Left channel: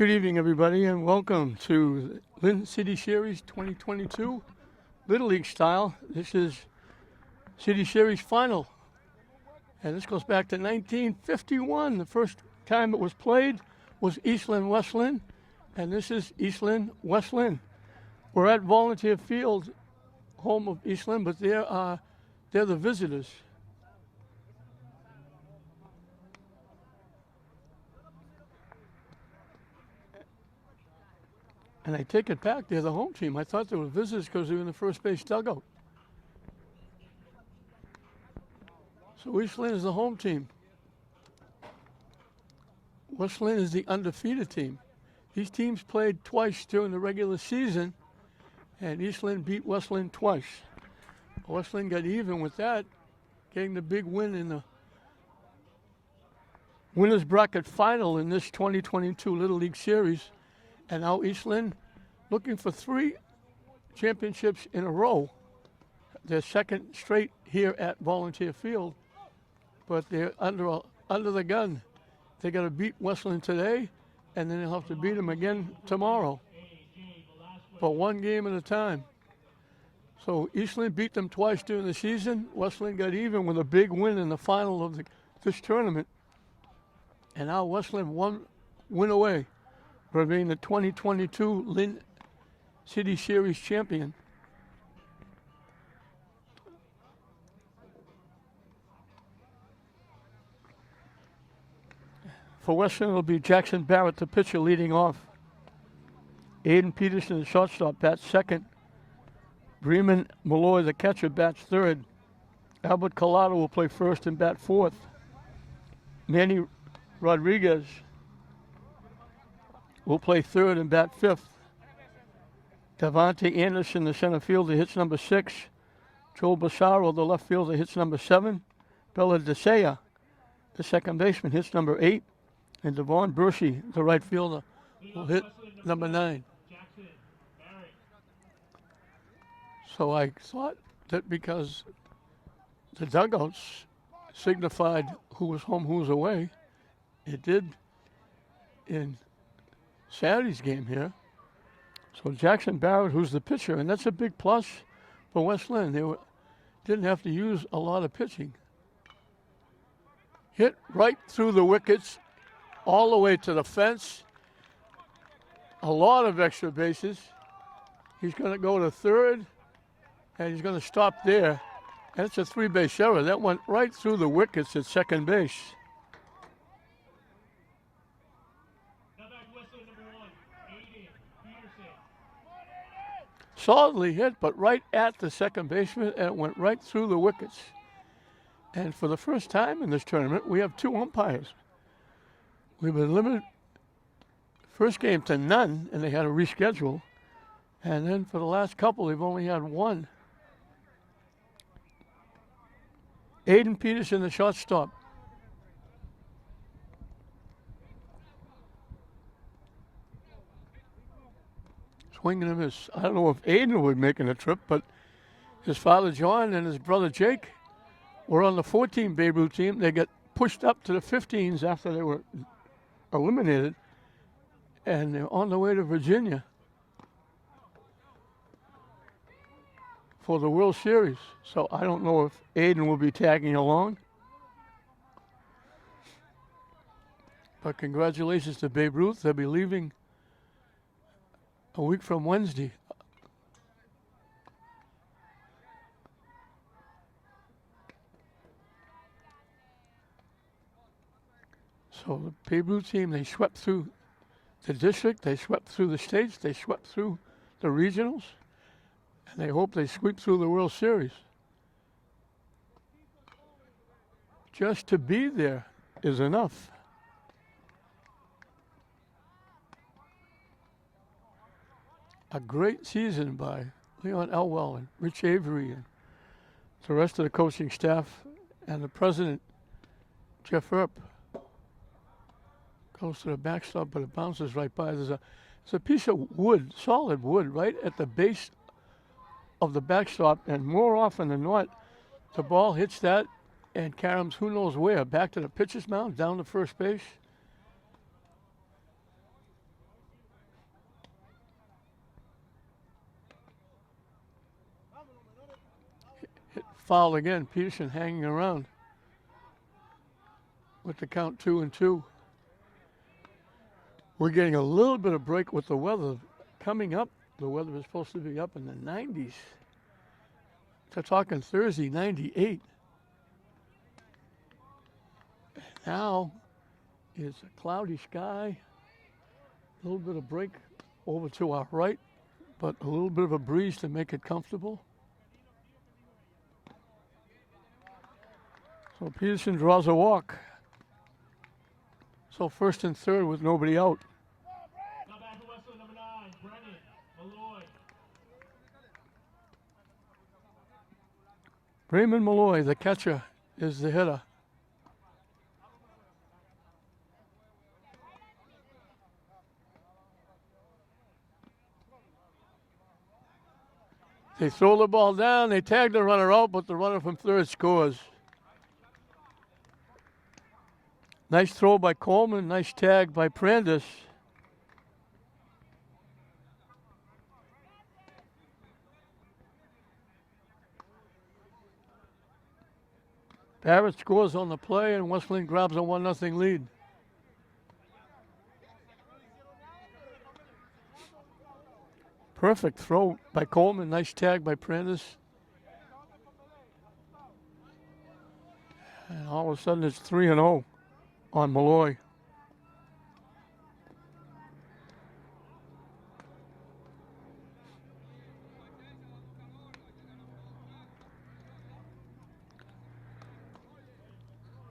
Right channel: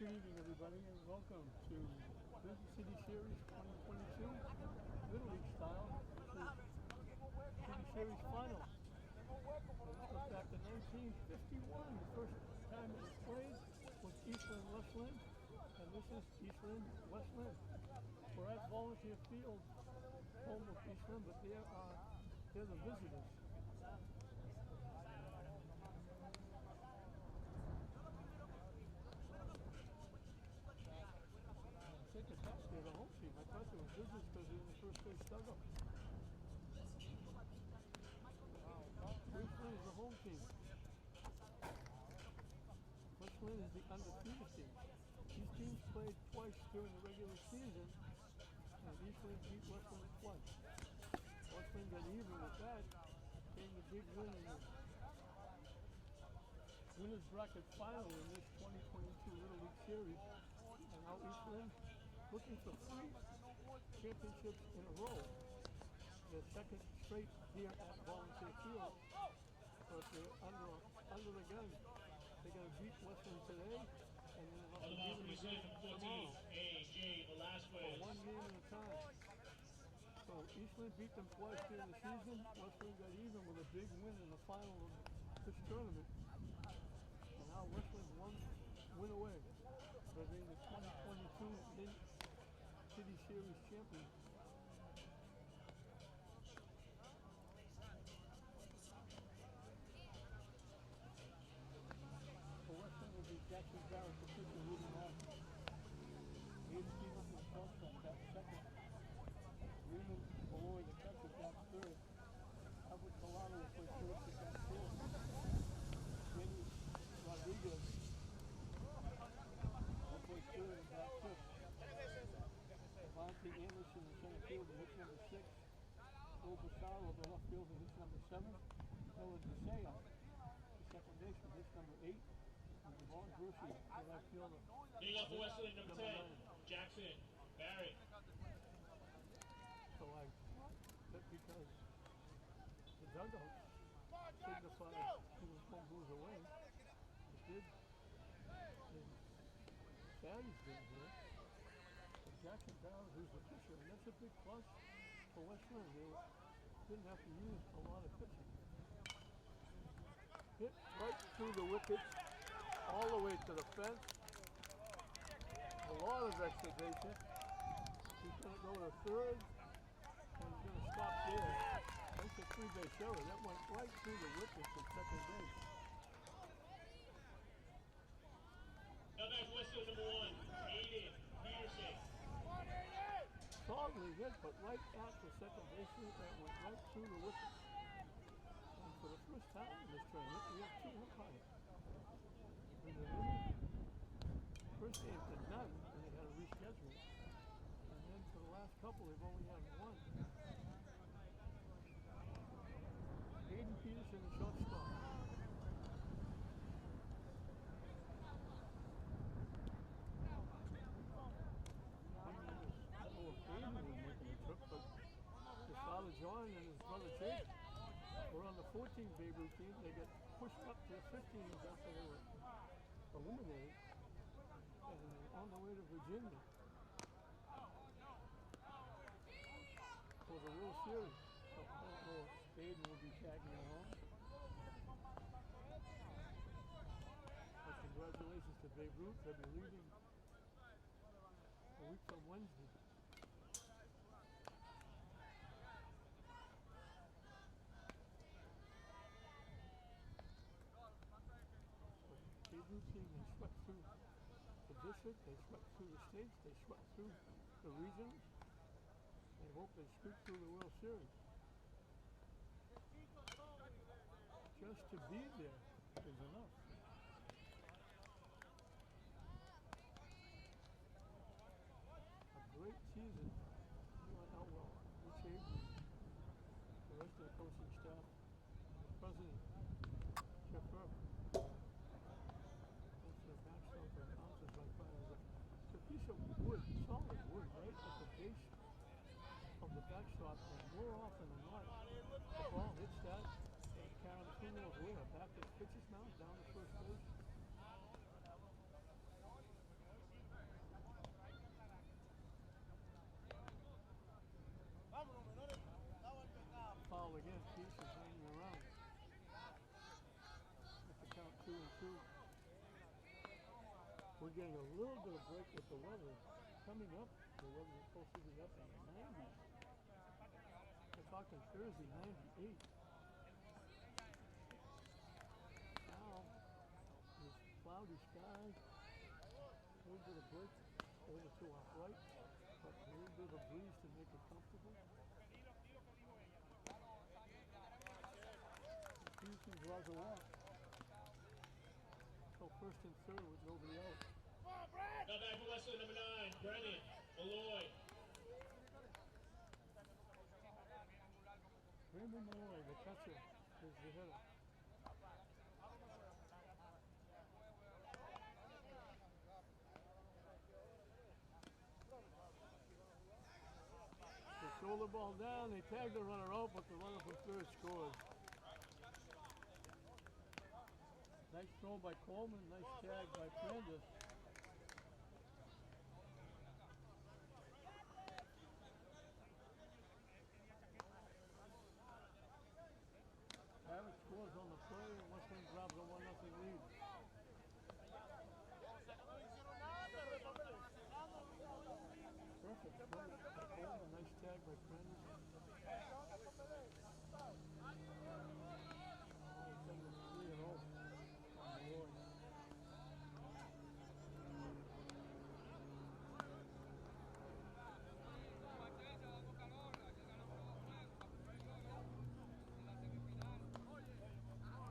Good evening, everybody, and welcome to Lynn City Series 2022 Little League style. This is City Series final, and this goes back to 1951. The first time it was played was East Lynn, West Lynn, and this is East Lynn, West Lynn. We're at Volunteer Field, home of East Lynn, but they're the visitors. And I take it back, they're the home team. I thought they were visitors because they were in the first base dugout. So East Lynn is the home team. West Lynn is the undefeated team. These teams played twice during the regular season, and East Lynn beat West Lynn twice. West Lynn got even with that, getting the big win in the winners bracket final in this 2022 Little League Series. And now East Lynn looking for 3 championships in a row. Their second straight here at Volunteer Field, but they're under the gun. They got to beat West Lynn today, and then they'll have to beat them again tomorrow. But one game at a time. So East Lynn beat them twice during the season. West Lynn got even with a big win in the final of this tournament. And now West Lynn one win away for being the 2022 Lynn City Series champion. For West Lynn, it'll be Jackson Barrett, the pitcher, leading off. Aiden Peterson, the shortstop, bats second. Bremen Malloy, the catcher, bats third. Albert Collado will play first and bat fourth. Manny Rodriguez will play third and bat fifth. Devontae Anderson, the center fielder, hits number 6. Joel Bassaro, the left fielder, hits number 7. Bella DeSea, the second baseman, hits number 8. And Devon Bershey, the right fielder, will hit number 9. So I thought that because the dugouts signified who was home, who was away, it did in Saturday's game here. So Jackson Barrett, who's the pitcher, and that's a big plus for West Lynn. They didn't have to use a lot of pitching. Hit right through the wickets, all the way to the fence. A lot of extra bases. He's going to go to third, and he's going to stop there. That's a 3-base error. That went right through the wickets at second base. Solidly hit, but right at the second baseman, and it went right through the wickets. And for the first time in this tournament, we have 2 umpires. We've been limited first game to none, and they had to reschedule. And then for the last couple, they've only had 1. Aiden Peterson, the shortstop. Swing and a miss. I don't know if Aiden will be making a trip, but his father John and his brother Jake were on the 14 Babe Ruth team. They got pushed up to the 15s after they were eliminated, and they're on the way to Virginia for the World Series. So I don't know if Aiden will be tagging along. But congratulations to Babe Ruth. They'll be leaving a week from Wednesday. So the Babe Ruth team, they swept through the district, they swept through the states, they swept through the regionals, and they hope they sweep through the World Series. Just to be there is enough. A great season by Leon Elwell and Rich Avery and the rest of the coaching staff and the president, Jeff Earp. Goes to the backstop, but it bounces right by. There's a piece of wood, solid wood, right at the base of the backstop, and more often than not, the ball hits that and caroms who knows where, back to the pitcher's mound, down to first base. foul again. Peterson hanging around with the count 2-2. We're getting a little bit of break with the weather coming up. The weather is supposed to be up in the 90s. So talking Thursday, 98. Now it's a cloudy sky. A little bit of break over to our right, but a little bit of a breeze to make it comfortable. So Peterson draws a walk. So first and third with nobody out. Raymond Malloy, the catcher, is the hitter. They throw the ball down, they tag the runner out, but the runner from third scores. Nice throw by Coleman, nice tag by Prandis. Barrett scores on the play, and West Lynn grabs a 1-0 lead. Perfect throw by Coleman. Nice tag by Prandis. And all of a sudden, it's 3-0 on Malloy.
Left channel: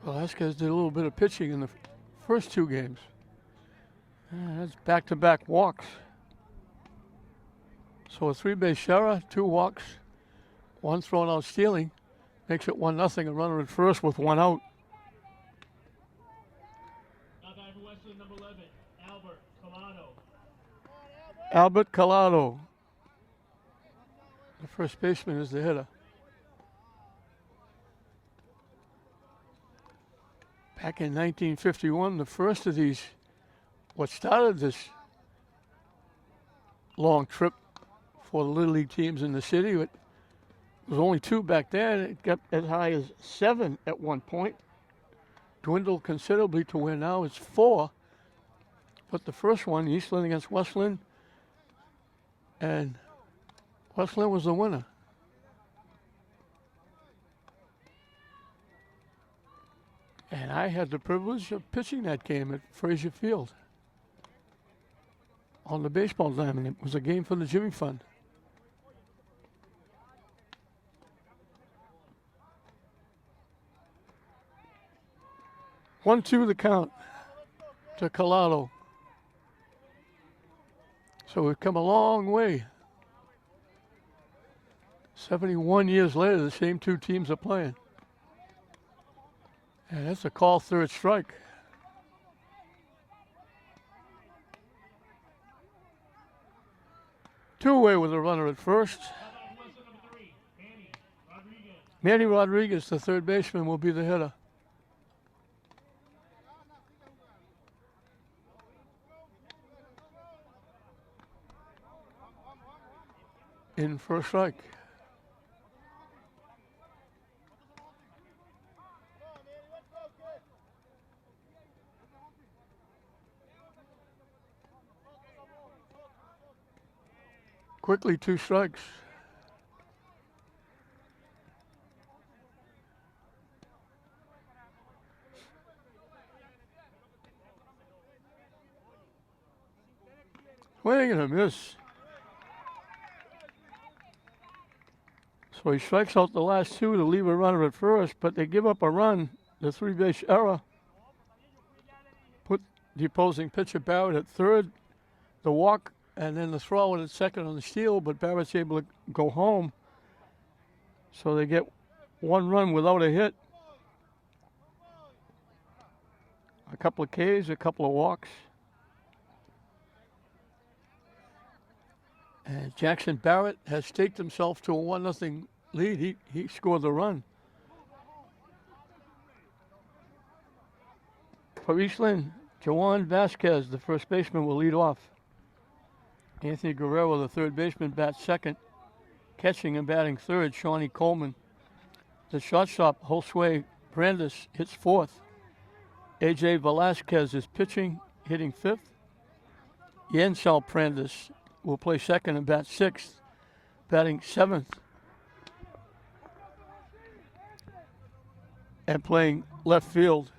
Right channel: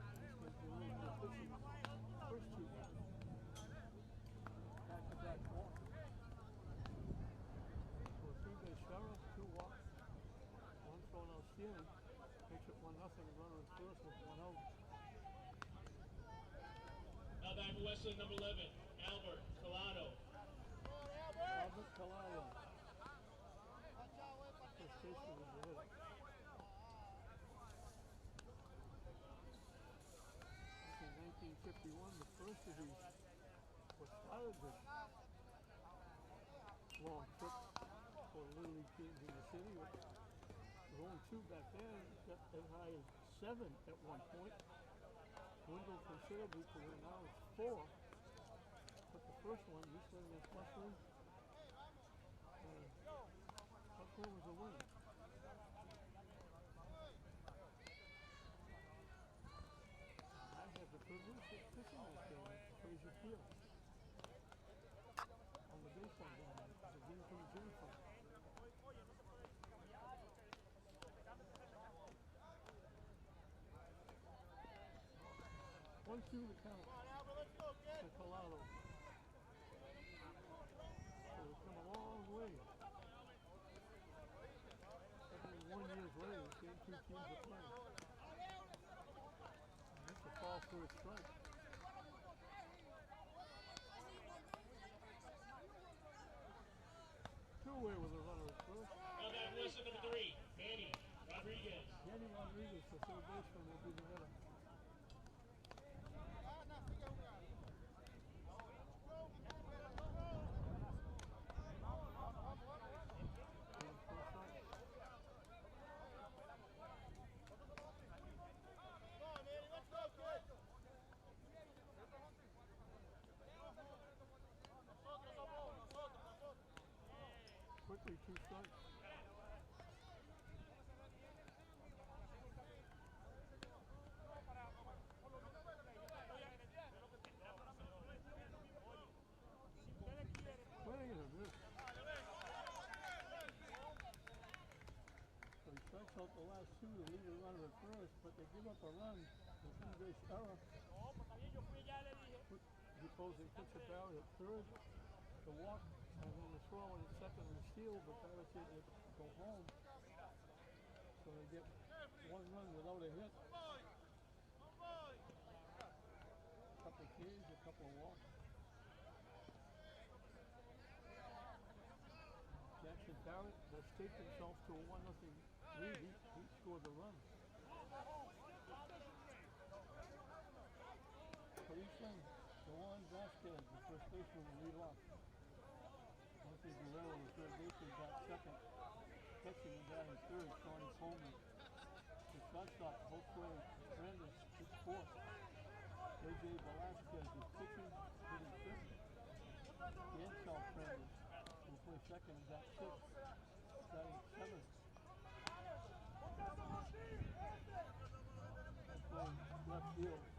Velasquez did a little bit of pitching in the first two games. That's back-to-back walks. So a three-base error, 2 walks, 1 thrown out stealing, makes it 1-0. A runner at first with 1 out. Albert Collado. The first baseman is the hitter. Back in 1951, the first of these, what started this long trip for the Little League teams in the city. It was only 2 back then. It got as high as 7 at one point. Dwindled considerably to where now it's 4. But the first one, East Lynn against West Lynn, and West Lynn was the winner. And I had the privilege of pitching that game at Frazier Field on the baseball diamond. It was a game for the Jimmy Fund. One, 2 the count to Collado. So we've come a long way. 71 years later, the same 2 teams are playing. And that's a call third strike. Two-away with a runner at first. Manny Rodriguez, the third baseman, will be the hitter. In first strike. Quickly, 2 strikes. Swing and a miss. So he strikes out the last 2 to leave a runner at first, but they give up a run, the 3-base error. Put the opposing pitcher Barrett at third, the walk, and then the throw in at second on the steal, but Barrett's able to go home. So they get 1 run without a hit. A couple of Ks, a couple of walks. And Jackson Barrett has staked himself to a 1-0 lead. He scored the run. For East Lynn, Juan Vasquez, the first baseman, will lead off. Anthony Guerrero, the third baseman, bats second. Catching and batting third, Shawnee Coleman. The shortstop, Josue Brandes, hits fourth. A.J. Velasquez is pitching, hitting fifth. Yancel Brandes will play second and bat sixth, batting seventh. And playing left field.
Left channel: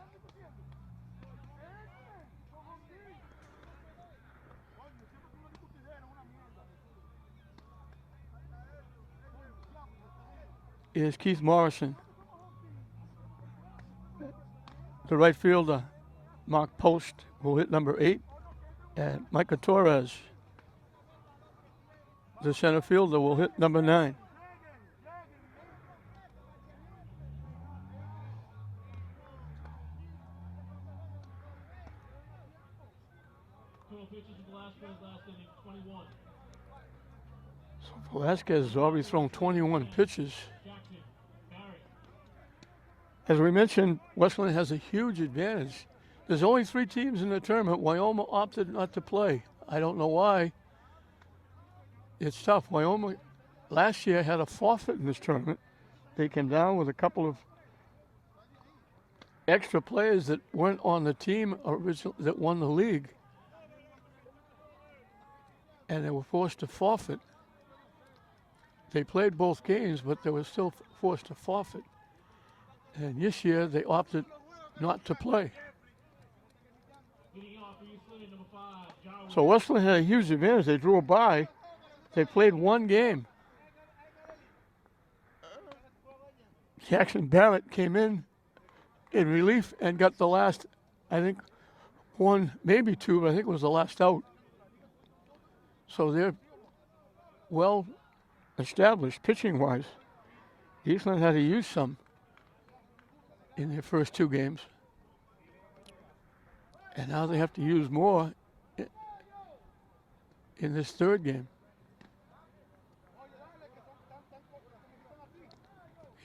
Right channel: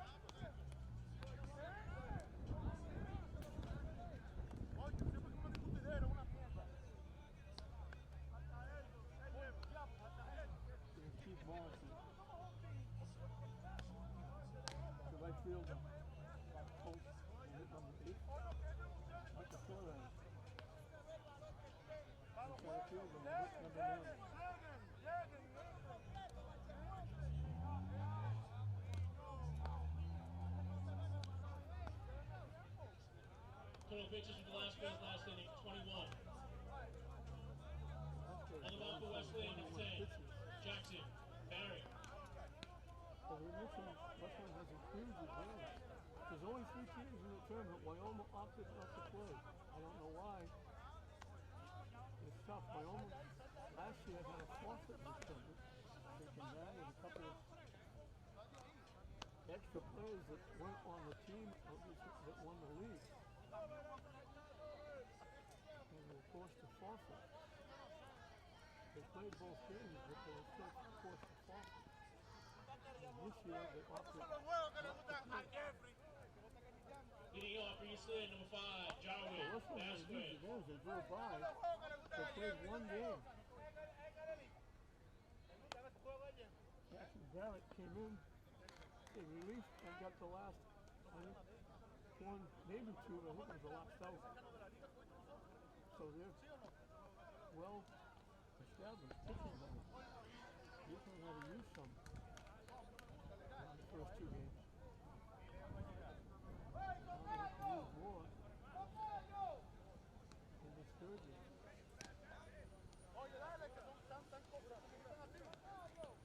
Is Keith Morrison. The right fielder, Mark Post, will hit number 8. And Micah Torres, the center fielder, will hit number 9. So Velasquez has already thrown 21 pitches. As we mentioned, Westland has a huge advantage. There's only 3 teams in the tournament. Wyoming opted not to play. I don't know why. It's tough. Wyoming last year had a forfeit in this tournament. They came down with a couple of extra players that weren't on the team that won the league. And they were forced to forfeit. They played both games, but they were still forced to forfeit. And this year they opted not to play. So Westland had a huge advantage. They drew a bye. They played one game. Jackson Barrett came in relief and got the last, I think, 1, maybe 2, but I think it was the last out. So they're well established pitching-wise. Eastland had to use some in their first 2 games. And now they have to use more in this third game.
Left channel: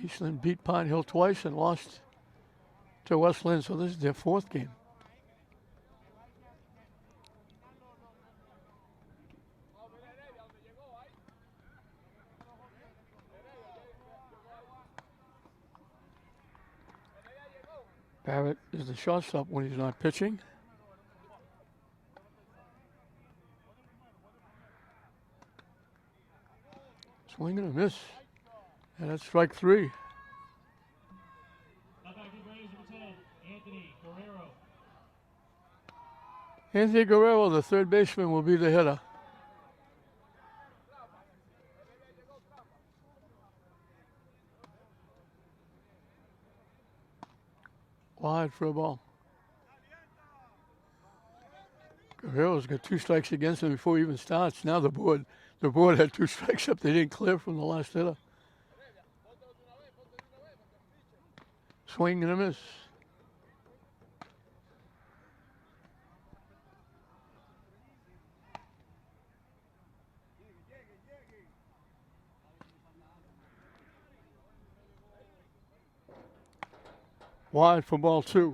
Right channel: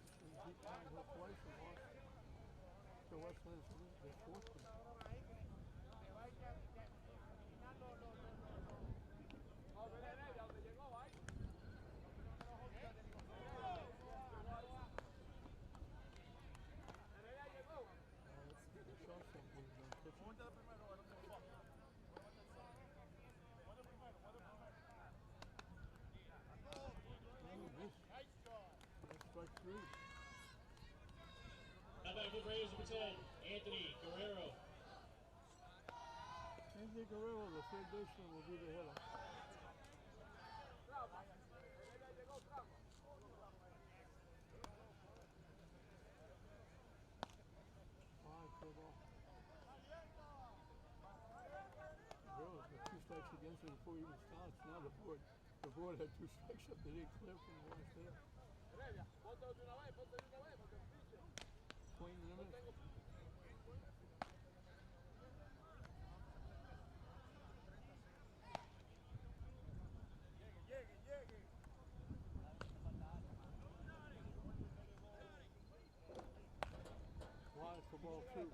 Eastland beat Pine Hill twice and lost to Westland, so this is their 4th game. Barrett is the shortstop when he's not pitching. Swing and a miss. And that's strike 3. Anthony Guerrero, the third baseman, will be the hitter. Wide for a ball. Guerrero's got 2 strikes against him before he even starts. Now the board had 2 strikes up. They didn't clear from the last hitter. Swing and a miss. Wide for ball 2.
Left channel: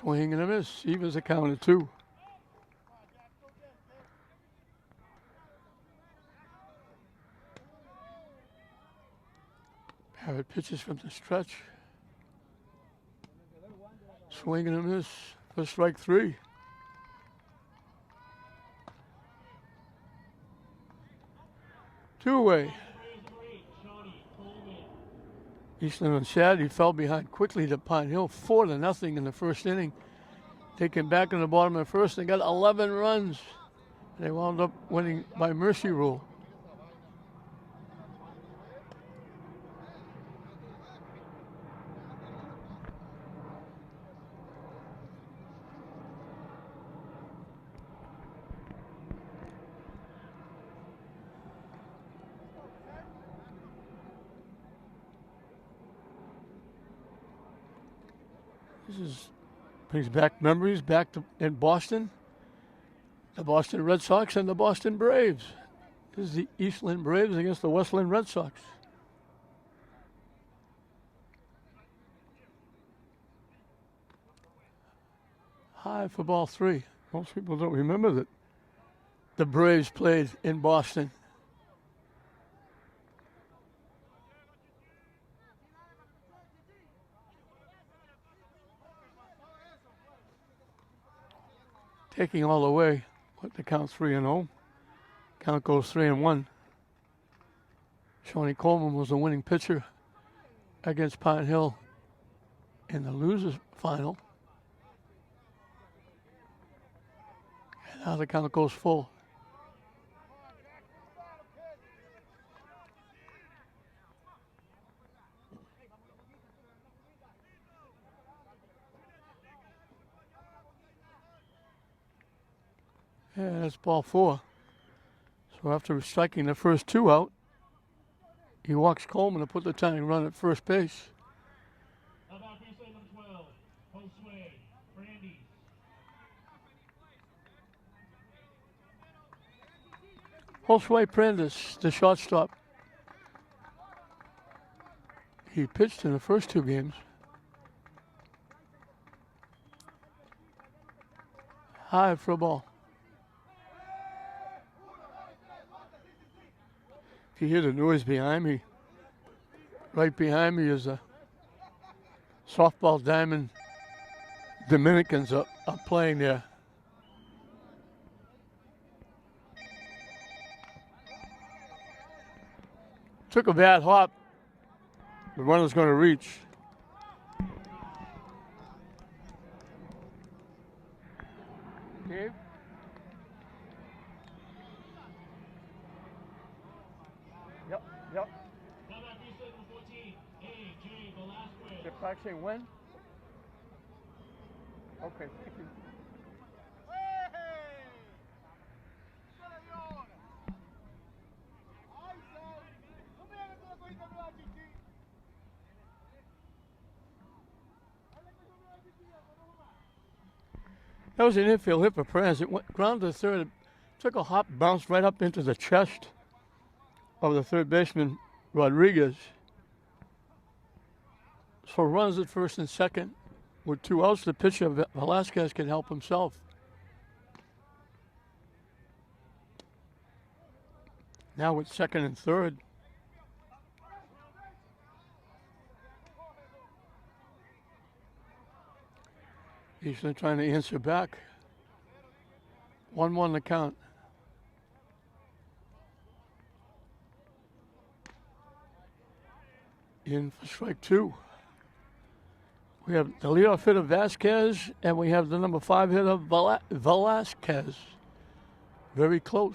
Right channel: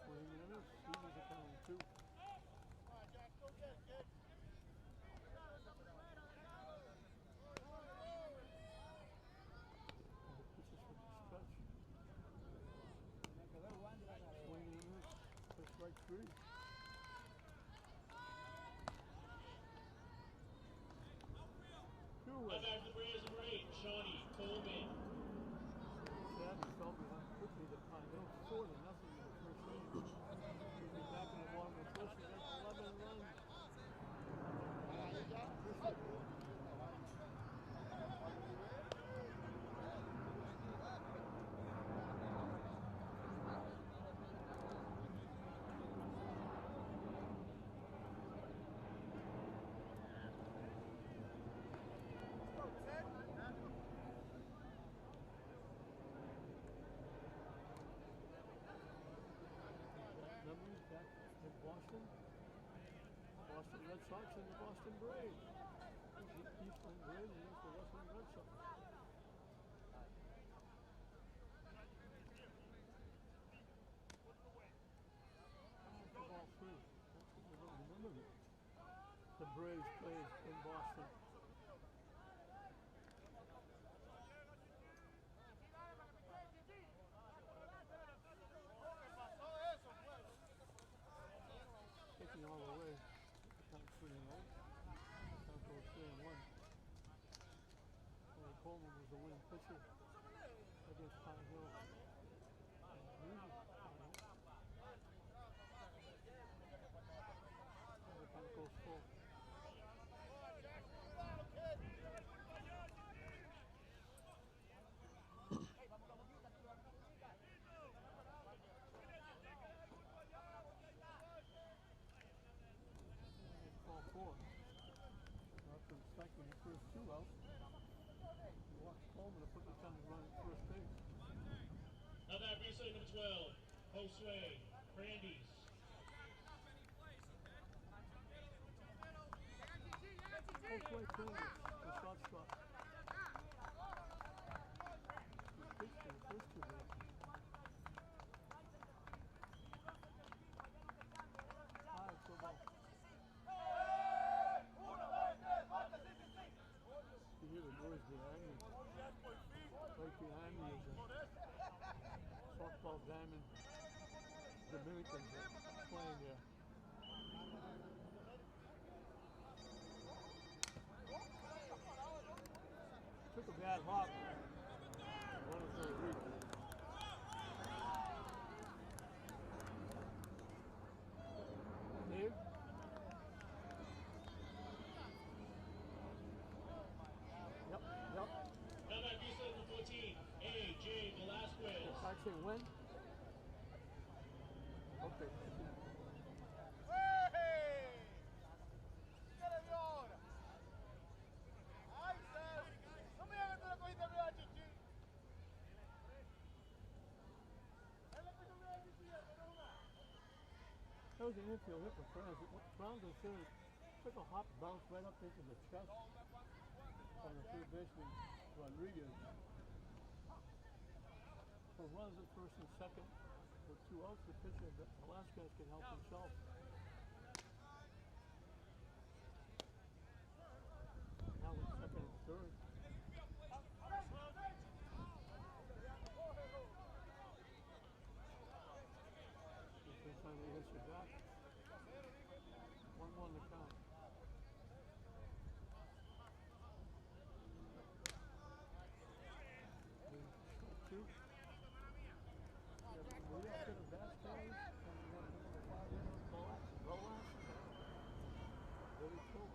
Swing and a miss. Evens a count of 2. Barrett pitches from the stretch. Swing and a miss for strike 3. Two-away. Eastland on Saturday fell behind quickly to Pine Hill, 4-0 in the first inning. They came back in the bottom of the first and got 11 runs. They wound up winning by mercy rule. Brings back memories back to in Boston. The Boston Red Sox and the Boston Braves. This is the Eastland Braves against the Westland Red Sox. High for ball 3. Most people don't remember that the Braves played in Boston. Taking all the way, but the count 3-0. Count goes 3-1. Shawnee Coleman was the winning pitcher against Pine Hill in the losers final. And now the count goes full. Yeah, that's ball 4. So after striking the first 2 out, he walks Coleman to put the tying run at first base. Number 12, Josue Brandes. Josue Brandes, the shortstop. He pitched in the first 2 games. High for a ball. If you hear the noise behind me, right behind me is a softball diamond. Dominicans are playing there. Took a bad hop. The runner's going to reach. Dave? Yep. Number 14, A.J. Velasquez. You're practicing when? Okay, thank you. That was an infield hit for Perez. It went ground to third, took a hop, bounced right up into the chest of the third baseman, Rodriguez. So runs at first and second. With 2 outs, the pitcher, Velasquez, can help himself. Now with second and third. Eastland trying to answer back. 1-1 the count. In for strike 2. We have the leadoff hitter Vasquez, and we have the number 5 hitter Velasquez. Very close.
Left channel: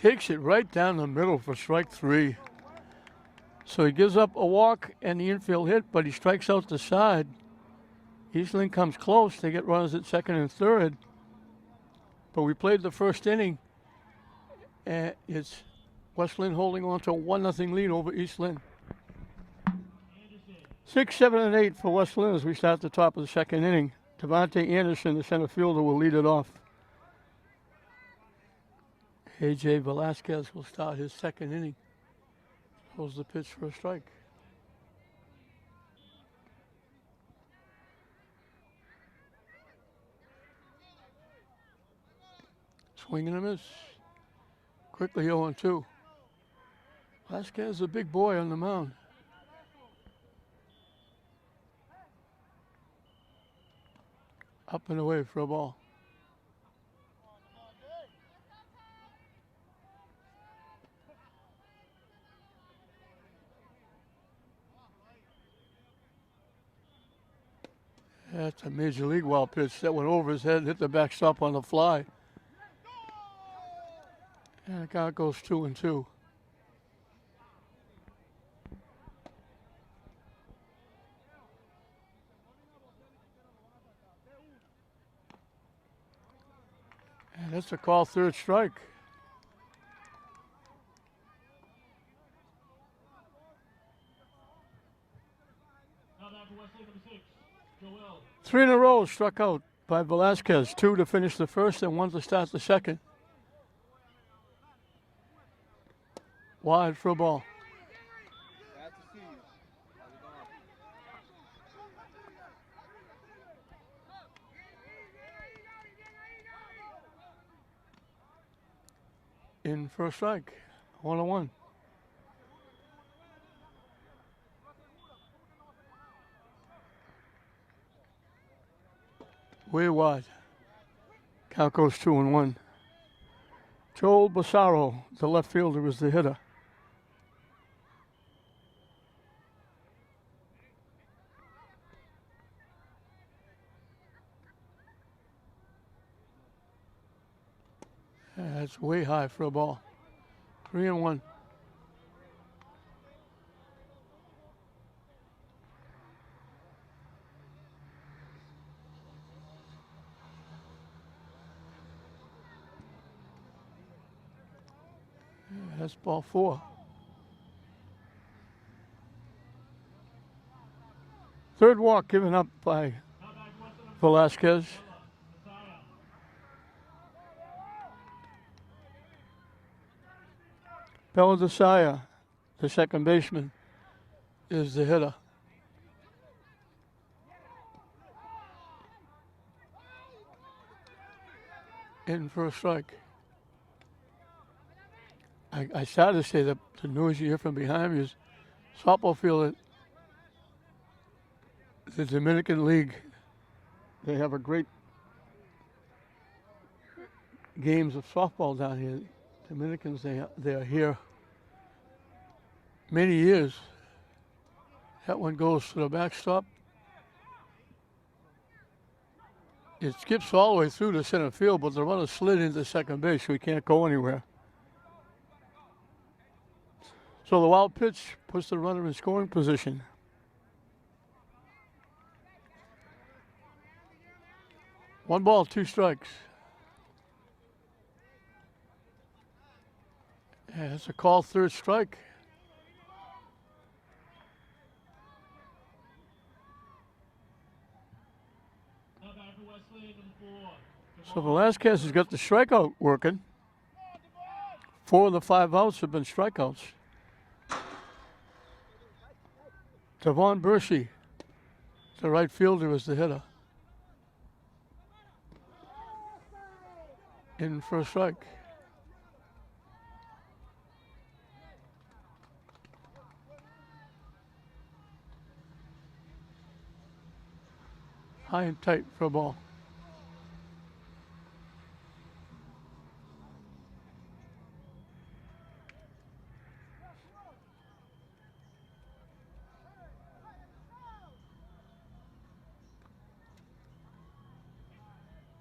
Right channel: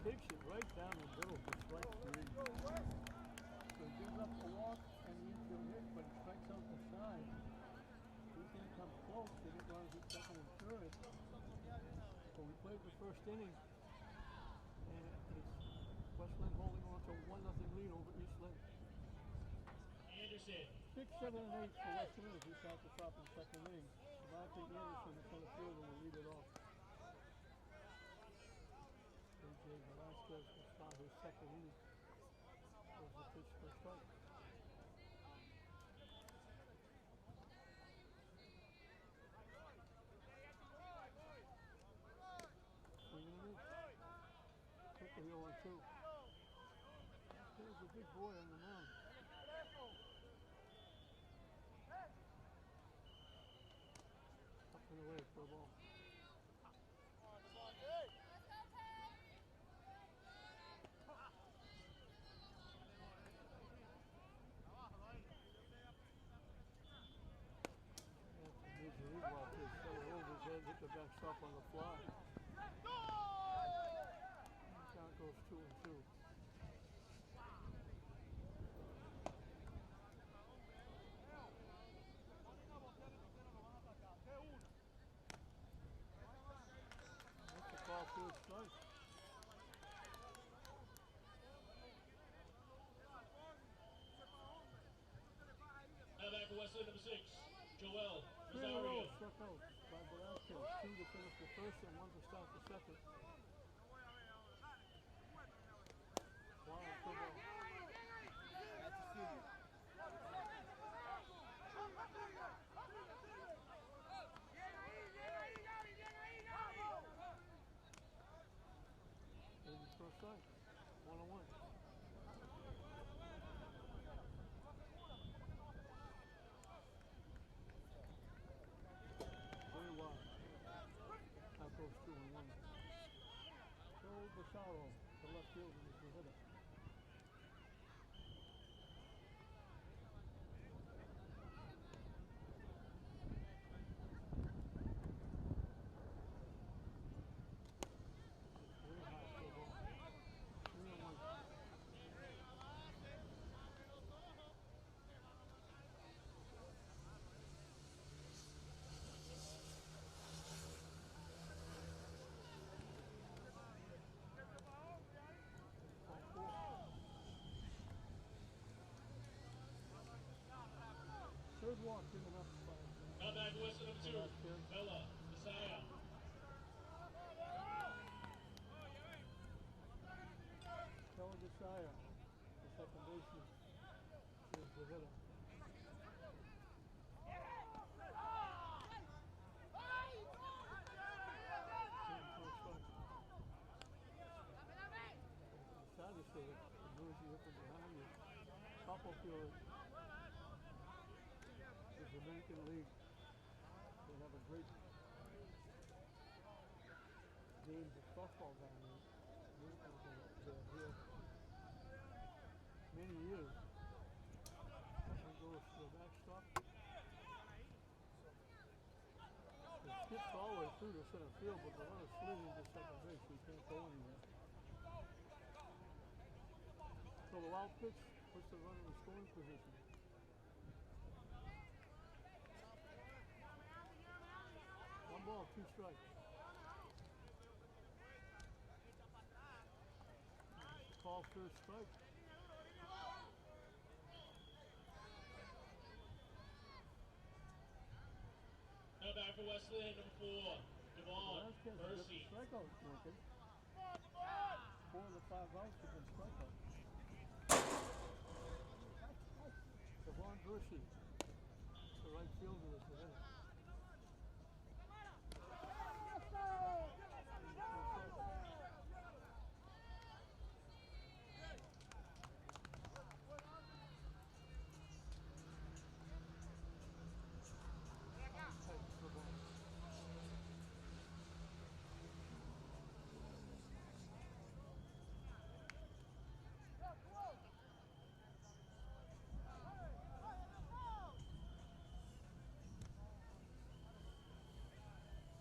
Takes it right down the middle for strike 3. So he gives up a walk and the infield hit, but he strikes out the side. Eastland comes close. They get runners at second and third. But we played the first inning, and it's West Lynn holding on to a 1-0 lead over East Lynn. 6, 7, and 8 for West Lynn as we start the top of the second inning. Devontae Anderson, the center fielder, will lead it off. A.J. Velasquez will start his second inning. Throws the pitch for a strike. Swing and a miss. Quickly 0-2. Velasquez is a big boy on the mound. Up and away for a ball. That's a major league wild pitch that went over his head, hit the backstop on the fly. And the count goes 2-2. And that's a call third strike. Now back to Wesley, number 6, Joel. 3 in a row struck out by Velasquez. 2 to finish the first and 1 to start the second. Wide for a ball. in for a strike. 1-1. Way wide. Count goes 2-1. Joel Bassaro, the left fielder, was the hitter. That's way high for a ball. 3-1. That's ball 4. Third walk given up by Velasquez. Beladesaya, the second baseman, is the hitter. In for a strike. I started to say that the noise you hear from behind me is softball field at the Dominican League. They have a great games of softball down here. Dominicans, they are here many years. That one goes to the backstop. It skips all the way through to center field, but the runner slid into second base, so he can't go anywhere. So the wild pitch puts the runner in scoring position. One ball, 2 strikes. Yeah, that's a call, third strike. So Velasquez has got the strikeout working. 4 of the 5 outs have been strikeouts. Devon Bershey, the right fielder, is the hitter. In for a strike. High and tight for a ball.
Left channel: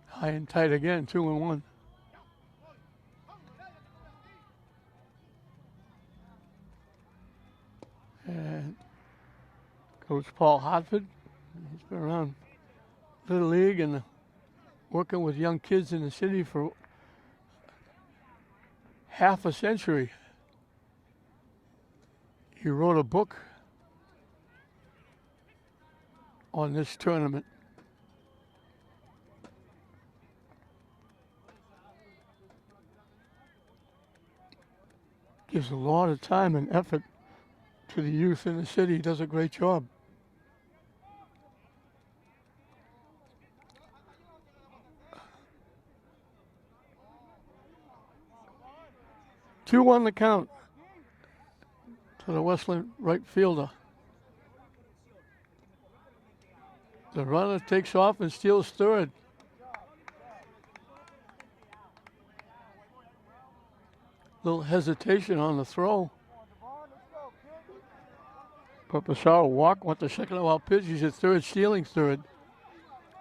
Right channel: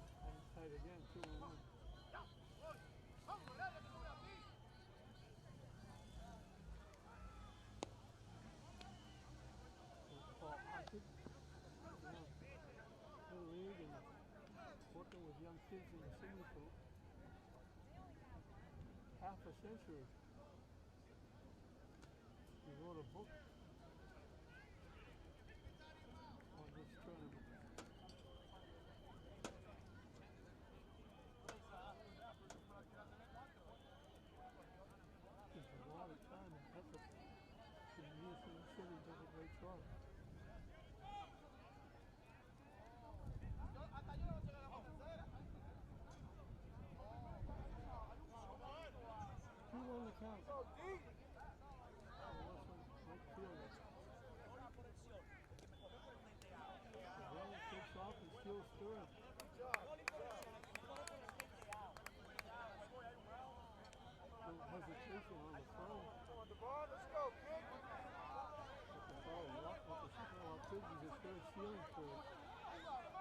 High and tight again, 2-1. And Coach Paul Hartford, he's been around Little League and working with young kids in the city for half a century. He wrote a book on this tournament. Gives a lot of time and effort to the youth in the city. He does a great job. Two on the count to the Westland right fielder. The runner takes off and steals third. Little hesitation on the throw. But Bassaro went the second wild pitch. He's at third, stealing third.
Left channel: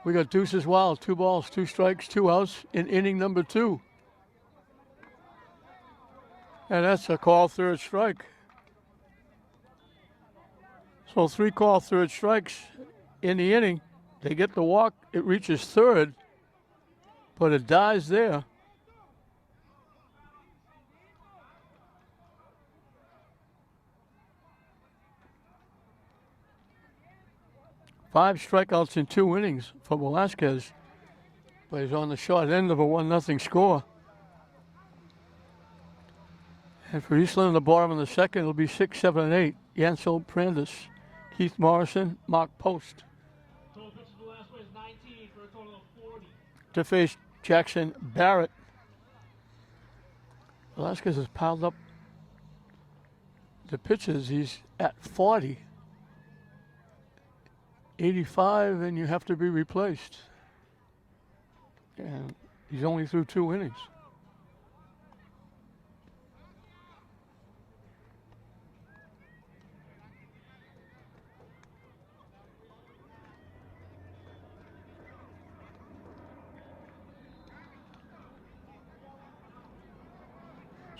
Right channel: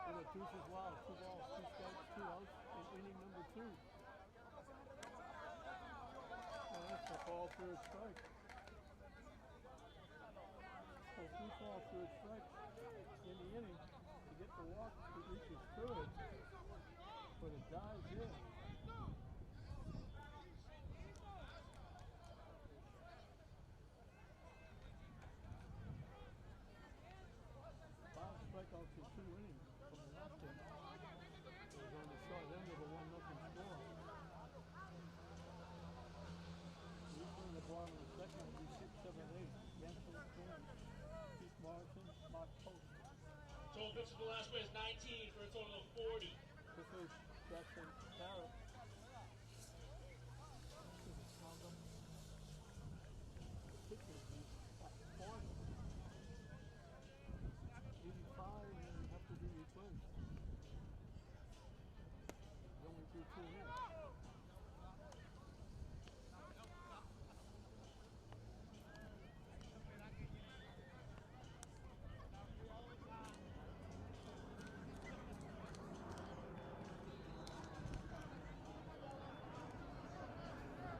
We got deuces wild, 2 balls, 2 strikes, 2 outs in inning number 2. And that's a call, third strike. So 3 call, third strikes in the inning. They get the walk. It reaches third, but it dies there. Five strikeouts in 2 innings for Velasquez. But he's on the short end of a 1-0 score. And for Eastland, in the bottom of the second, it'll be 6, 7, and 8. Yancel Prandis, Keith Morrison, Mark Post. Total pitches for Velasquez 19 for a total of 40. To face Jackson Barrett. Velasquez has piled up the pitches. He's at 40. 85, and you have to be replaced. And he's only through 2 innings.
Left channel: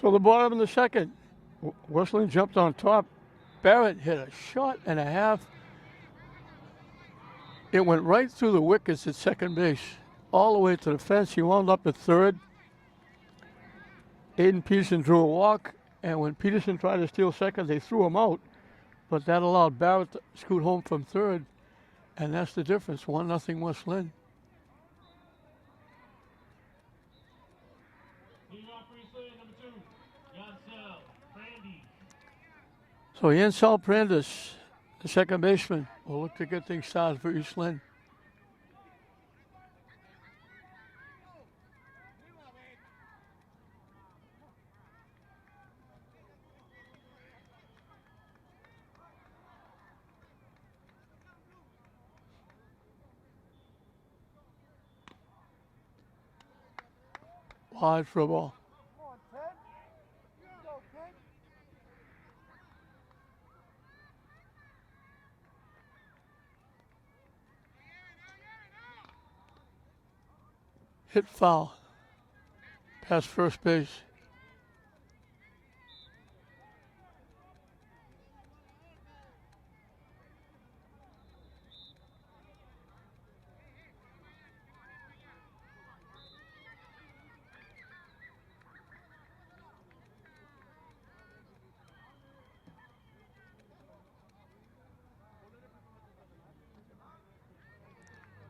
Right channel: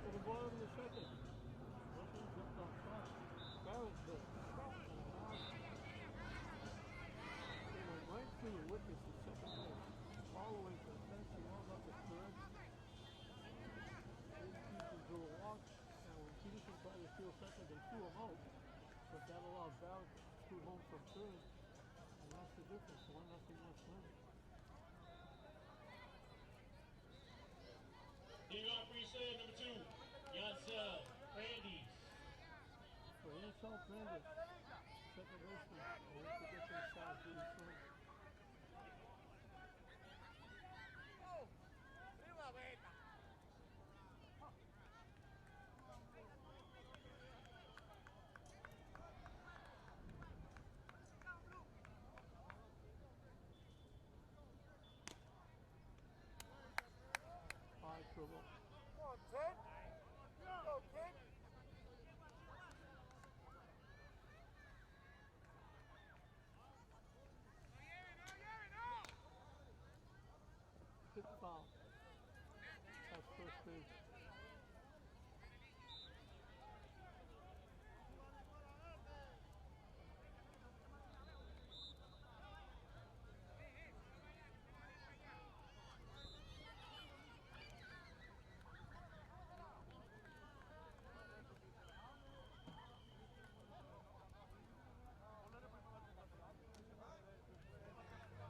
So the bottom of the second, Westland jumped on top. Barrett hit a shot and a half. It went right through the wickets at second base, all the way to the fence. He wound up at third. Aiden Peterson drew a walk, and when Peterson tried to steal second, they threw him out. But that allowed Barrett to scoot home from third, and that's the difference. 1-0 West Lynn. So Yancel Brandes, the second baseman, will look to get things started for East Lynn. Wide for a ball. Hit foul. Past first base.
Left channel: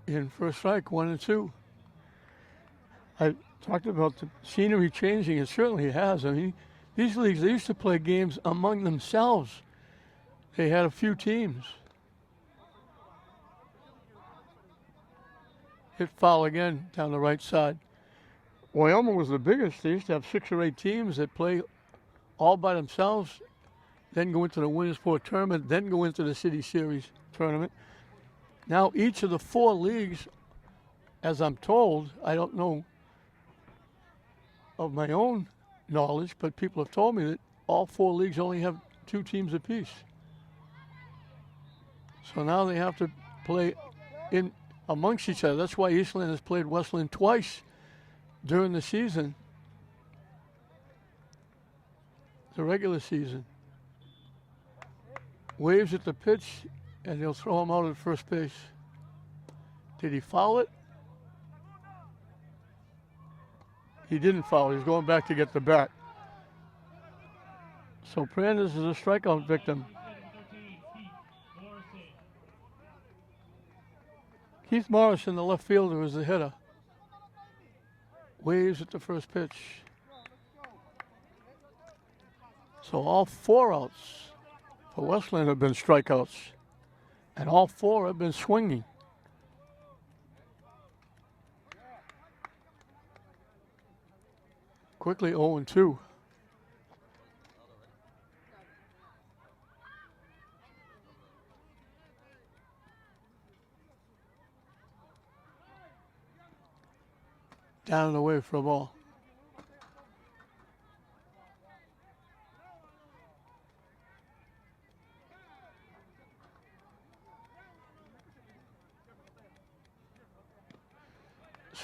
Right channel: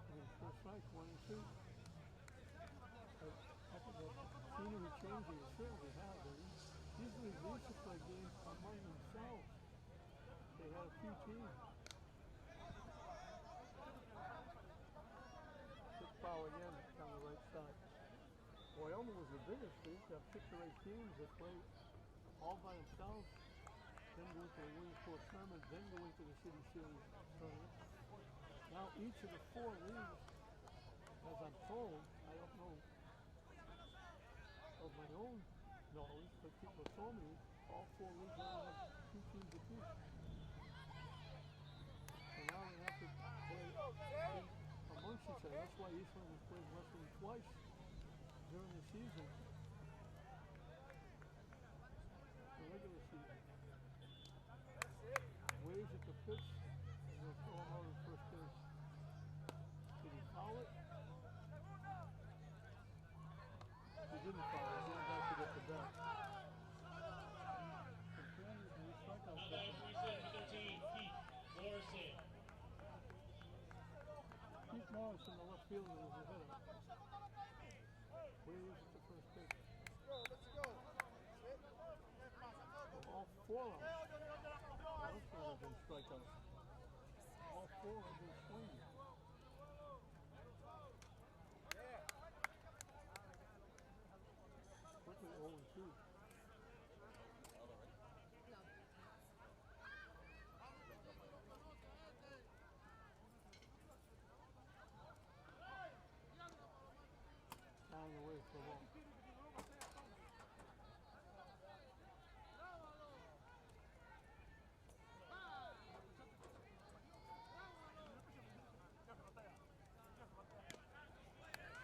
In first strike, 1-2. I talked about the scenery changing. It certainly has. I mean, these leagues, they used to play games among themselves. They had a few teams. Hit foul again down the right side. Wyoming was the biggest. They used to have 6 or 8 teams that play all by themselves, then go into the Williamsport tournament, then go into the City Series tournament. Now each of the 4 leagues, as I'm told, I don't know of my own knowledge, but people have told me that all 4 leagues only have 2 teams apiece. So now they have to play in amongst each other. That's why East Lynn has played West Lynn twice during the season, the regular season. Waves at the pitch, and they'll throw him out at first base. Did he foul it? He didn't foul. He's going back to get the bat. So Brandes is a strikeout victim. Keith Morrison, the left fielder, is the hitter. Waves at the first pitch. So all 4 outs for Westland have been strikeouts, and all 4 have been swinging. Quickly 0-2. Down and away for a ball.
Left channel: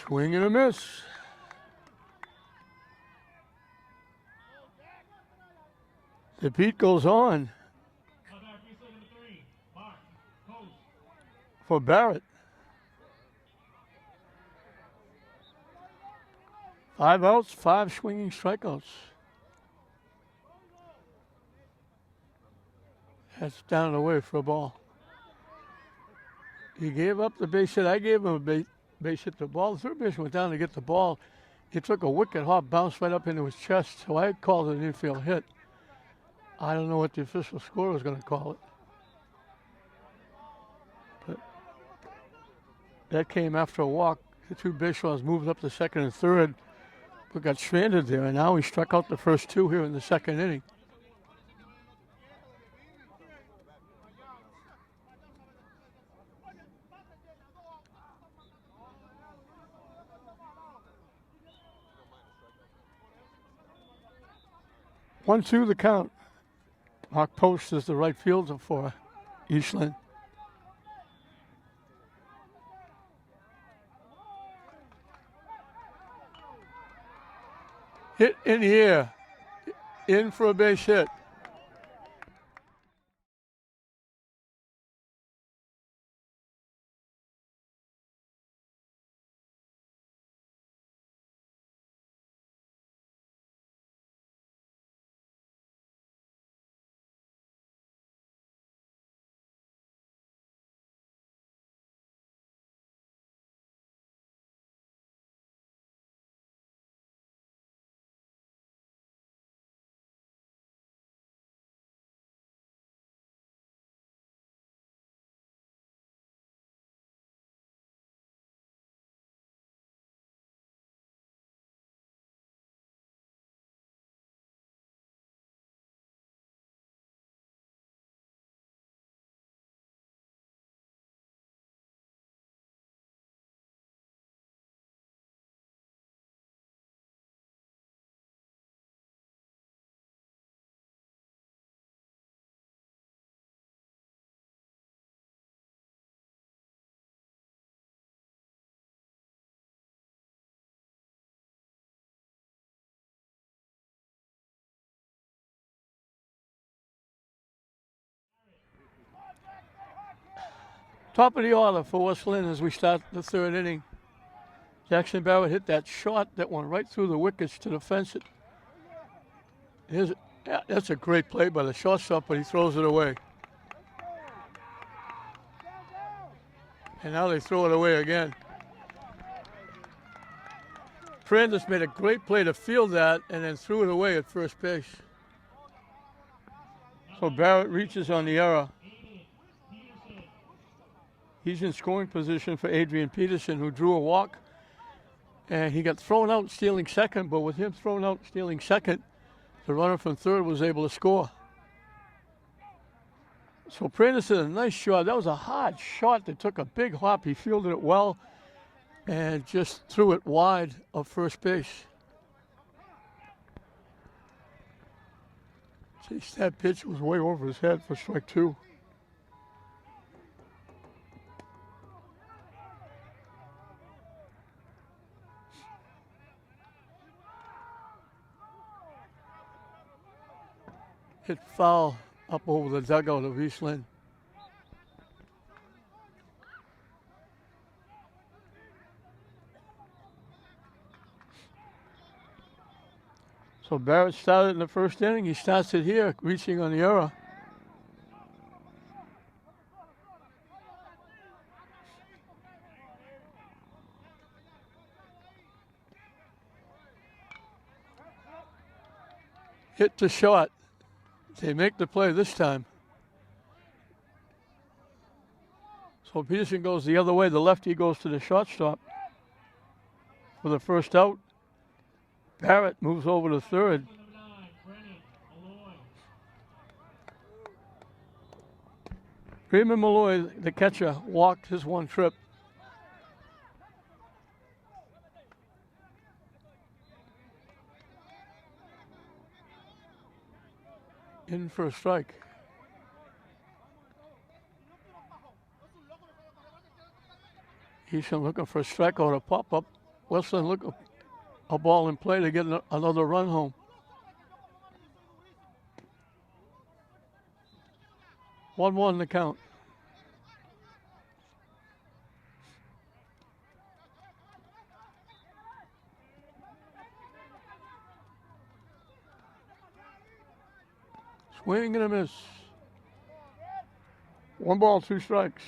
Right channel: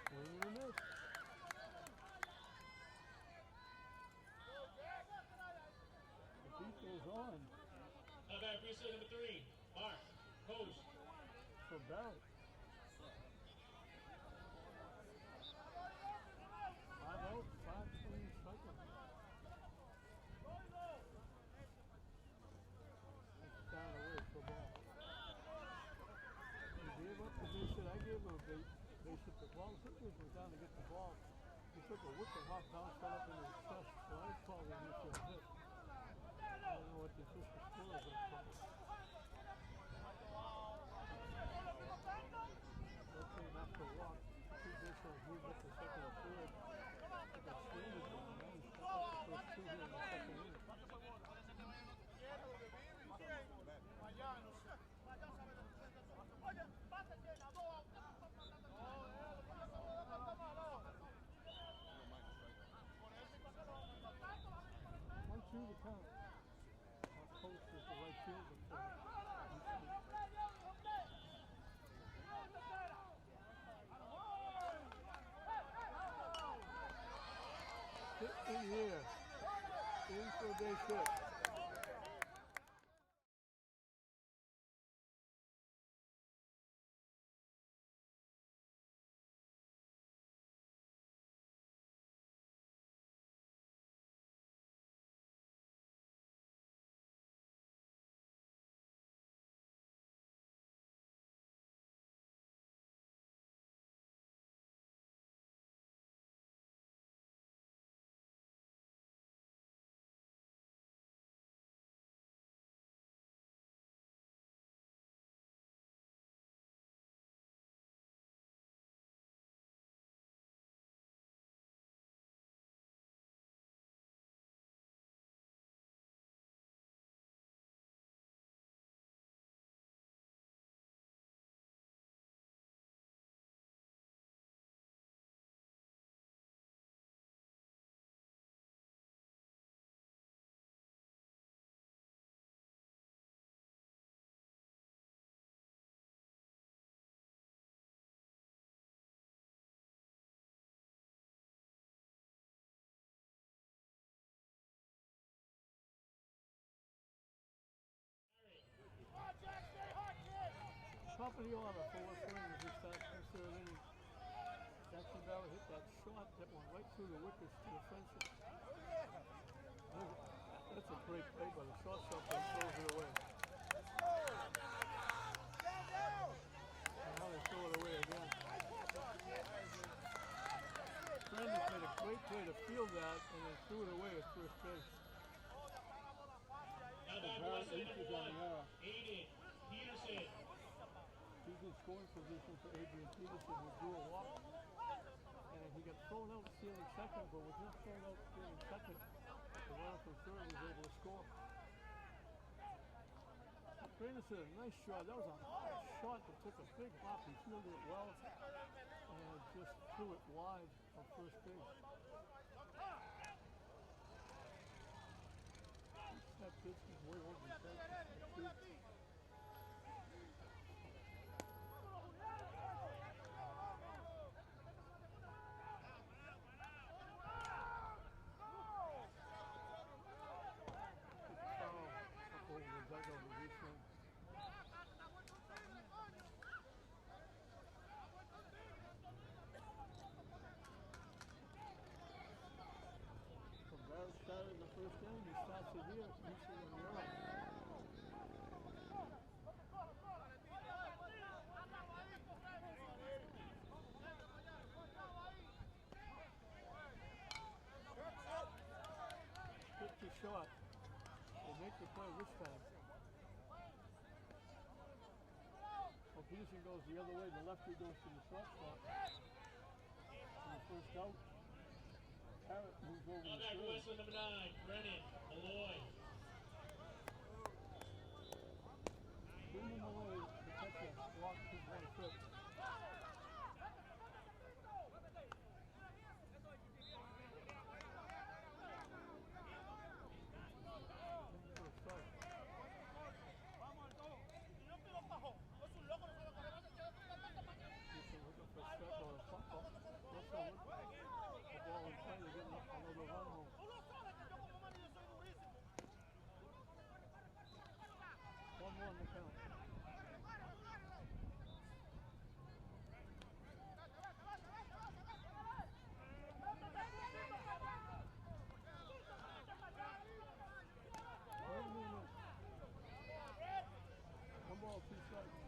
Swing and a miss. The beat goes on for Barrett. 5 outs, 5 swinging strikeouts. That's down and away for a ball. He gave up the base hit. I gave him a base hit. The ball, the third baseman went down to get the ball. He took a wicked hop, bounced right up into his chest, so I called it an infield hit. I don't know what the official score was going to call it. But that came after a walk. The 2 base runners moved up to second and third. who got stranded there, and now he struck out the first two here in the second inning. One, two, the count. Mark Post is the right fielder for Eastland. Hit in the air. In for a base hit. Top of the order for West Lynn as we start the third inning. Jackson Barrett hit that shot that went right through the wickets to the fence. That's a great play by the shortstop, but he throws it away. And now they throw it away again. Prandis made a great play to field that and then threw it away at first base. So Barrett reaches on the error. He's in scoring position for Adrian Peterson, who drew a walk. And he got thrown out stealing second, but with him thrown out stealing second, the runner from third was able to score. So Prandis did a nice shot. That was a hard shot that took a big hop. He fielded it well and just threw it wide of first base. Jeez, that pitch was way over his head for strike two. Hit foul up over the dugout of Eastland. So Barrett started in the first inning. He starts it here, reaching on the error. Hit to short. They make the play this time. So Peterson goes the other way. The lefty goes to the shortstop for the first out. Barrett moves over to third. Freeman Malloy, the catcher, walked his one trip. In for a strike. Eastland looking for a strikeout, a pop-up. Westland looking a ball in play to get another run home. 1-1 the count. Swing and a miss. 1 ball, 2 strikes.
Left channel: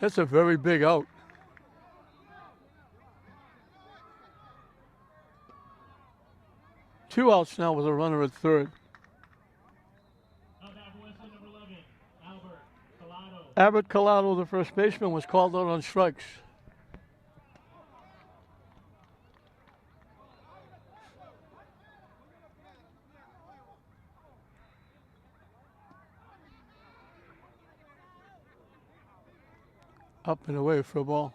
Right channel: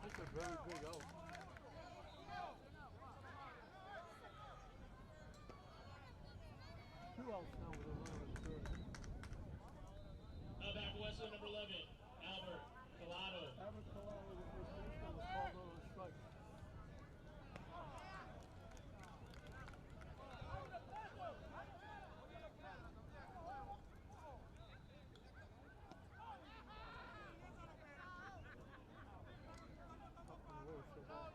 That's a very big out. 2 outs now with a runner at third. Now back Wesley, number 11, Albert Collado. Albert Collado, the first baseman, was called out on strikes. Up and away for a ball.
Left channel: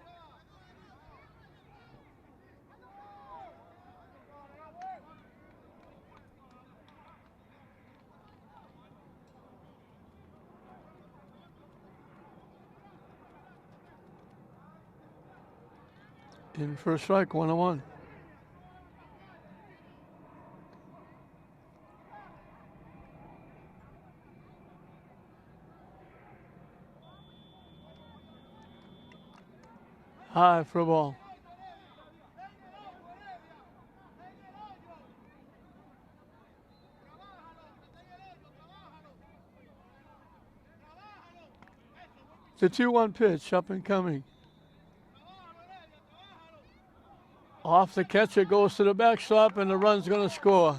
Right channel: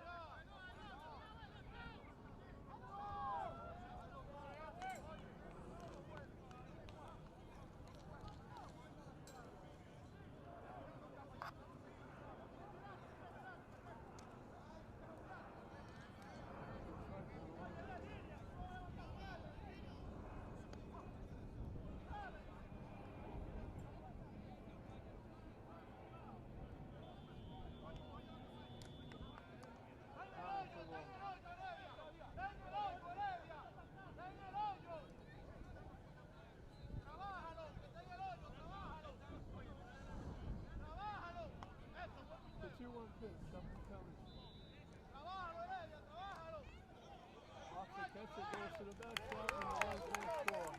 In first strike, 1-1. High for a ball. The 2-1 pitch, up and coming. Off the catcher, goes to the backstop, and the run's going to score.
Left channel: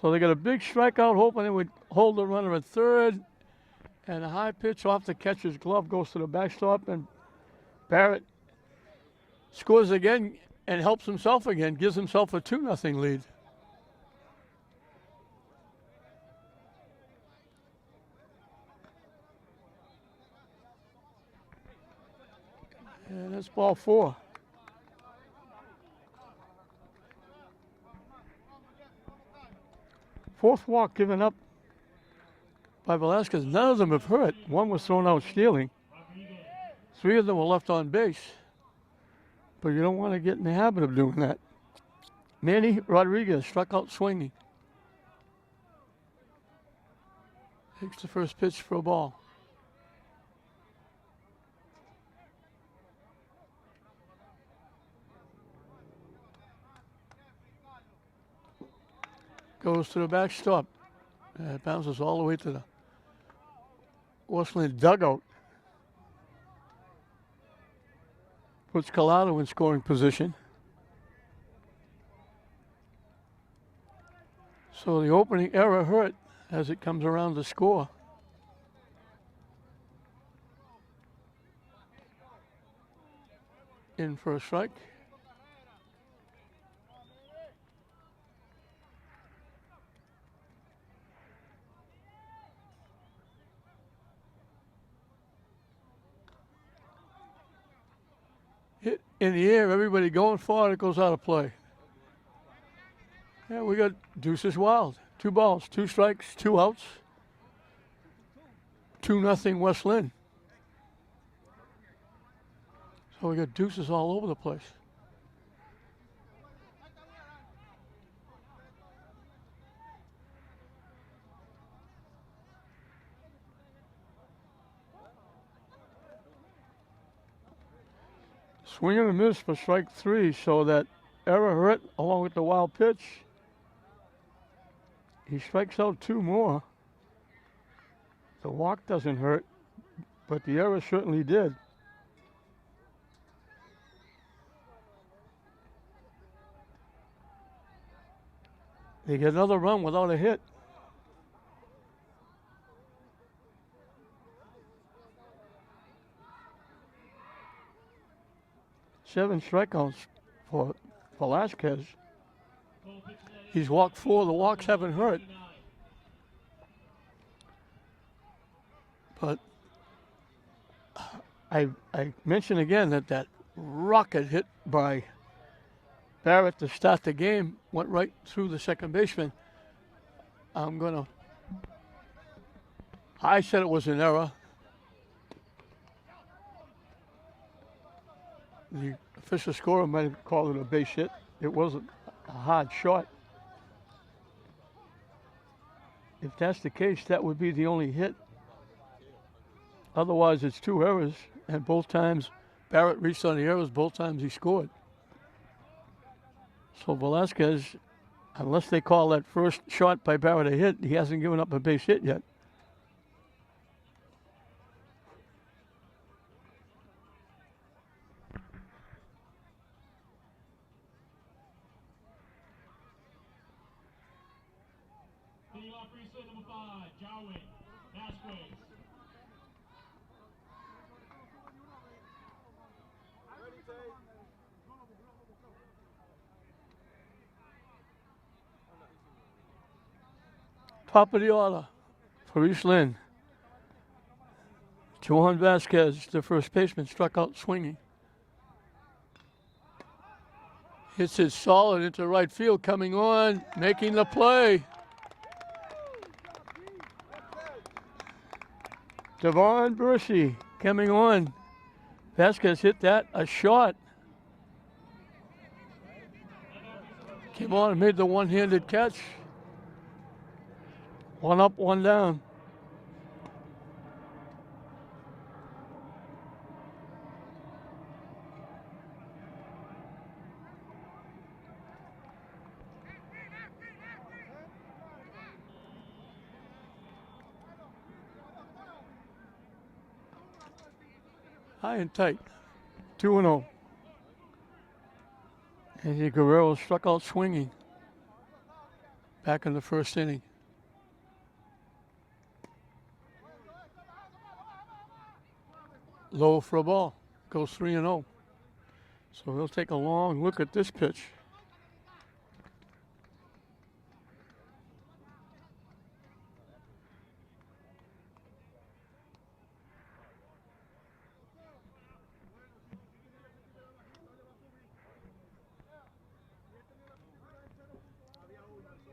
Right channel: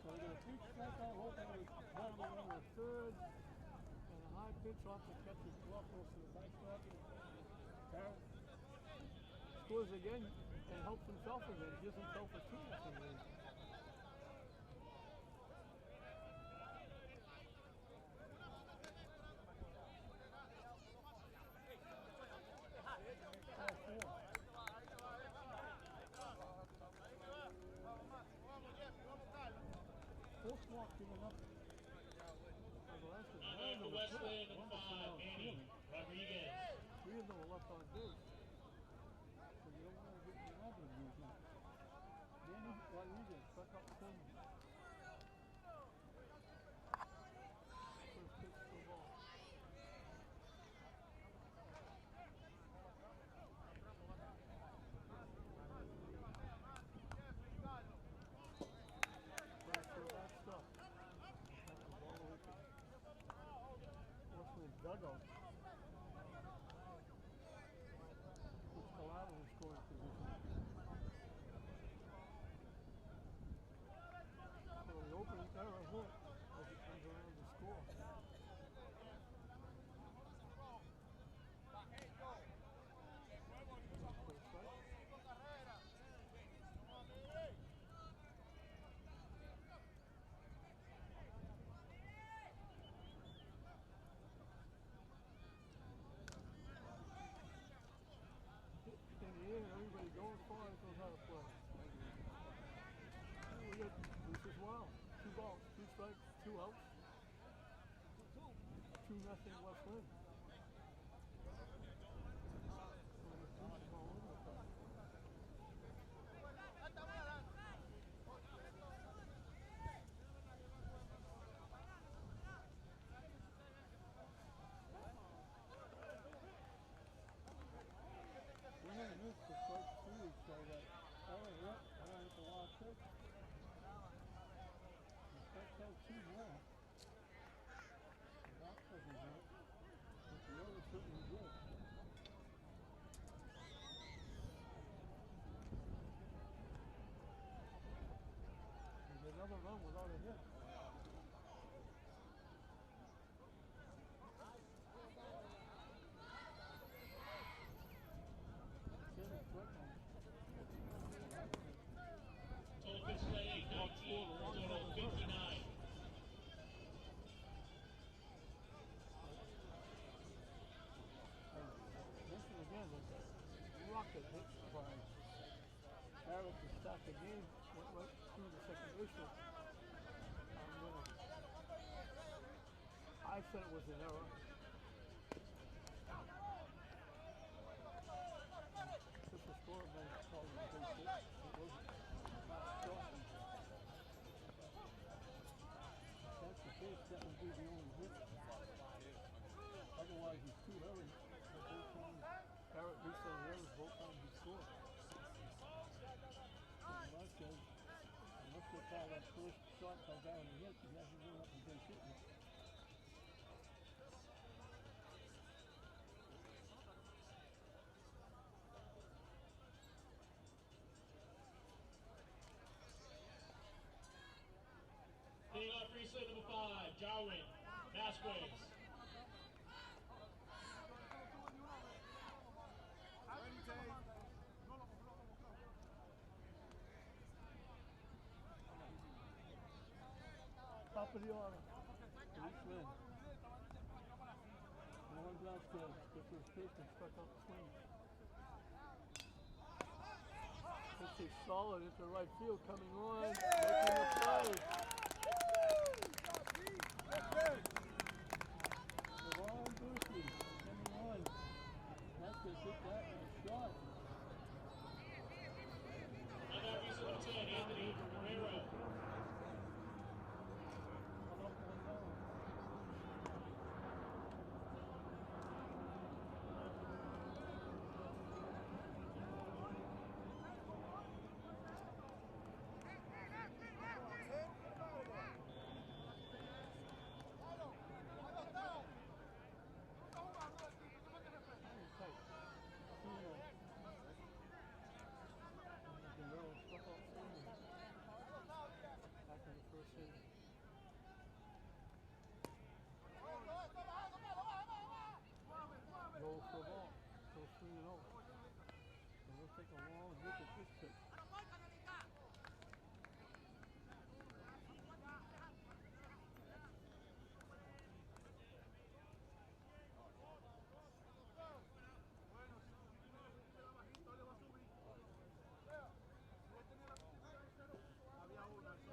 So they got a big strikeout, hoping they would hold the runner at third. And a high pitch off the catcher's glove goes to the backstop, and Barrett scores again and helps himself again, gives himself a 2-0 lead. And that's ball 4. Fourth walk given up by Velasquez. None of them have hurt. One was thrown out stealing. 3 of them were left on base. But you don't want to get in the habit of doing that. Manny Rodriguez struck out swinging. Takes the first pitch for a ball. Goes to the backstop. It bounces all the way to the Westland dugout. Puts Collado in scoring position. So the opening error hurt as it comes around to score. In for a strike. Hit in the air, everybody going for it, it goes out of play. Yeah, we got deuces wild. 2 balls, 2 strikes, 2 outs. 2-0 West Lynn. So we got deuces all over the place. Swing and a miss for strike 3, so that error hurt along with the wild pitch. He strikes out 2 more. The walk doesn't hurt, but the error certainly did. They get another run without a hit. Seven strikeouts for Velasquez. He's walked 4. The walks haven't hurt. But I mention again that rocket hit by Barrett to start the game went right through the second baseman. I said it was an error. The official scorer might have called it a base hit. It wasn't a hard shot. If that's the case, that would be the only hit. Otherwise, it's 2 errors, and both times Barrett reached on the errors, both times he scored. So Velasquez, unless they call that first shot by Barrett a hit, he hasn't given up a base hit yet. set number 5, Jarwin Vasquez. Top of the order for East Lynn. Johan Vasquez, the first baseman, struck out swinging. Hits it solid into right field, coming on, making the play. Devon Bursey coming on. Vasquez hit that, a shot. Came on and made the one-handed catch. One up, one down. High and tight, 2-0. Andy Guerrero struck out swinging back in the first inning. Low for a ball, goes 3-0. So we'll take a long look at this pitch.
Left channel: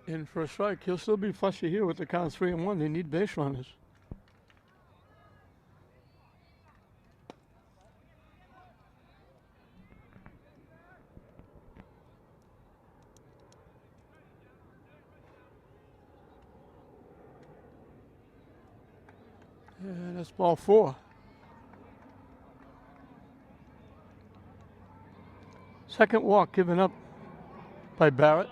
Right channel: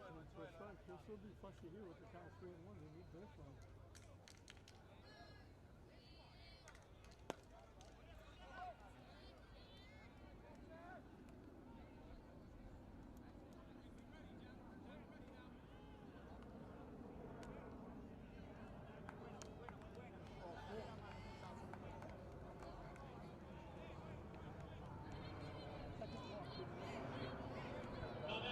In for a strike. He'll still be fussy here with the count 3-1. They need base runners. And that's ball 4. Second walk given up by Barrett.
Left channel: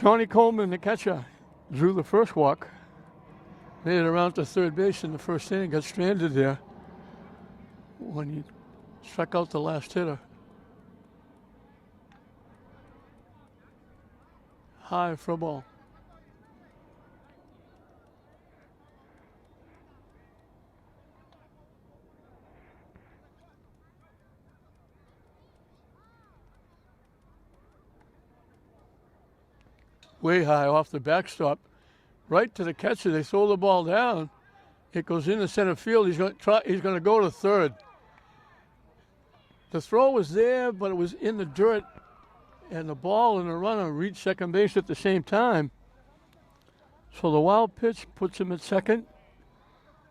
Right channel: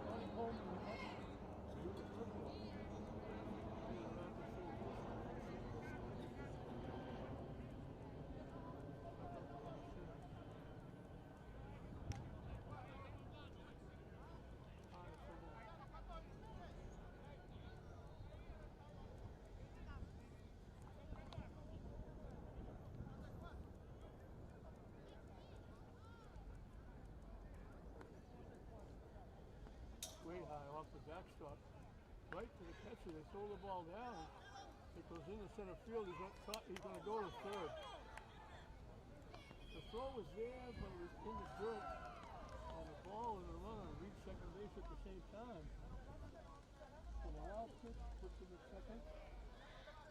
Shawnee Coleman, the catcher, drew the first walk. Made it around to third base in the first inning. Got stranded there when he struck out the last hitter. High for a ball. Way high off the backstop, right to the catcher. They throw the ball down. It goes into center field. He's going to go to third. The throw was there, but it was in the dirt, and the ball and the runner reached second base at the same time. So the wild pitch puts him at second.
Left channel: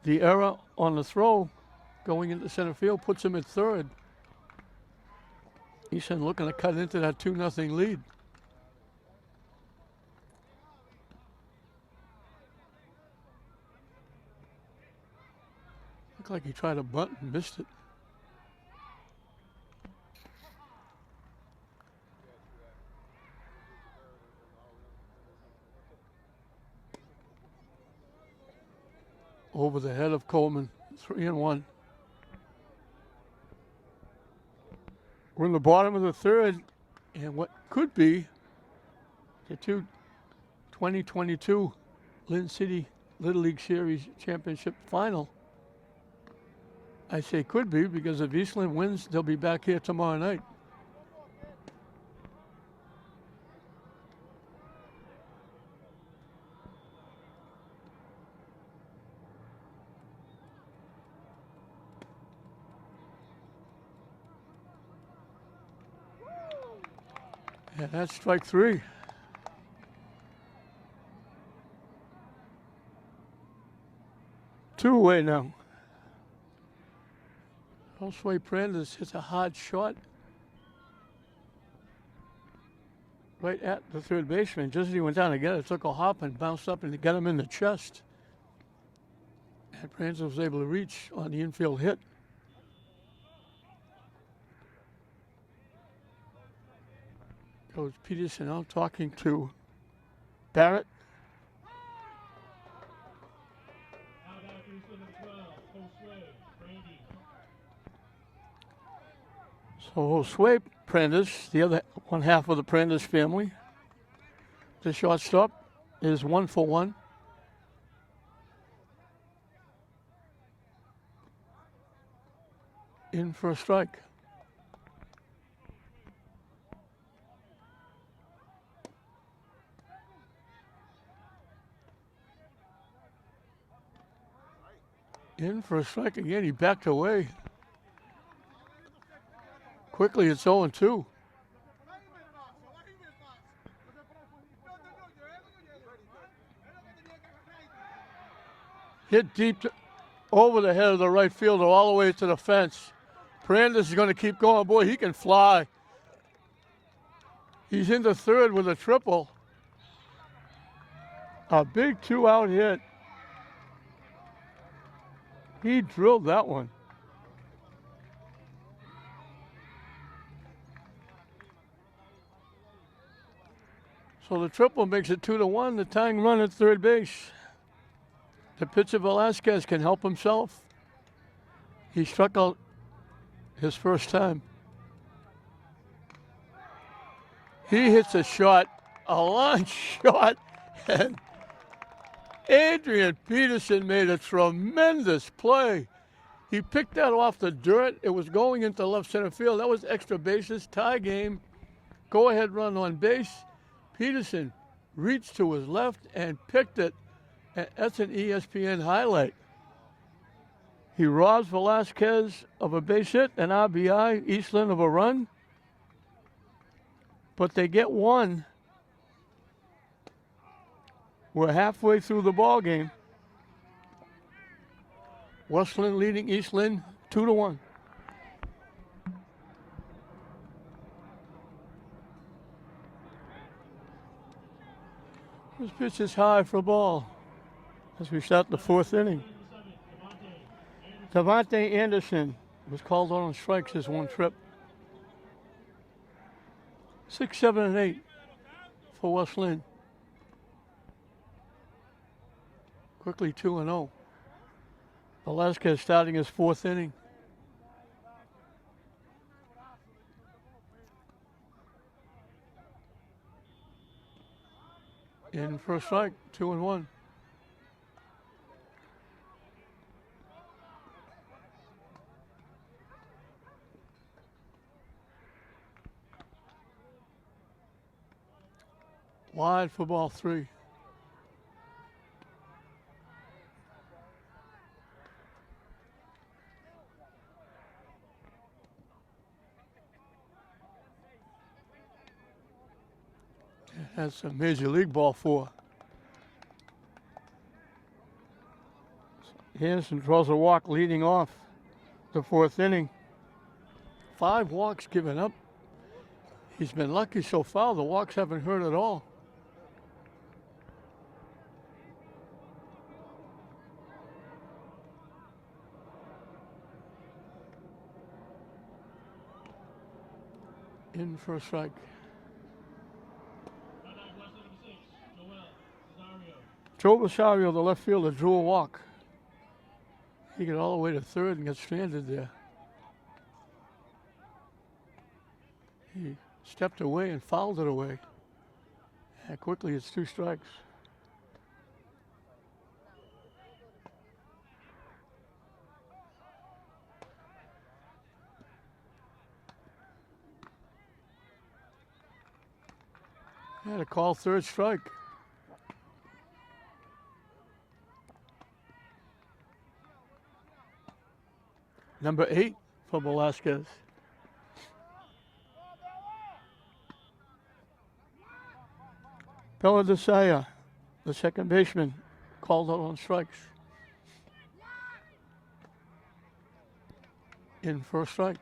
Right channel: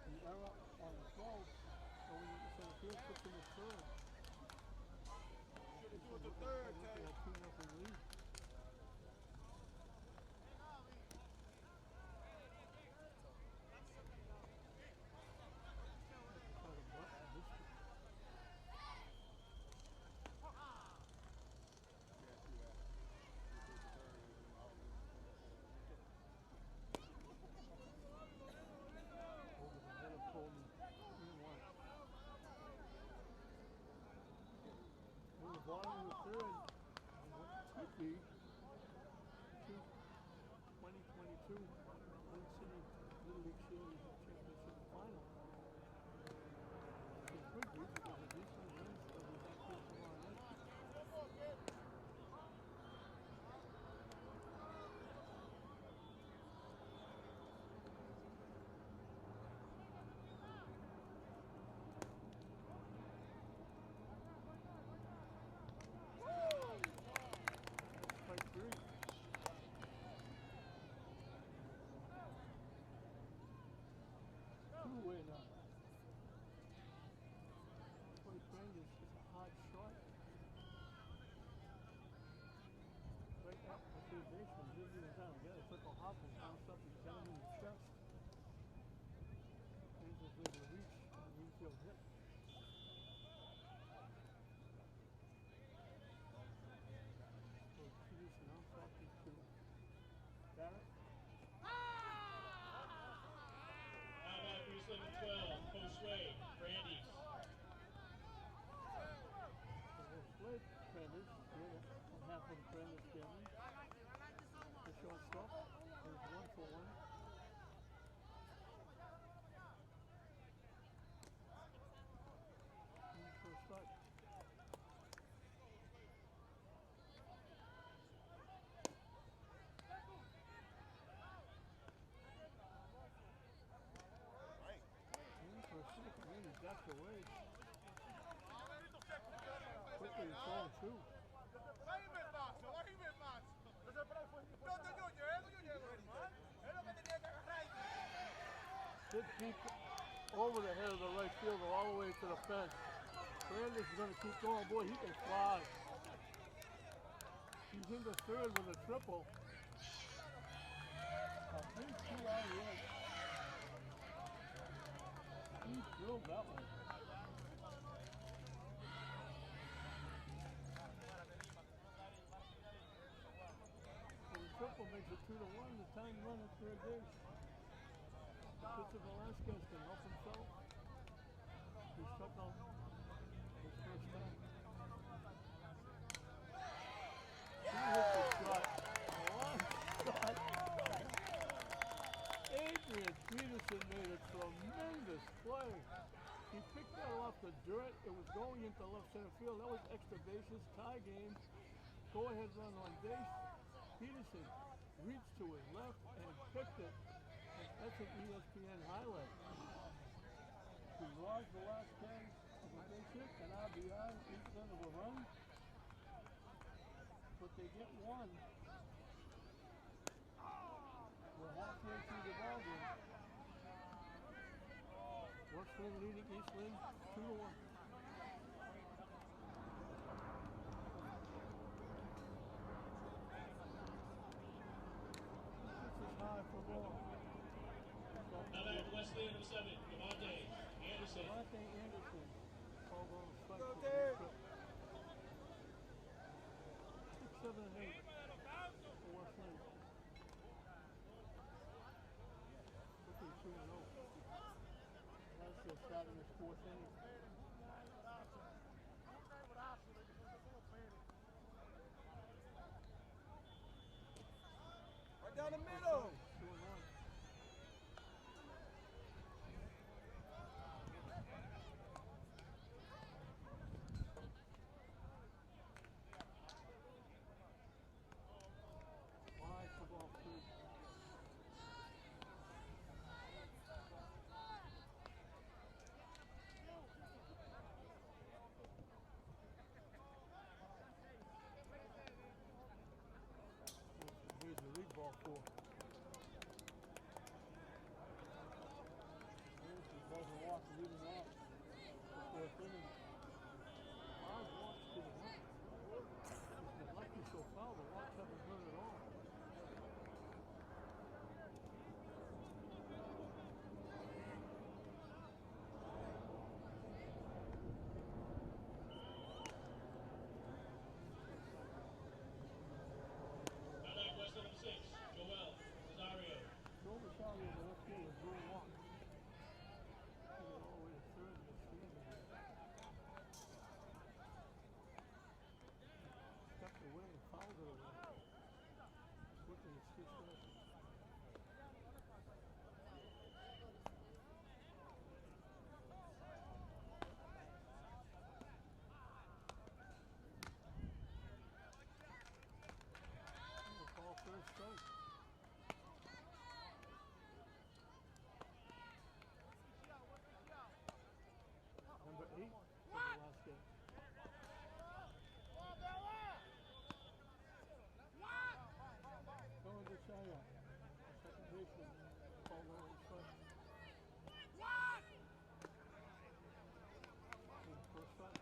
The error on the throw going into center field puts him at third. Easton looking to cut into that 2-0 lead. Looked like he tried a bunt and missed it. Over the head of Coleman, 3-1. We're in the bottom of the third, and what could be the 2022 Lynn City Little League Series Championship final. I say could be because if East Lynn wins, they'll be back here tomorrow night. Yeah, that's strike 3. Two away now. Josue Prendes hits a hard shot right at the third baseman. Just as he went down to get it, took a hop and bounced up and got him in the chest. And Prendes was able to reach on the infield hit. Coach Peterson out talking to Barrett. So Josue Prendes, the other one half of the Prendes family. The shortstop is 1 for 1. In for a strike. In for a strike again. He backed away. Quickly, it's 0-2. Hit deep over the head of the right fielder all the way to the fence. Brandes is going to keep going. Boy, he can fly. He's into third with a triple. A big 2-out hit. He drilled that one. So the triple makes it 2-1. The tying run at third base. The pitcher Velasquez can help himself. He struck out his first time. He hits a shot, a long shot, and Adrian Peterson made a tremendous play. He picked that off the dirt. It was going into left center field. That was extra bases, tie game, go-ahead run on base. Peterson reached to his left and picked it. And that's an ESPN highlight. He robs Velasquez of a base hit, an RBI, Eastland of a run. But they get one. We're halfway through the ball game. Westland leading Eastland 2-1. This pitch is high for a ball as we start the fourth inning. Devontae Anderson was called on strikes his one trip. 6, 7, and 8 for Westland. Quickly 2-0. Velasquez starting his fourth inning. In for a strike, 2-1. Wide for ball 3. That's a major league ball 4. Anderson draws a walk leading off the fourth inning. 5 walks given up. He's been lucky so far. The walks haven't hurt at all. In for a strike. Joe Rosario, the left fielder, drew a walk. He got all the way to third and got stranded there. He stepped away and fouled it away. And quickly, it's 2 strikes. Had a call third strike. Number 8 for Velasquez. Belladesaya, the second baseman, called out on strikes. In for a strike.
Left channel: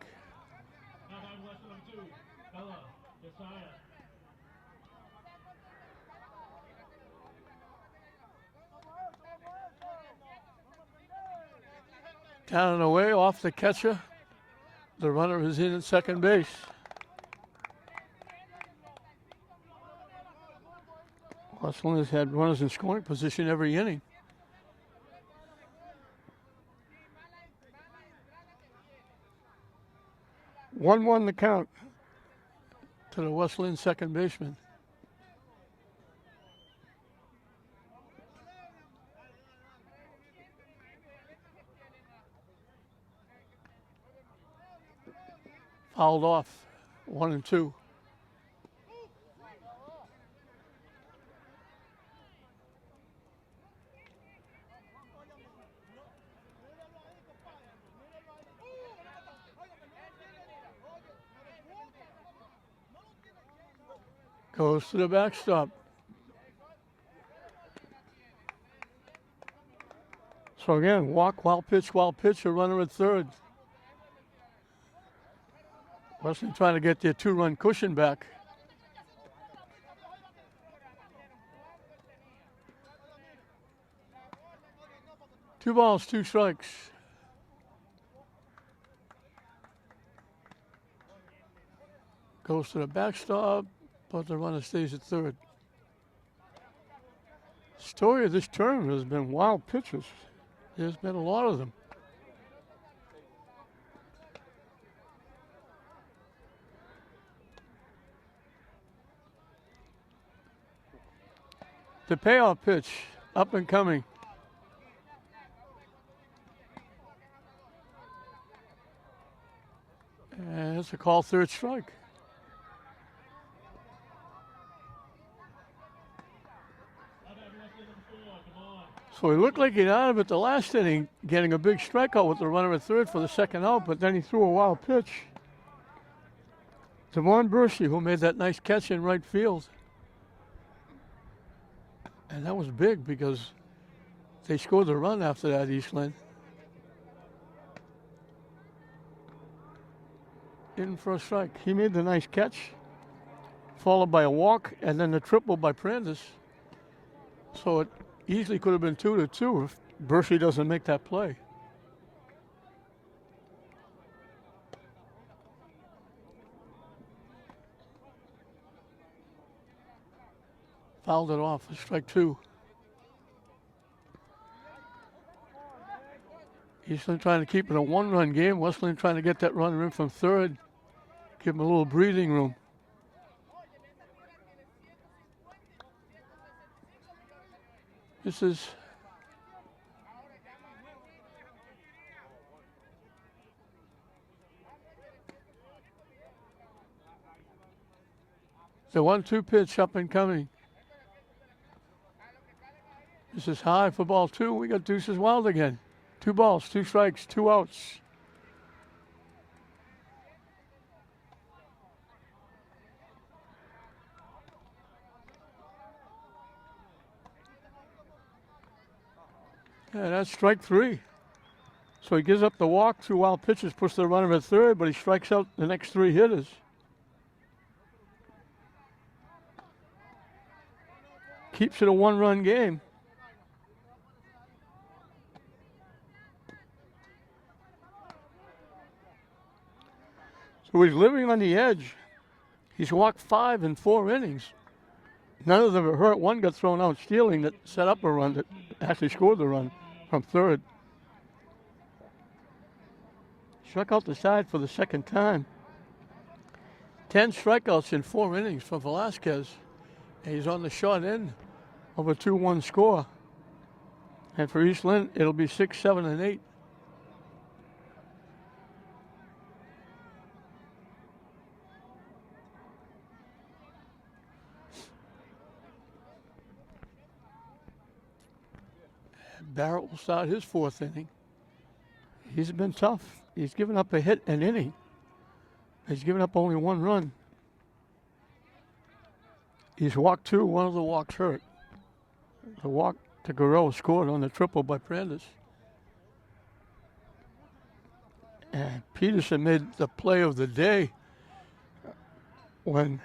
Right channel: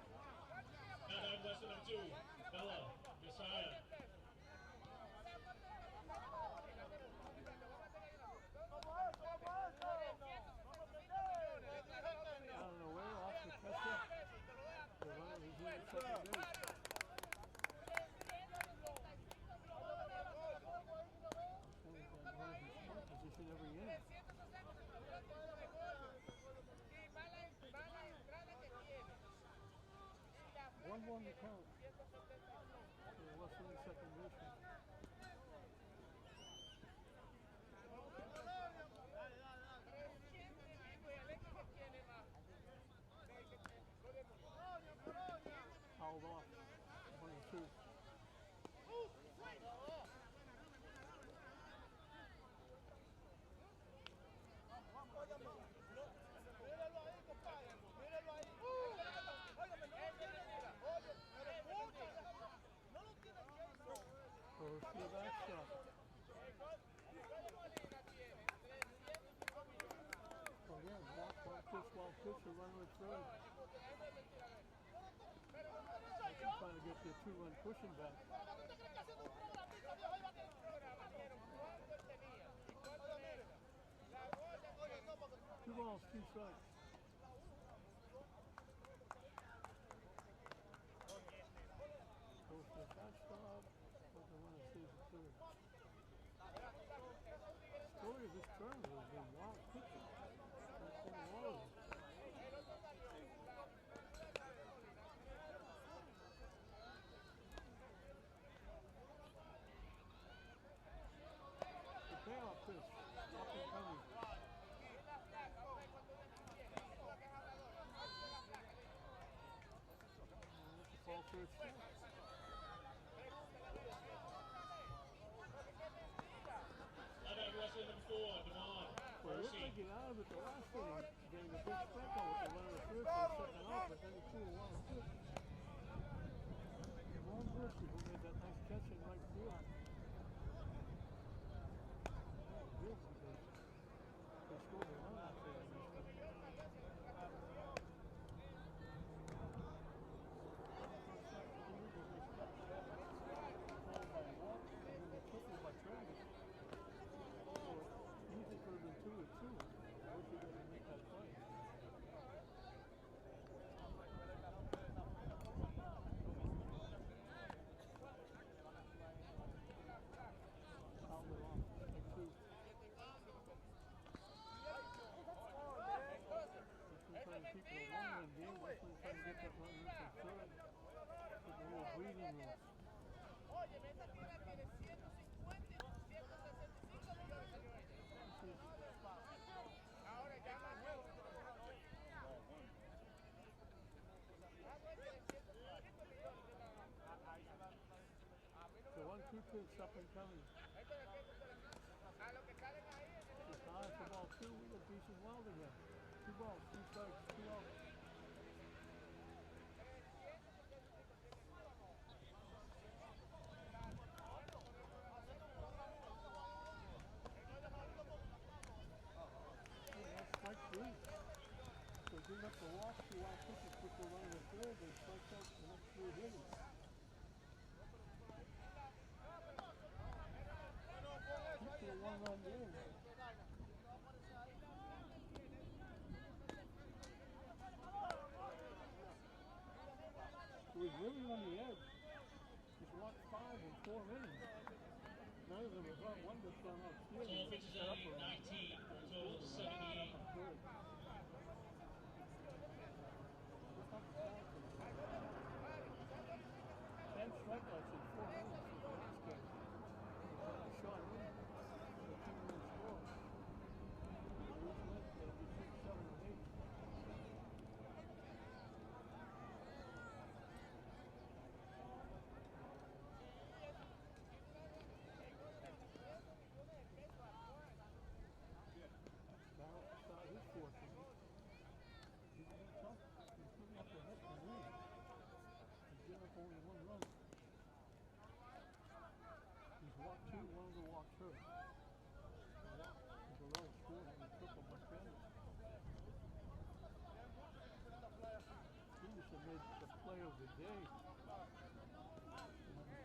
Down and away off the catcher. The runner is in at second base. Westland has had runners in scoring position every inning. (1-1) the count to the Westland second baseman. fouled off. 1 and 2. Goes to the backstop. So again, walk, wild pitch, a runner at third. Western trying to get their 2-run cushion back. Two balls, 2 strikes. Goes to the backstop, but the runner stays at third. Story of this tournament has been wild pitches. There's been a lot of them. The payoff pitch, up and coming. And it's a call, 3rd strike. So he looked like he'd out of it the last inning, getting a big strikeout with the runner at third for the 2nd out, but then he threw a wild pitch. Devon Bershey, who made that nice catch in right field. And that was big because they scored the run after that, East Lynn. In for a strike. He made the nice catch, followed by a walk, and then the triple by Prandis. So it easily could have been 2-2 if Bershey doesn't make that play. Fouled it off, strike 2. Eastland trying to keep it a 1-run game. Westland trying to get that runner in from third. Give him a little breathing room. This is the 1-2 pitch, up and coming. This is high for ball 2. We got Deuces Wild again. 2 balls, 2 strikes, 2 outs. Yeah, that's strike 3. So he gives up the walk, 2 wild pitches, puts the runner at third, but he strikes out the next 3 hitters. Keeps it a 1-run game. So he's living on the edge. He's walked 5 in 4 innings. None of them are hurt. One got thrown out stealing that set up a run that actually scored the run from third. Struck out the side for the 2nd time. 10 strikeouts in 4 innings for Velasquez. And he's on the short end of a 2-1 score. And for East Lynn, it'll be 6, 7, and 8. Barrett will start his 4th inning. He's been tough. He's given up a hit an inning. He's given up only 1 run. He's walked 2. One of the walks hurt. The walk to Guerrero scored on the triple by Prandis. And Peterson made the play of the day when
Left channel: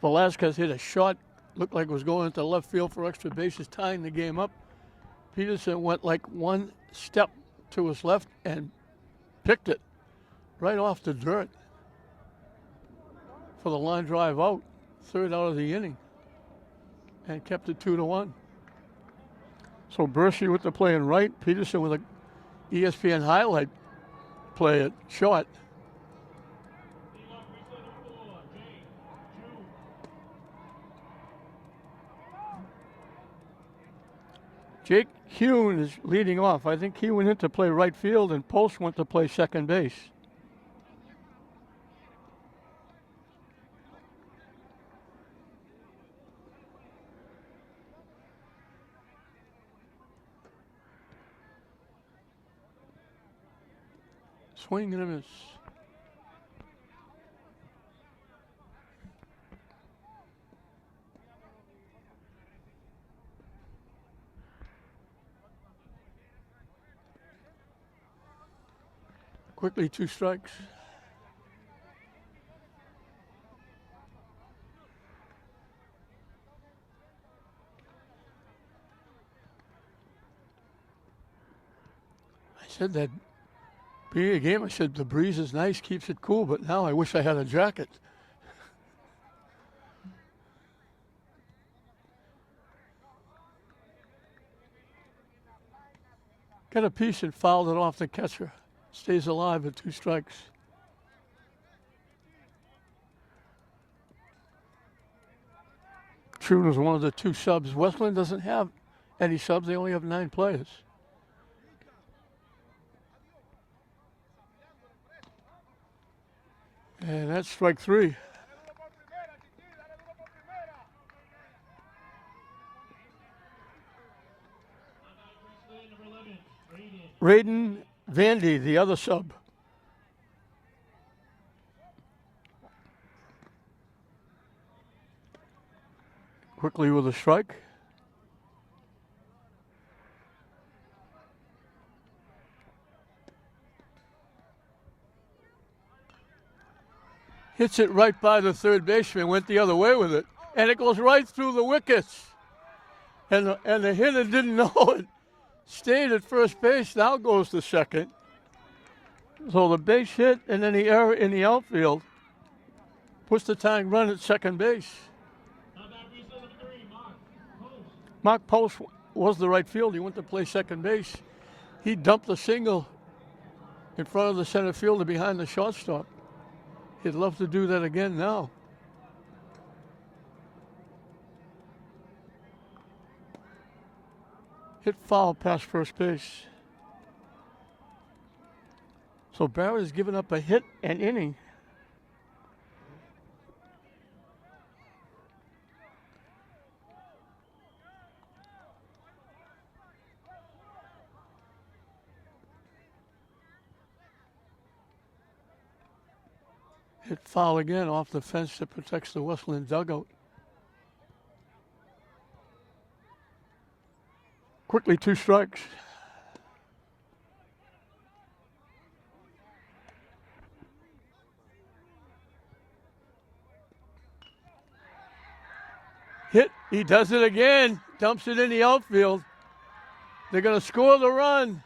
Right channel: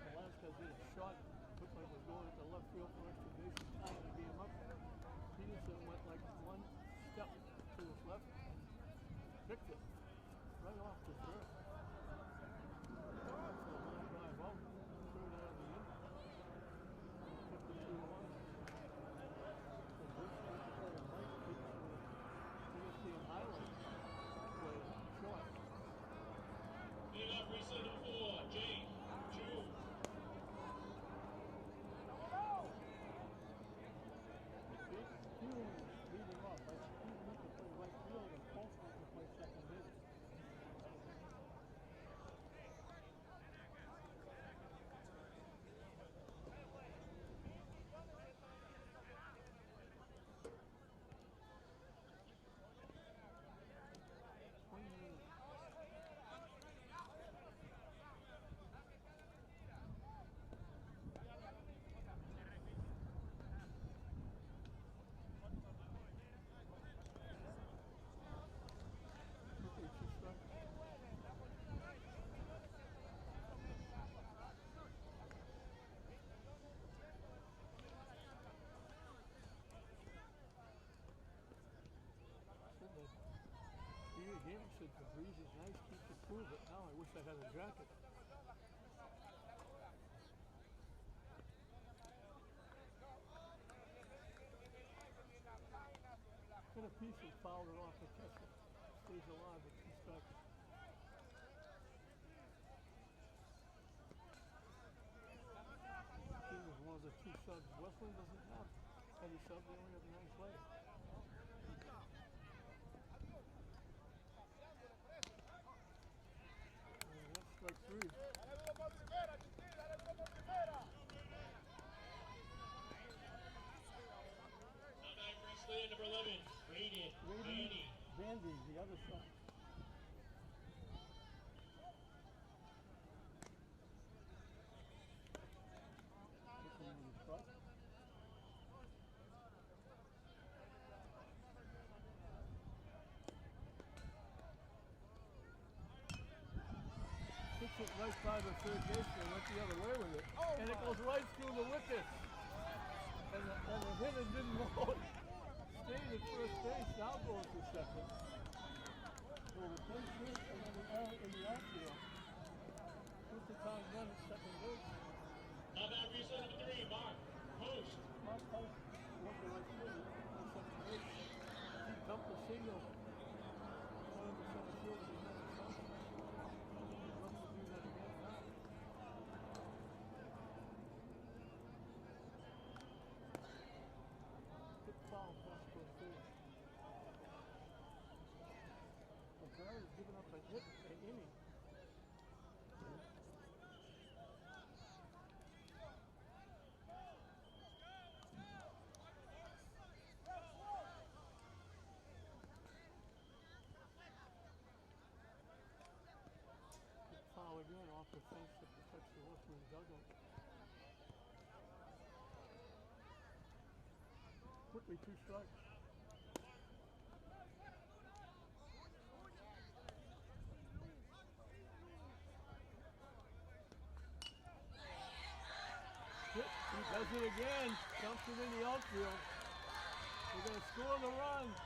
Velasquez hit a shot, looked like it was going into left field for extra bases, tying the game up. Peterson went like 1 step to his left and picked it right off the dirt for the line drive out, 3rd out of the inning, and kept it 2-1. So Bershey with the play in right, Peterson with a ESPN highlight play at short. Jake Hune is leading off. I think he went in to play right field and Post went to play second base. swing and a miss. Quickly, 2 strikes. I said that being a game, I said the breeze is nice, keeps it cool, but now I wish I had a jacket. Got a piece and fouled it off the catcher. Stays alive at 2 strikes. Trune was one of the 2 subs. Westland doesn't have any subs. They only have 9 players. And that's strike 3. Raiden Vandy, the other sub. Quickly with a strike. Hits it right by the third baseman, went the other way with it, and it goes right through the wickets. And the hitter didn't know it. Stayed at first base, now goes to second. So the base hit and then the error in the outfield puts the tying run at second base. Mark Post was the right field. He went to play second base. He dumped a single in front of the center fielder behind the shortstop. He'd love to do that again now. Hit foul past first base. So Barrett has given up a hit and inning. Hit foul again off the fence that protects the Westland dugout. Quickly, 2 strikes. Hit, he does it again, dumps it in the outfield. They're going to score the run.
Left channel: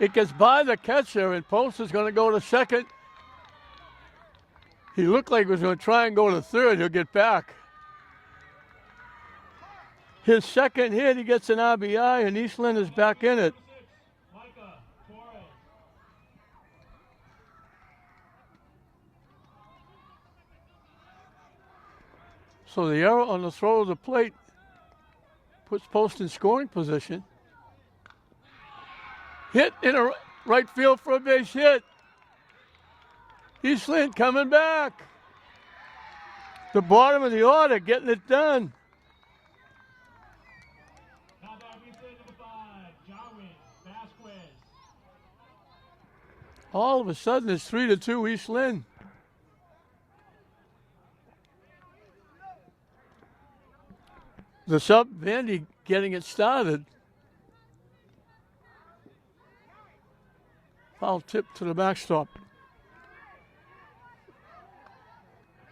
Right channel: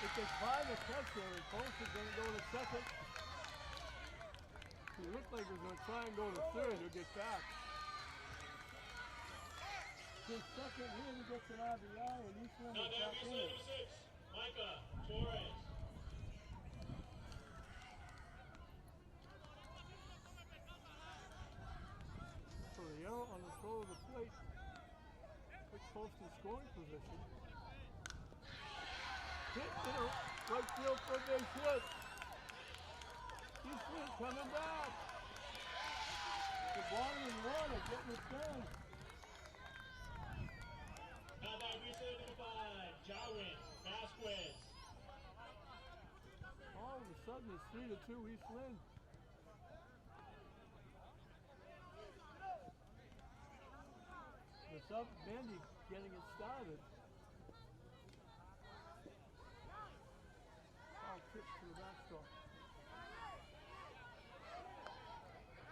It gets by the catcher, and Post is going to go to second. He looked like he was going to try and go to third. He'll get back. His second hit, he gets an RBI, and Eastland is back in it. So the error on the throw of the plate puts Post in scoring position. Hit in a right field for a base hit. Eastland coming back. The bottom of the order, getting it done. All of a sudden, it's 3-2 East Lynn. The sub, Vandy, getting it started. Foul tip to the backstop.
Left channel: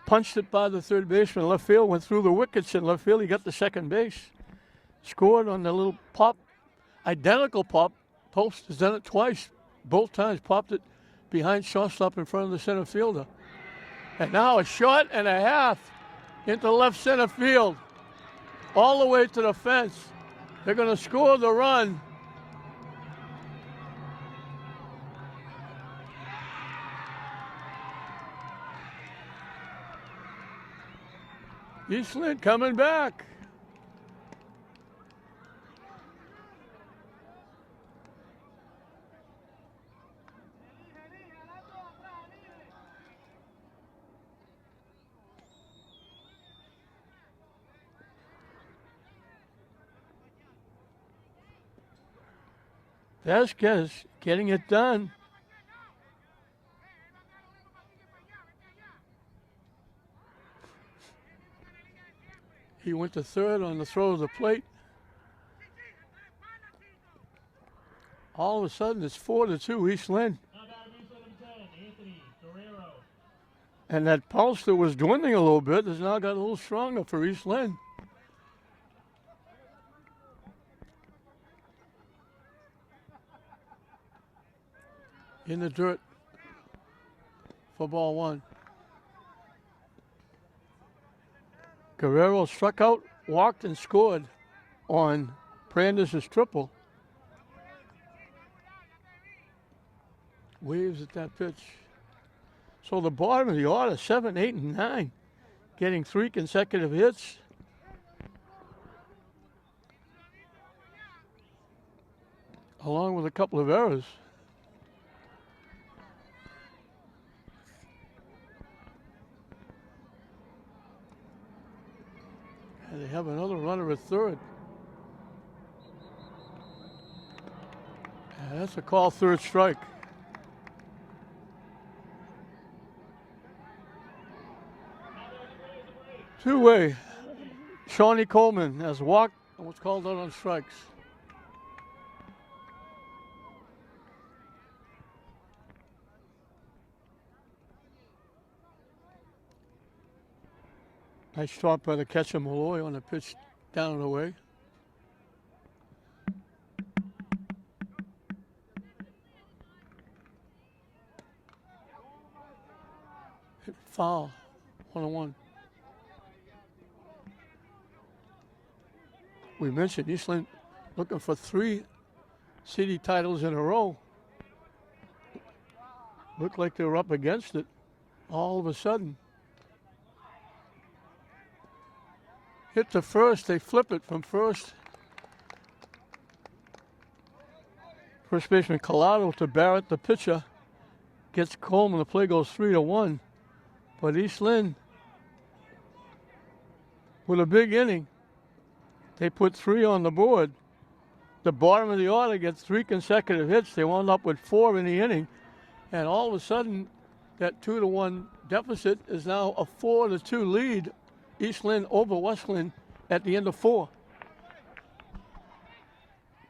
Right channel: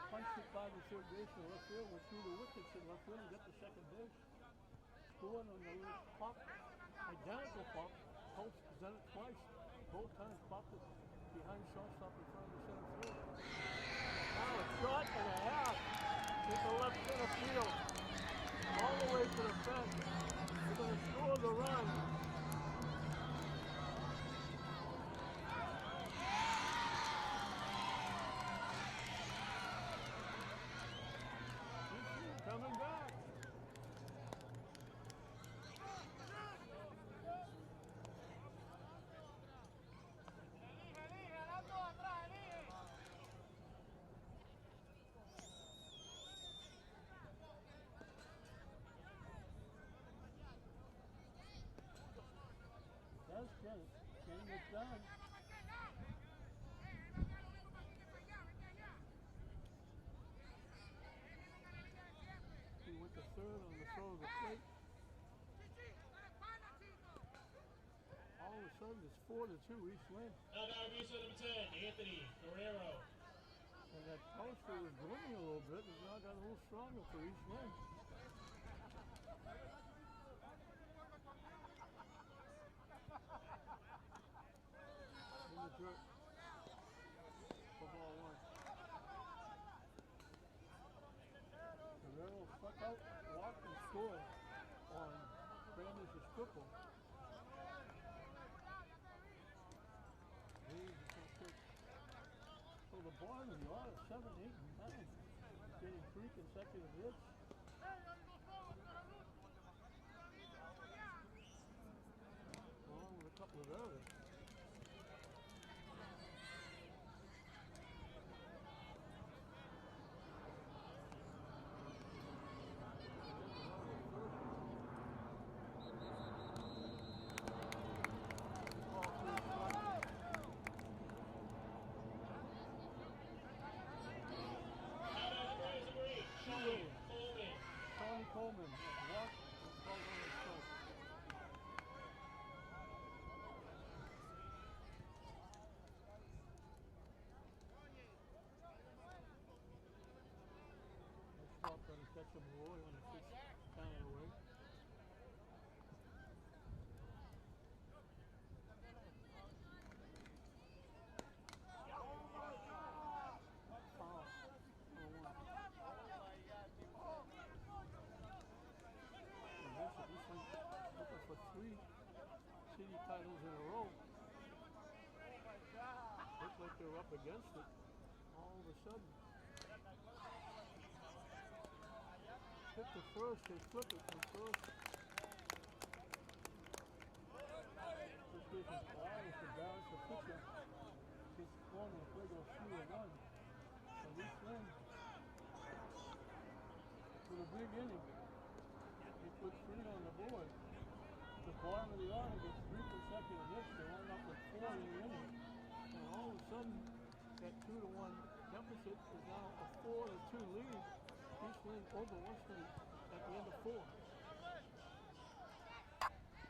Punched it by the third baseman. Left field, went through the wickets in left field. He got the second base. Scored on the little pop, identical pop. Post has done it twice. Both times popped it behind shortstop in front of the center fielder. And now a shot and a half into left center field. All the way to the fence. They're going to score the run. Eastland coming back. Vasquez getting it done. He went to third on the throw of the plate. All of a sudden, it's 4-2 East Lynn. Now batting base number 10, Anthony Guerrero. And that pulse that was dwindling a little bit has now got a little stronger for East Lynn. In the dirt for ball one. Guerrero struck out, walked, and scored on Prandis' triple. Waves at that pitch. So the bottom of the order, 7, 8, and 9, getting 3 consecutive hits. Along with a couple of errors. And they have another runner at third. And that's a call, third strike. Two-way. Shawnee Coleman has walked and was called out on strikes. Nice start by the catcher Malloy on the pitch down and away. Hit foul, 1-1. We mentioned East Lynn looking for 3 city titles in a row. Looked like they were up against it all of a sudden. Hit to first, they flip it from first. First baseman Collado to Barrett, the pitcher. Gets Coleman, the play goes 3-1. But East Lynn, with a big inning, they put 3 on the board. The bottom of the order gets 3 consecutive hits. They wound up with 4 in the inning. And all of a sudden, that 2-1 deficit is now a 4-2 lead. East Lynn over West Lynn at the end of 4.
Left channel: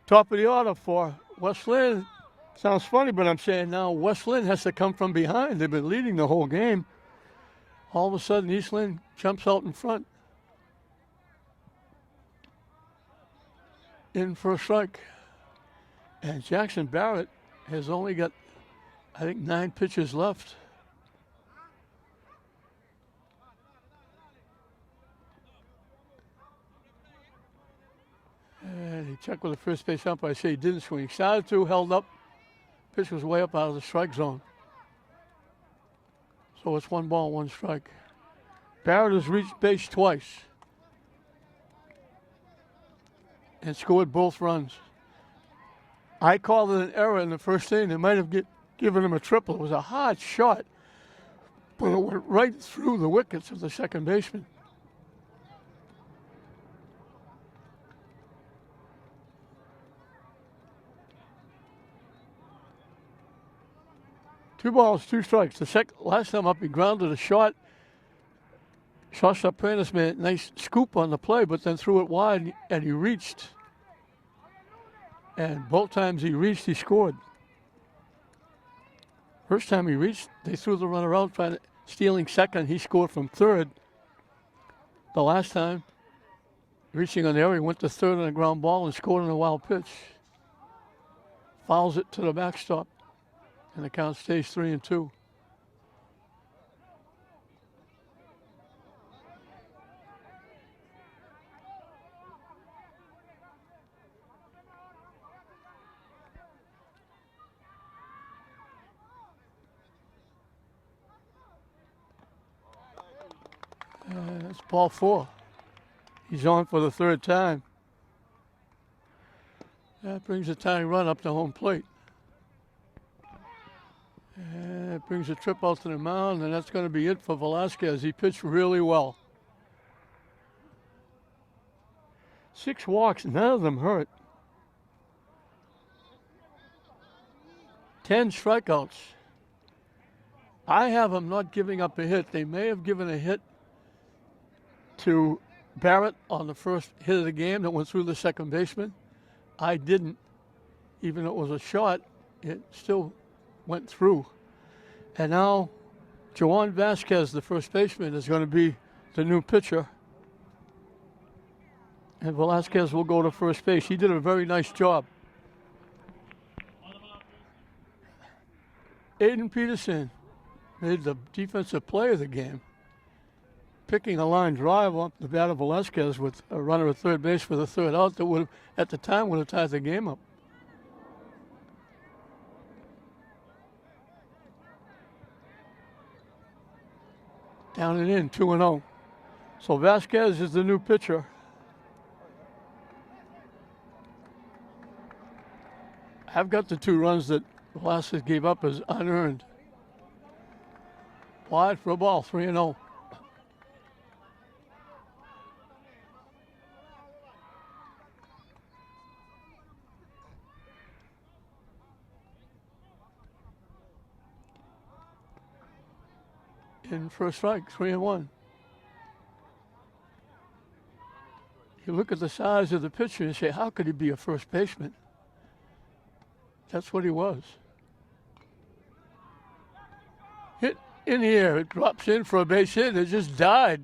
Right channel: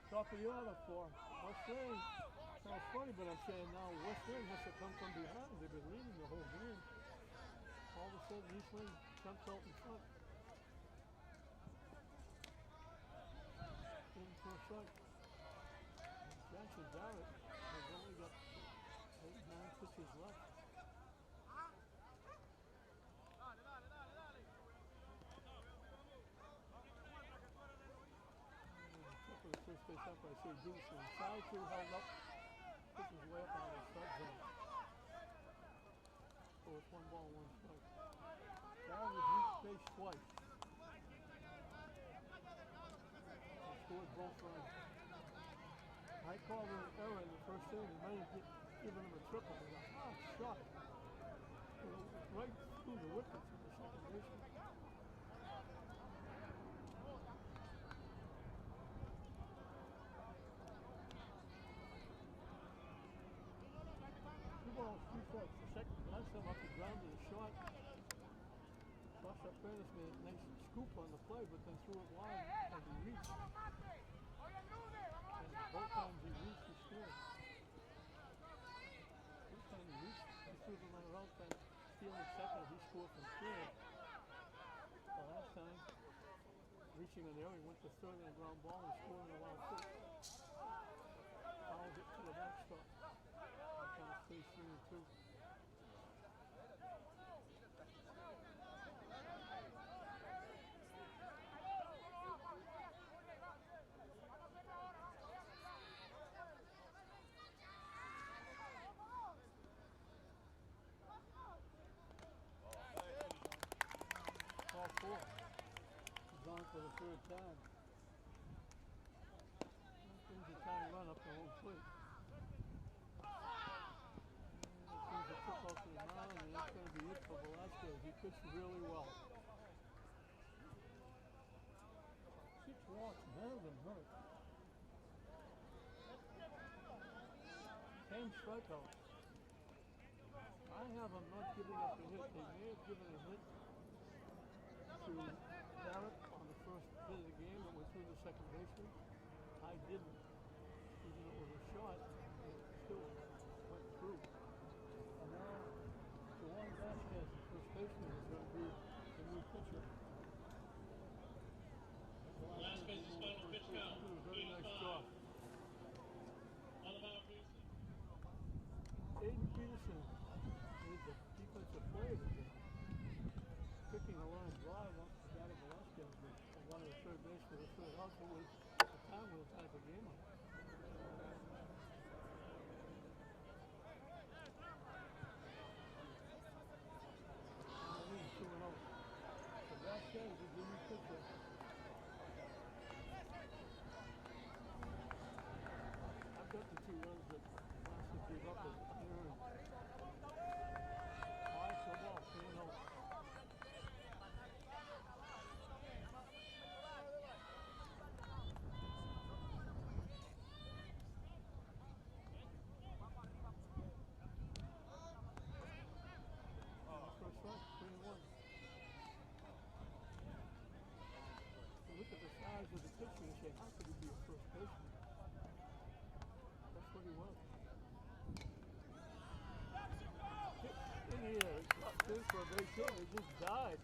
Top of the order for West Lynn. Sounds funny, but I'm saying now West Lynn has to come from behind. They've been leading the whole game. All of a sudden, East Lynn jumps out in front. In for a strike. And Jackson Barrett has only got, I think, 9 pitches left. And he checked with the first base umpire. I say he didn't swing. He started to, held up. Pitch was way up out of the strike zone. So it's 1 ball, 1 strike. Barrett has reached base twice and scored both runs. I called it an error in the first inning. They might have given him a triple. It was a hard shot, but it went right through the wickets of the second baseman. Two balls, 2 strikes. The last time up, he grounded a shot. Sasha Prentice made a nice scoop on the play, but then threw it wide, and he reached. And both times he reached, he scored. First time he reached, they threw the runner out, stealing second. He scored from third. The last time, reaching on there, he went to third on a ground ball and scored on a wild pitch. Fouls it to the backstop. And the count stays 3-2. That's ball 4. He's on for the 3rd time. That brings a tying run up to home plate. And it brings a trip out to the mound, and that's going to be it for Velasquez. He pitched really well. 6 walks, none of them hurt. 10 strikeouts. I have him not giving up a hit. They may have given a hit to Barrett on the first hit of the game that went through the second baseman. I didn't. Even though it was a shot, it still went through. And now Joan Vasquez, the first baseman, is going to be the new pitcher. And Velasquez will go to first base. He did a very nice job. Aiden Peterson made the defensive play of the game, picking a line drive off the bat of Velasquez with a runner at third base for the third out that would, at the time, would have tied the game up. Down and in, 2-0. So Vasquez is the new pitcher. I've got the 2 runs that Velasquez gave up as unearned. Wide for a ball, 3-0. In first strike, 3-1. You look at the size of the pitcher and say, how could he be a first baseman? That's what he was. Hit in the air, it drops in for a base hit, it just died.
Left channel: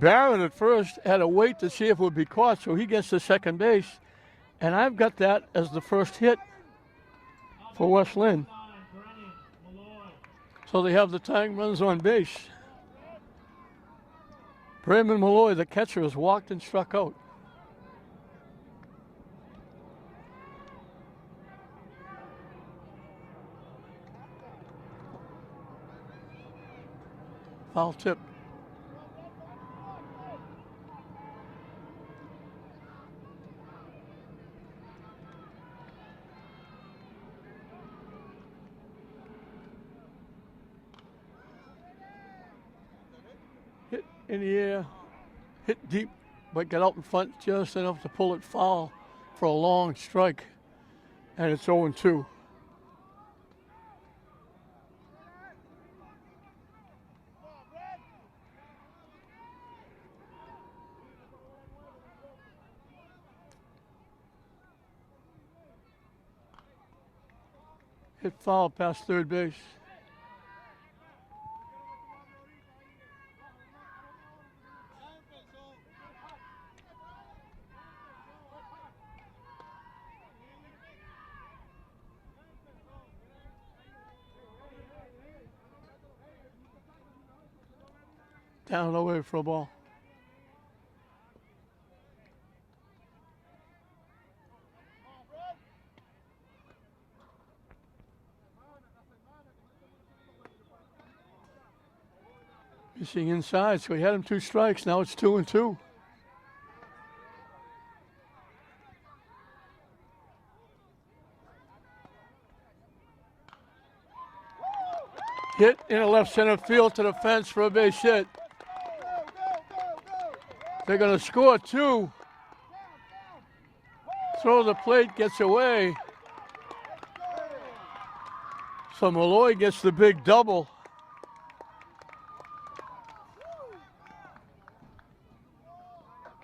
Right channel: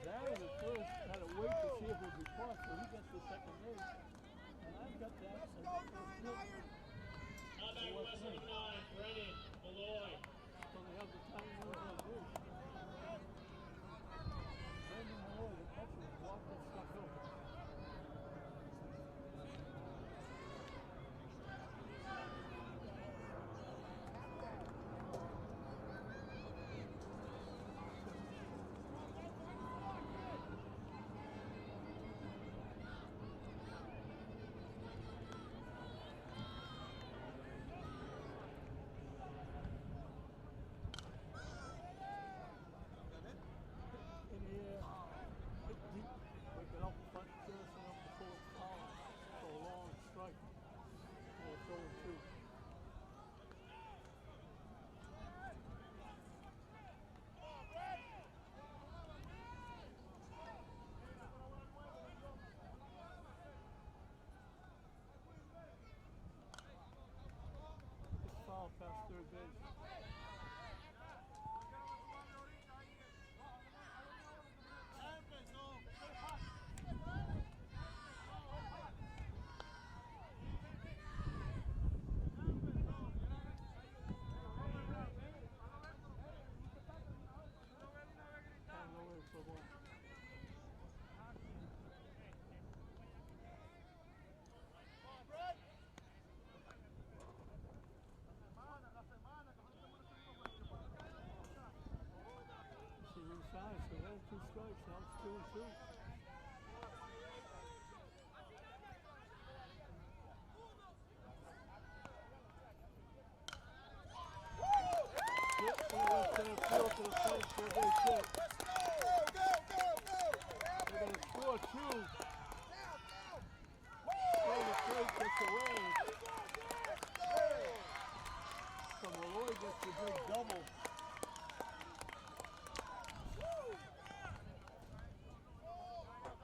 Barrett at first had to wait to see if it would be caught, so he gets to second base. And I've got that as the first hit for West Lynn. So they have the tying runs on base. Brandon Malloy, the catcher, has walked and struck out. Foul tip. Hit in the air, hit deep, but got out in front just enough to pull it foul for a long strike. And it's 0-2. Hit foul past third base. Down and away for a ball. Missing inside, so he had him 2 strikes. Now it's 2-2. Hit in a left center field to the fence for a base hit. They're going to score 2. Throw the plate, gets away. So Malloy gets the big double.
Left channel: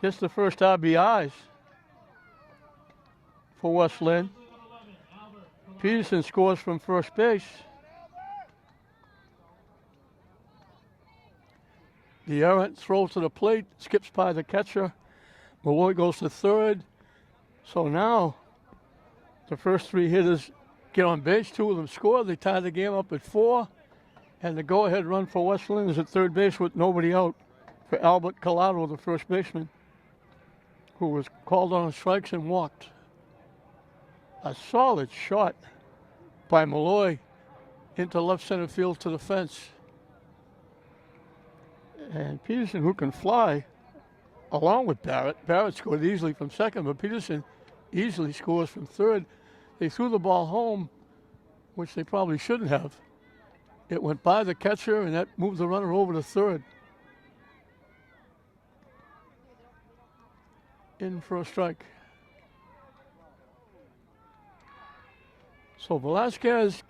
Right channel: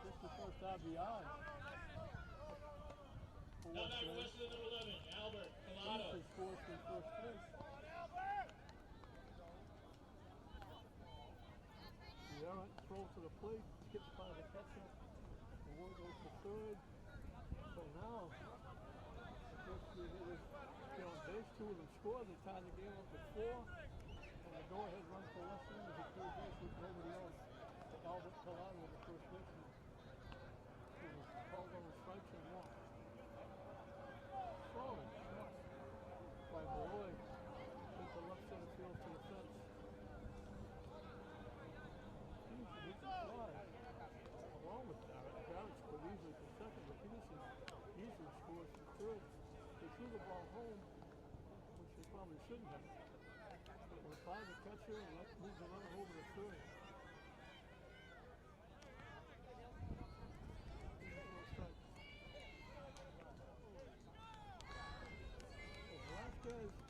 Gets the first RBIs for West Lynn. Peterson scores from first base. The errant throw to the plate, skips by the catcher. Malloy goes to third. So now the first 3 hitters get on base. 2 of them score. They tie the game up at 4. And the go-ahead run for West Lynn is at third base with nobody out for Albert Collado, the first baseman, who was called on strikes and walked. A solid shot by Malloy into left center field to the fence. And Peterson, who can fly, along with Barrett. Barrett scored easily from second, but Peterson easily scores from third. They threw the ball home, which they probably shouldn't have. It went by the catcher, and that moved the runner over to third. In for a strike. So Velasquez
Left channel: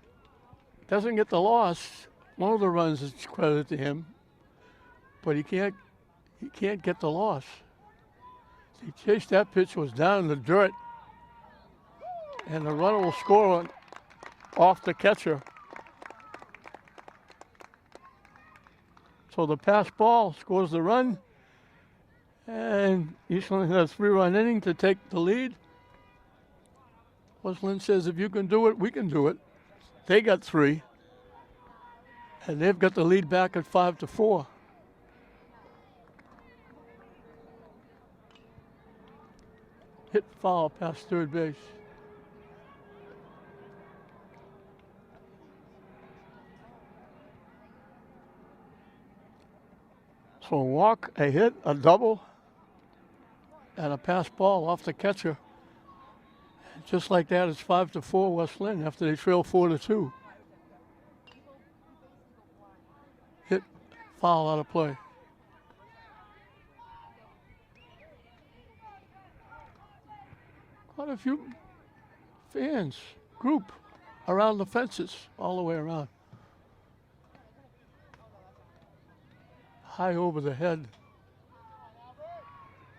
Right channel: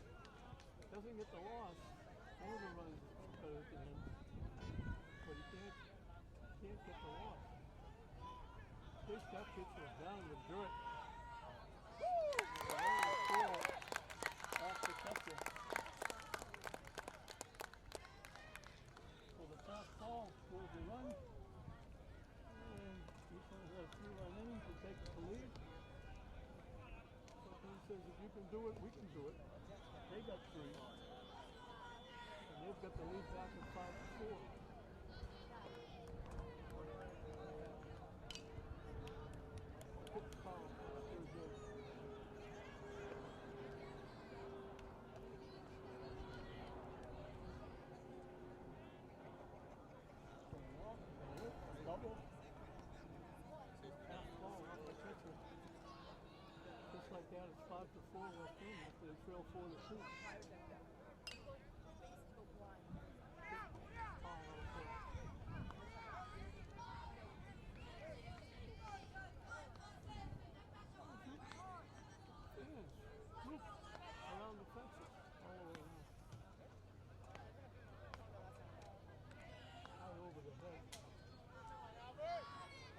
doesn't get the loss. One of the runs is credited to him, but he can't He can't get the loss. He chased that pitch, was down in the dirt, and the runner will score off the catcher. So the pass ball scores the run, and Eastland has a 3-run inning to take the lead. West Lynn says, if you can do it, we can do it. They got 3, and they've got the lead back at 5-4. Hit foul past third base. So a walk, a hit, a double, and a pass ball off the catcher. Just like that, it's 5-4 West Lynn after they trail 4-2. Hit, foul, out of play. Quite a few fans, group, around the fences, all the way around. High over the head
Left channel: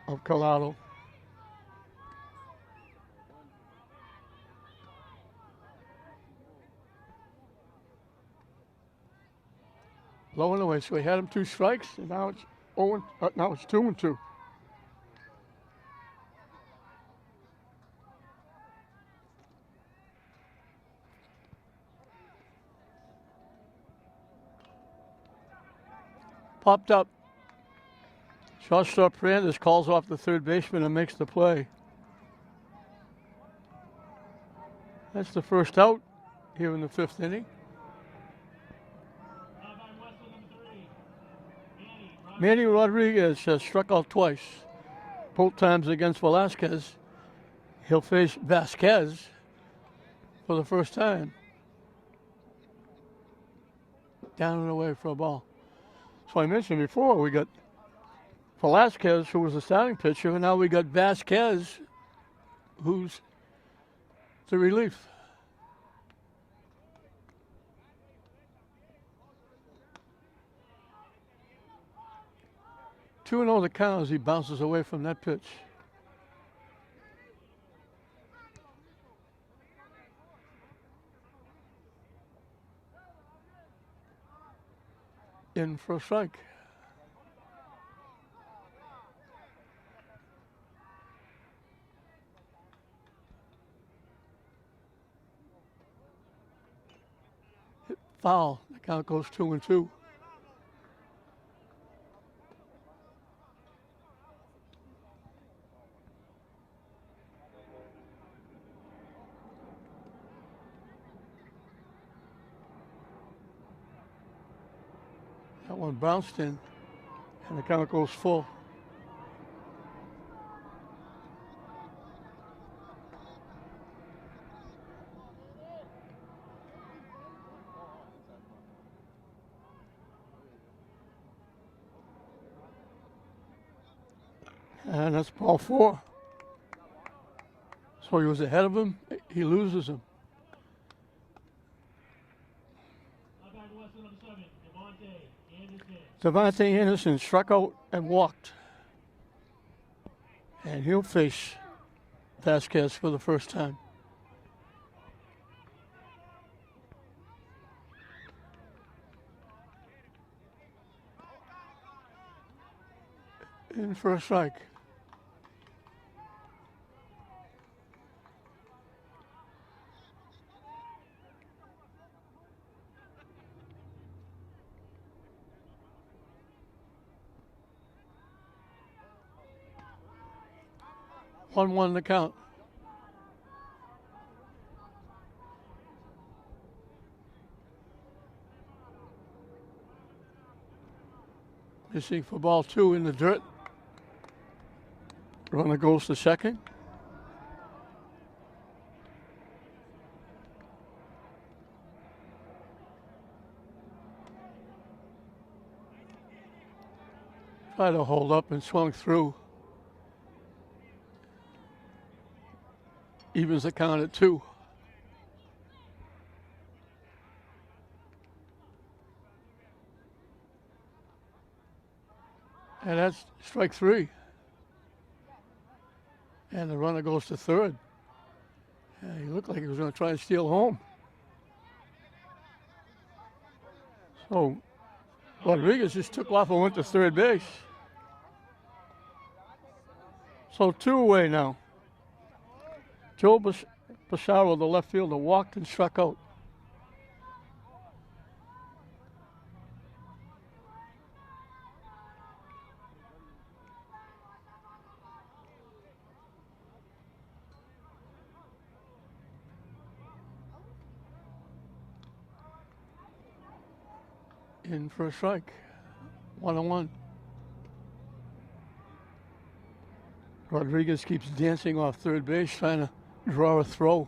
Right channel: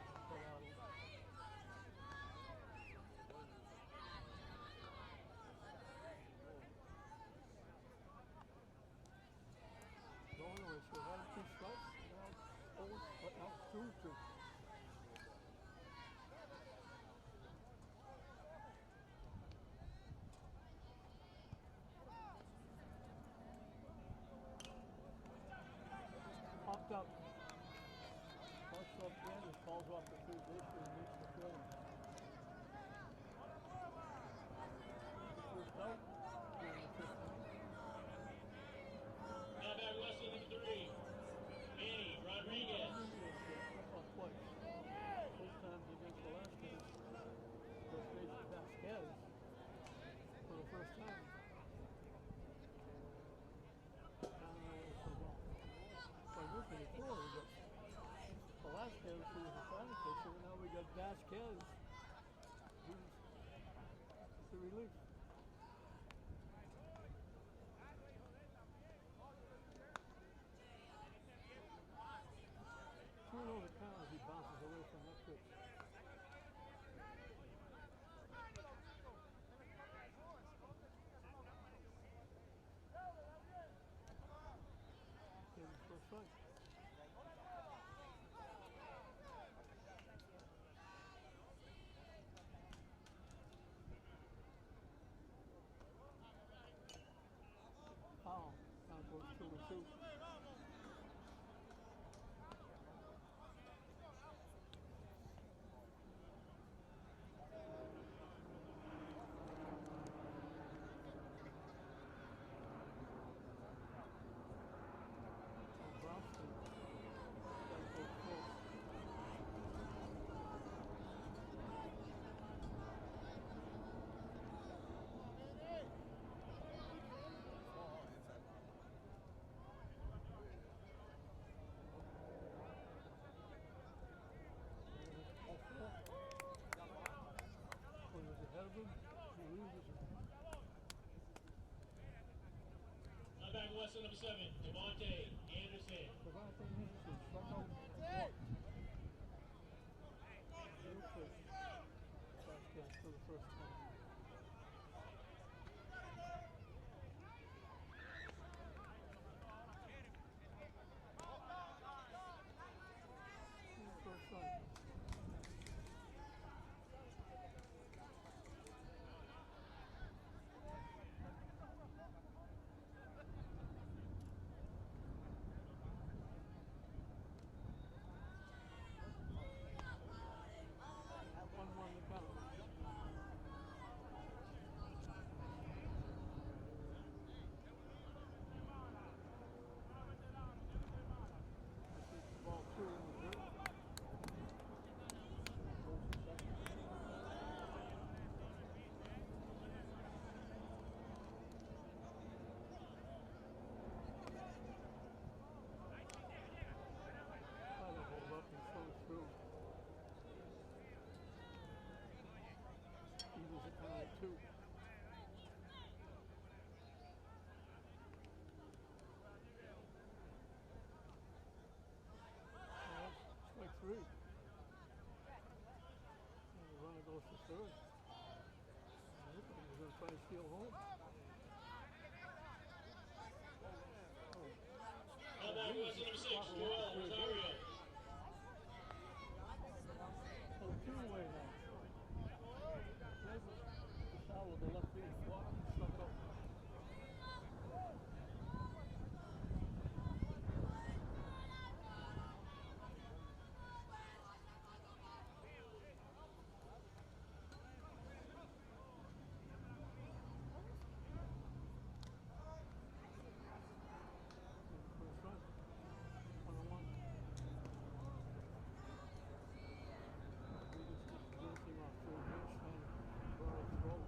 of Collado. Low and away, so he had him 2 strikes, and now it's 2-2. Popped up. Shortstop Fernandez calls off the third baseman and makes the play. That's the first out here in the 5th inning. Manny Rodriguez has struck out twice, both times against Velasquez. He'll face Vasquez for the first time. Down and away for a ball. So I mentioned before, we got Velasquez, who was the starting pitcher, and now we got Vasquez, who's the relief. Two and 0 the count as he bounces away from that pitch. In for a strike. Hit foul. The count goes 2-2. That one bounced in, and the count goes full. And that's ball 4. So he was ahead of him. He loses him. Devontae Anderson struck out and walked. And he'll face Vasquez for the first time. In for a strike. One the count. Missing for ball 2 in the dirt. Runner goes to second. Tried to hold up and swung through. Evens the count at 2. And that's strike three. And the runner goes to third. He looked like he was going to try and steal home. So Rodriguez just took off and went to third base. So 2 away now. Joe Pissarro, the left fielder, walked and struck out. In for a strike. 1-1. Rodriguez keeps dancing off third base, trying to draw a throw.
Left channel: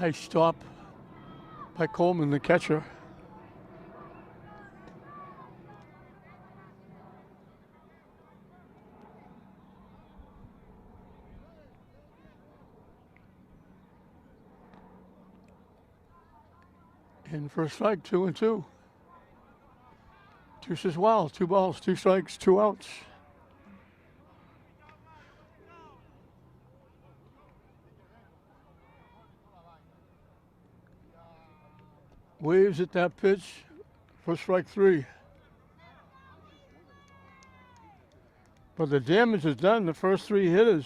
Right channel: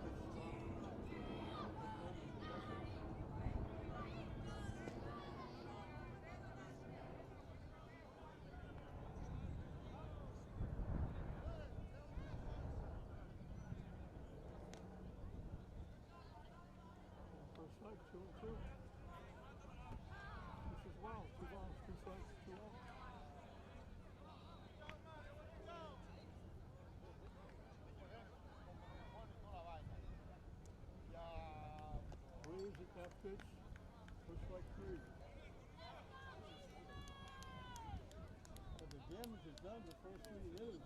Nice stop by Coleman, the catcher. In for a strike, 2-2. Two says, wow, 2 balls, 2 strikes, 2 outs. Waves at that pitch for strike 3. But the damage is done. The first 3 hitters,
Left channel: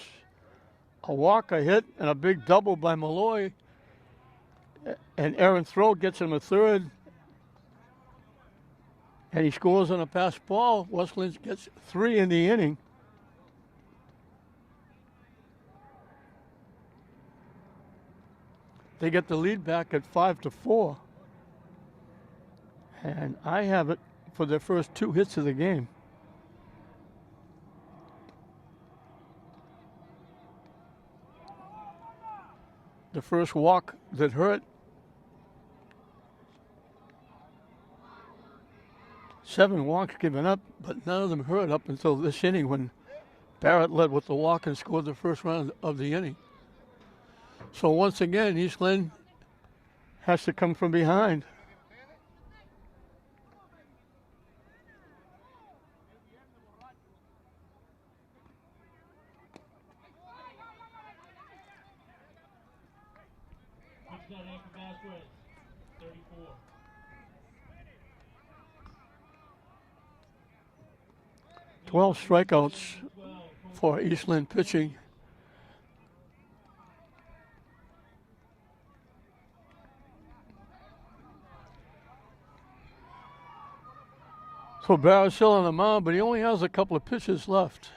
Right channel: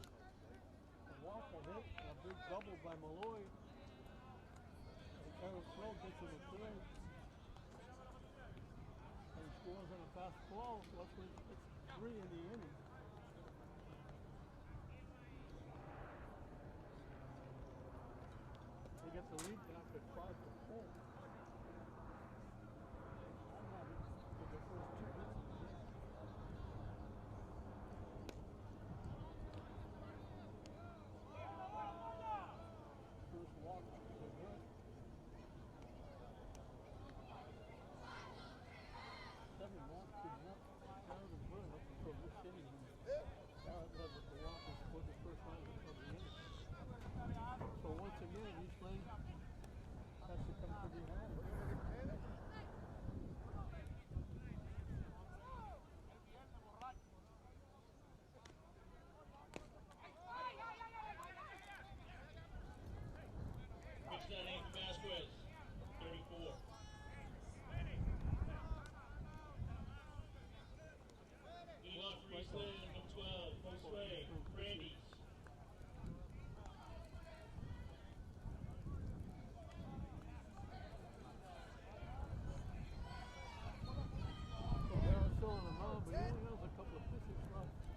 a walk, a hit, and a big double by Malloy. And Aaron Throw gets him a third. And he scores on a pass ball. Westland gets 3 in the inning. They get the lead back at 5-4. And I have it for their first 2 hits of the game. The first walk that hurt. 7 walks given up, but none of them hurt up until this inning when Barrett led with the walk and scored the first run of the inning. So once again, East Lynn has to come from behind. Pitch that in for Vasquez. 34. Twelve strikeouts for East Lynn pitching. So Barrett's still on the mound, but he only has a couple of pitches left.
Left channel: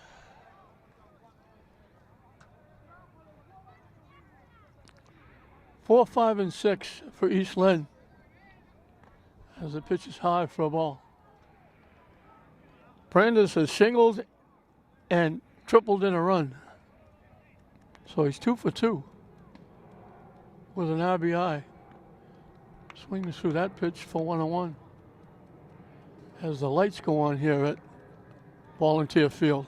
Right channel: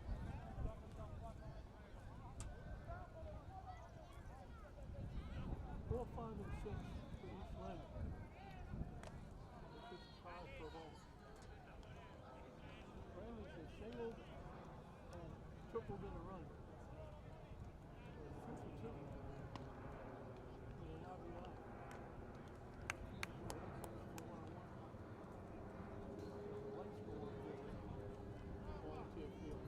Four, 5, and 6 for East Lynn as the pitch is high for a ball. Brandes has singled and tripled in a run. So he's 2 for 2 with an RBI. Swings through that pitch for 1-1. As the lights go on here at Volunteer Field.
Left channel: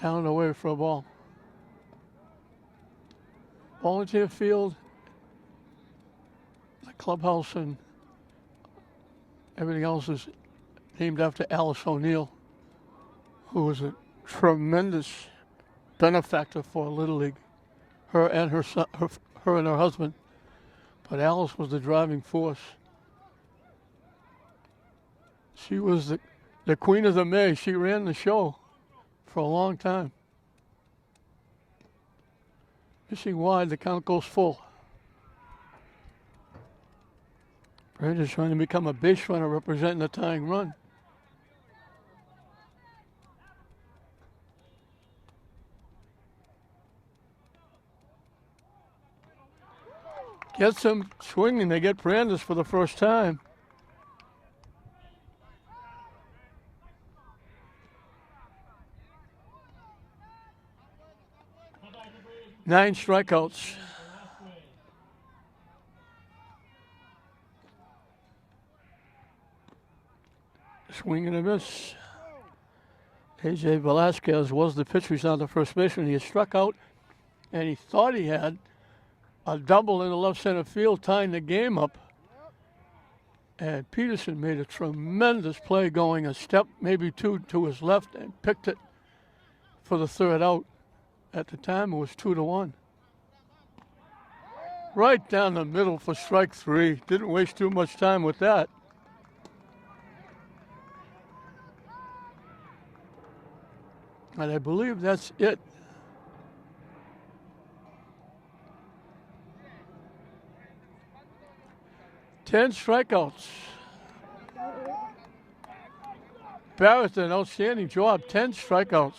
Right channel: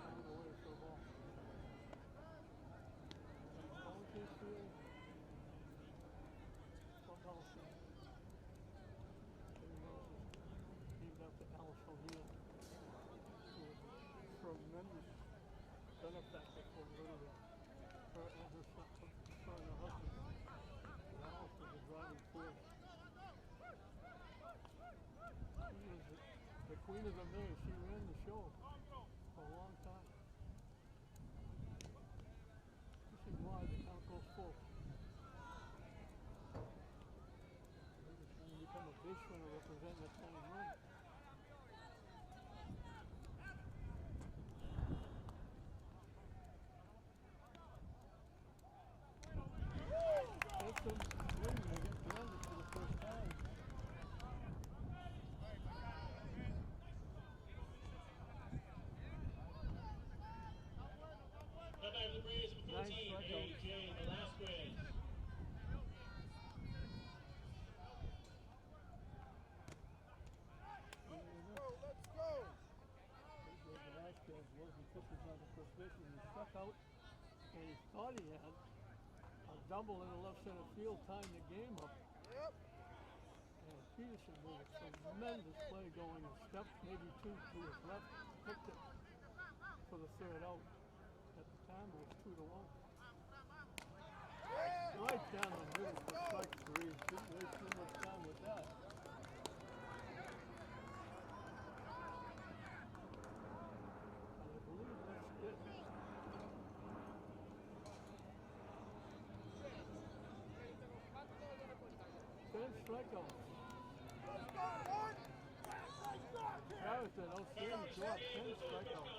Down and away for a ball. Volunteer Field, the clubhouse and everything else is named after Alice O'Neill, who was a tremendous benefactor for Little League. Her and her son, her and her husband. But Alice was the driving force. She was the queen of the May. She ran the show for a long time. Missing wide, the count goes full. Brandes trying to become a base runner representing the tying run. Gets him swinging. They get Brandes for the first time. Nine strikeouts. Swing and a miss. AJ Velasquez was the pitcher. He's not the first baseman. He had struck out, and he thought he had a double in the left center field, tying the game up. And Peterson made a tremendous play, going a step, maybe two, to his left, and picked it for the third out. At the time, it was 2-1. Right down the middle for strike three. Didn't waste too much time with that. And I believe that's it. Ten strikeouts. Barrett did an outstanding job. 10 strikeouts.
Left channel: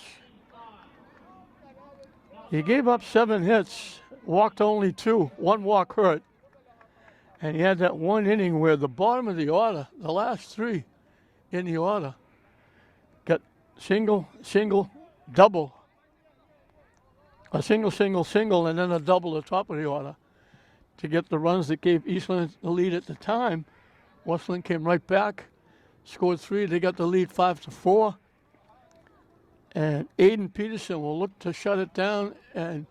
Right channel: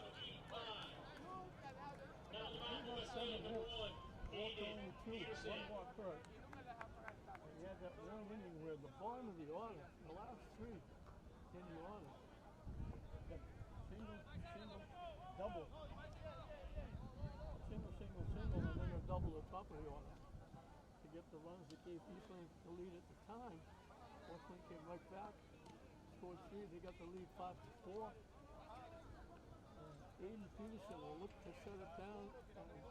He gave up 7 hits, walked only 2. 1 walk hurt. And he had that one inning where the bottom of the order, the last 3 in the order, got single, single, double. A single, single, single, and then a double at the top of the order to get the runs that gave Eastland the lead at the time. Westland came right back, scored 3. They got the lead 5-4. And Aiden Peterson will look to shut it down and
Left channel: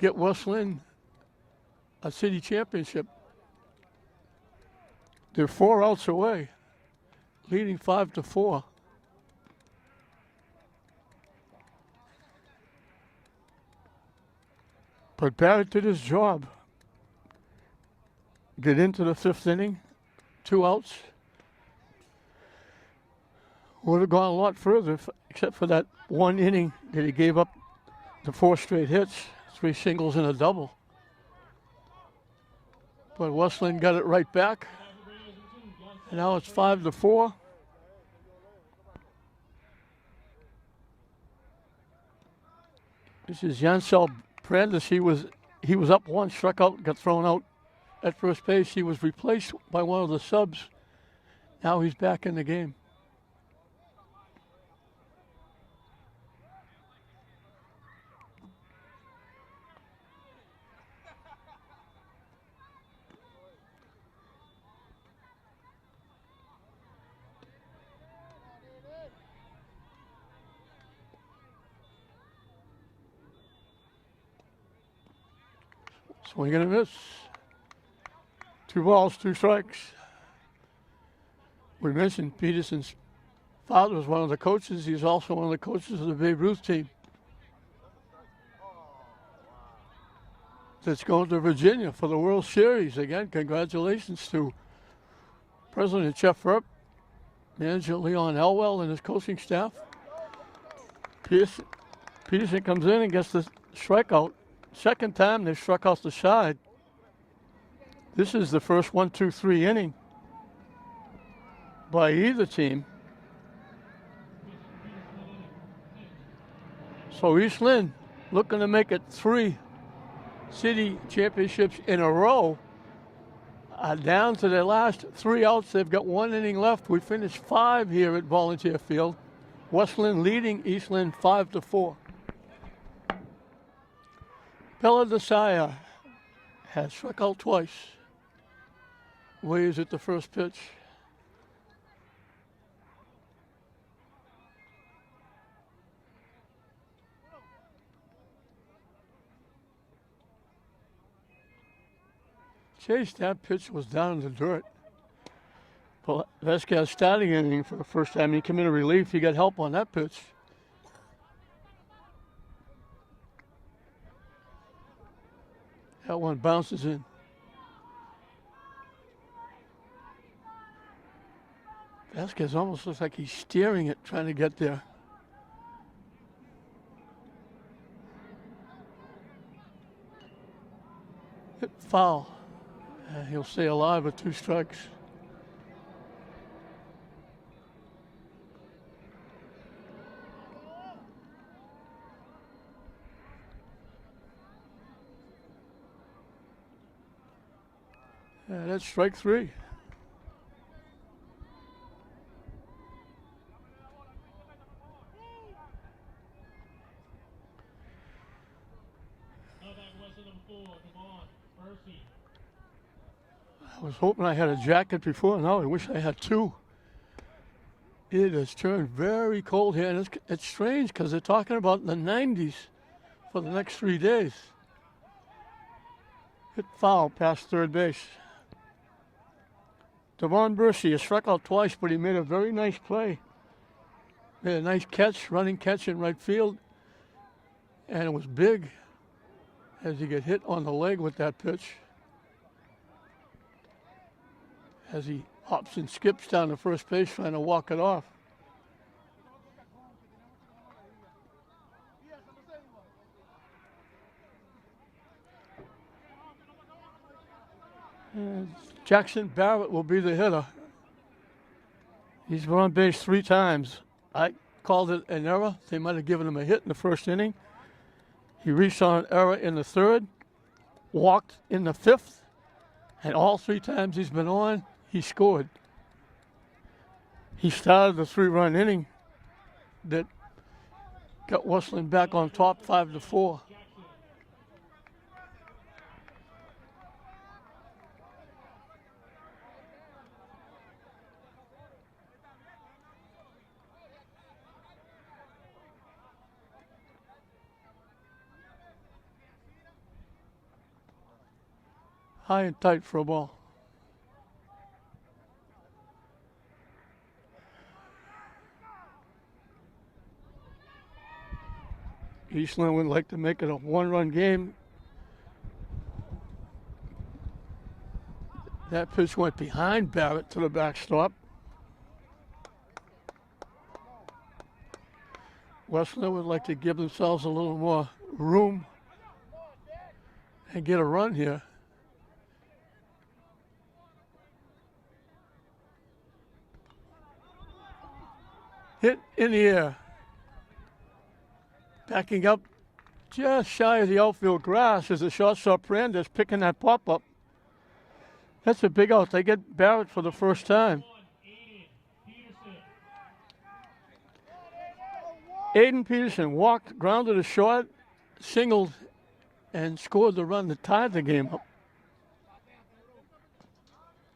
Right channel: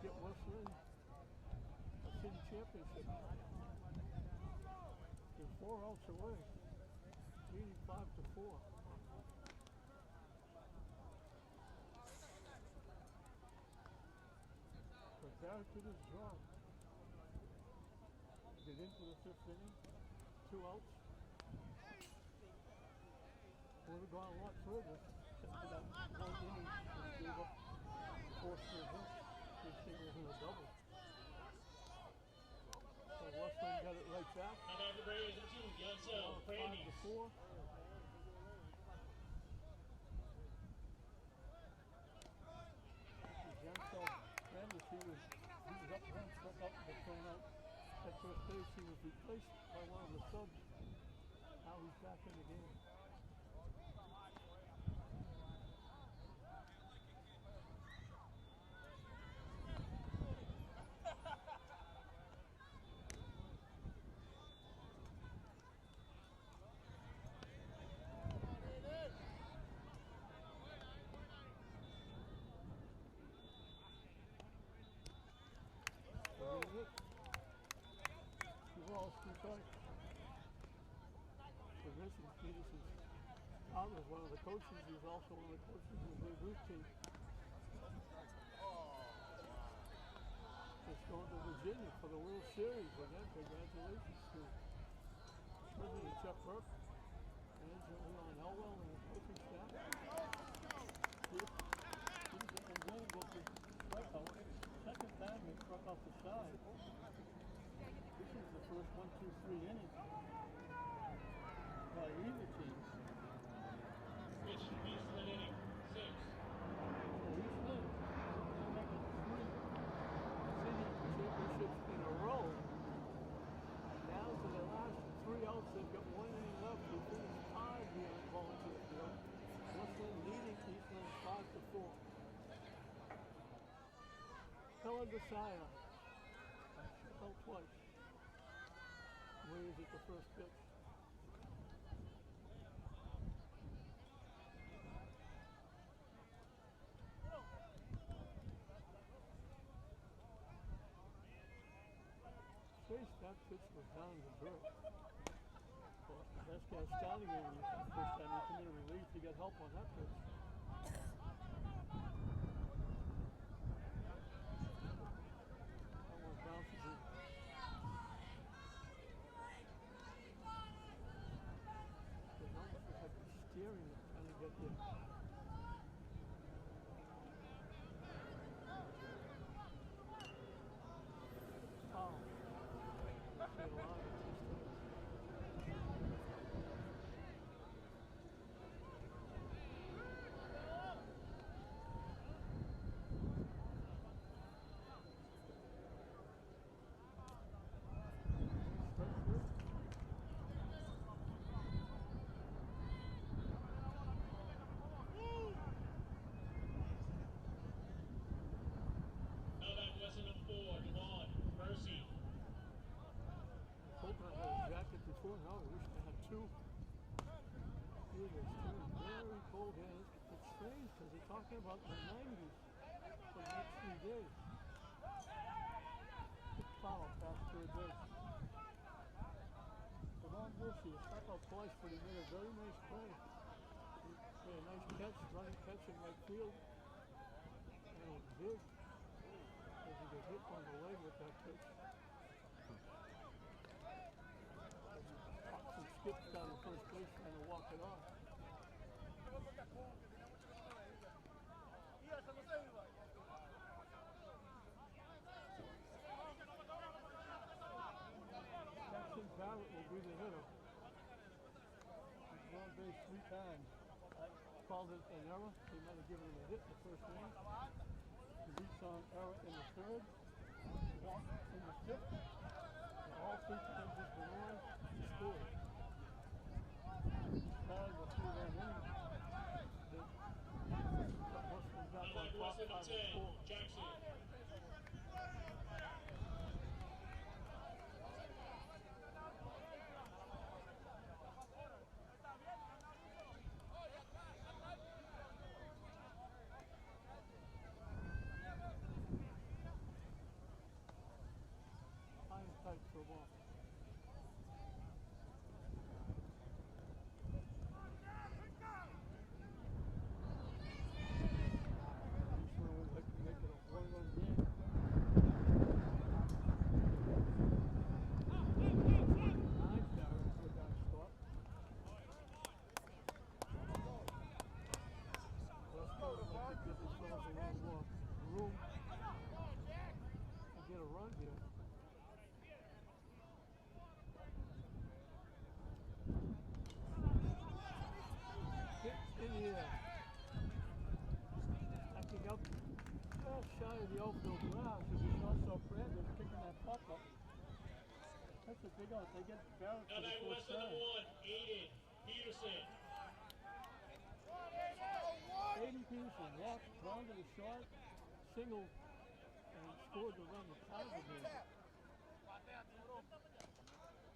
get Westland a city championship. They're 4 outs away, leading 5-4. But Barrett did his job. Get into the 5th inning, 2 outs. Would have gone a lot further, except for that 1 inning that he gave up the 4 straight hits, 3 singles and a double. But Westland got it right back. And now it's 5-4. This is Jansel Brandes. He was up 1, struck out, got thrown out at first base. He was replaced by one of the subs. Now he's back in the game. Swing and a miss. 2 balls, 2 strikes. We mentioned Peterson's father was one of the coaches. He's also one of the coaches of the Babe Ruth team that's going to Virginia for the World Series. Again, congratulations to President Jeff Earp, manager Leon Elwell, and his coaching staff. Peterson comes in and gets the strikeout. Second time they struck out the side. This is the first 1-2-3 inning by either team. So East Lynn looking to make it 3 city championships in a row. Down to their last 3 outs. They've got 1 inning left. We finished 5 here at Volunteer Field. Westland leading East Lynn 5-4. Bella Desire has struck out twice. Waves at the first pitch. Chase, that pitch was down in the dirt. Vasquez starting inning for the first time. He came in relief. He got help on that pitch. That one bounces in. Vasquez almost looks like he's steering it, trying to get there. Hit foul. He'll stay alive with 2 strikes. That's strike 3. I was hoping I had a jacket before. Now I wish I had 2. It has turned very cold here, and it's strange because they're talking about the 90s for the next 3 days. Hit foul past third base. Devon Bursey has struck out twice, but he made a very nice play. Made a nice catch, running catch in right field. And it was big as he get hit on the leg with that pitch. As he hops and skips down to first base trying to walk it off. And Jackson Barrett will be the hitter. He's been on base 3 times. I called it an error. They might have given him a hit in the first inning. He reached on an error in the 3rd, walked in the 5th, and all 3 times he's been on, he scored. He started the 3-run inning that got Westland back on top 5-4. High and tight for a ball. Eastland would like to make it a 1-run game. That pitch went behind Barrett to the backstop. Westland would like to give themselves a little more room and get a run here. Hit in the air. Backing up just shy of the outfield grass as the shortstop Brandes picking that pop-up. That's a big out. They get Barrett for the first time. Aiden Peterson walked, grounded a short, singled, and scored the run that tied the game up.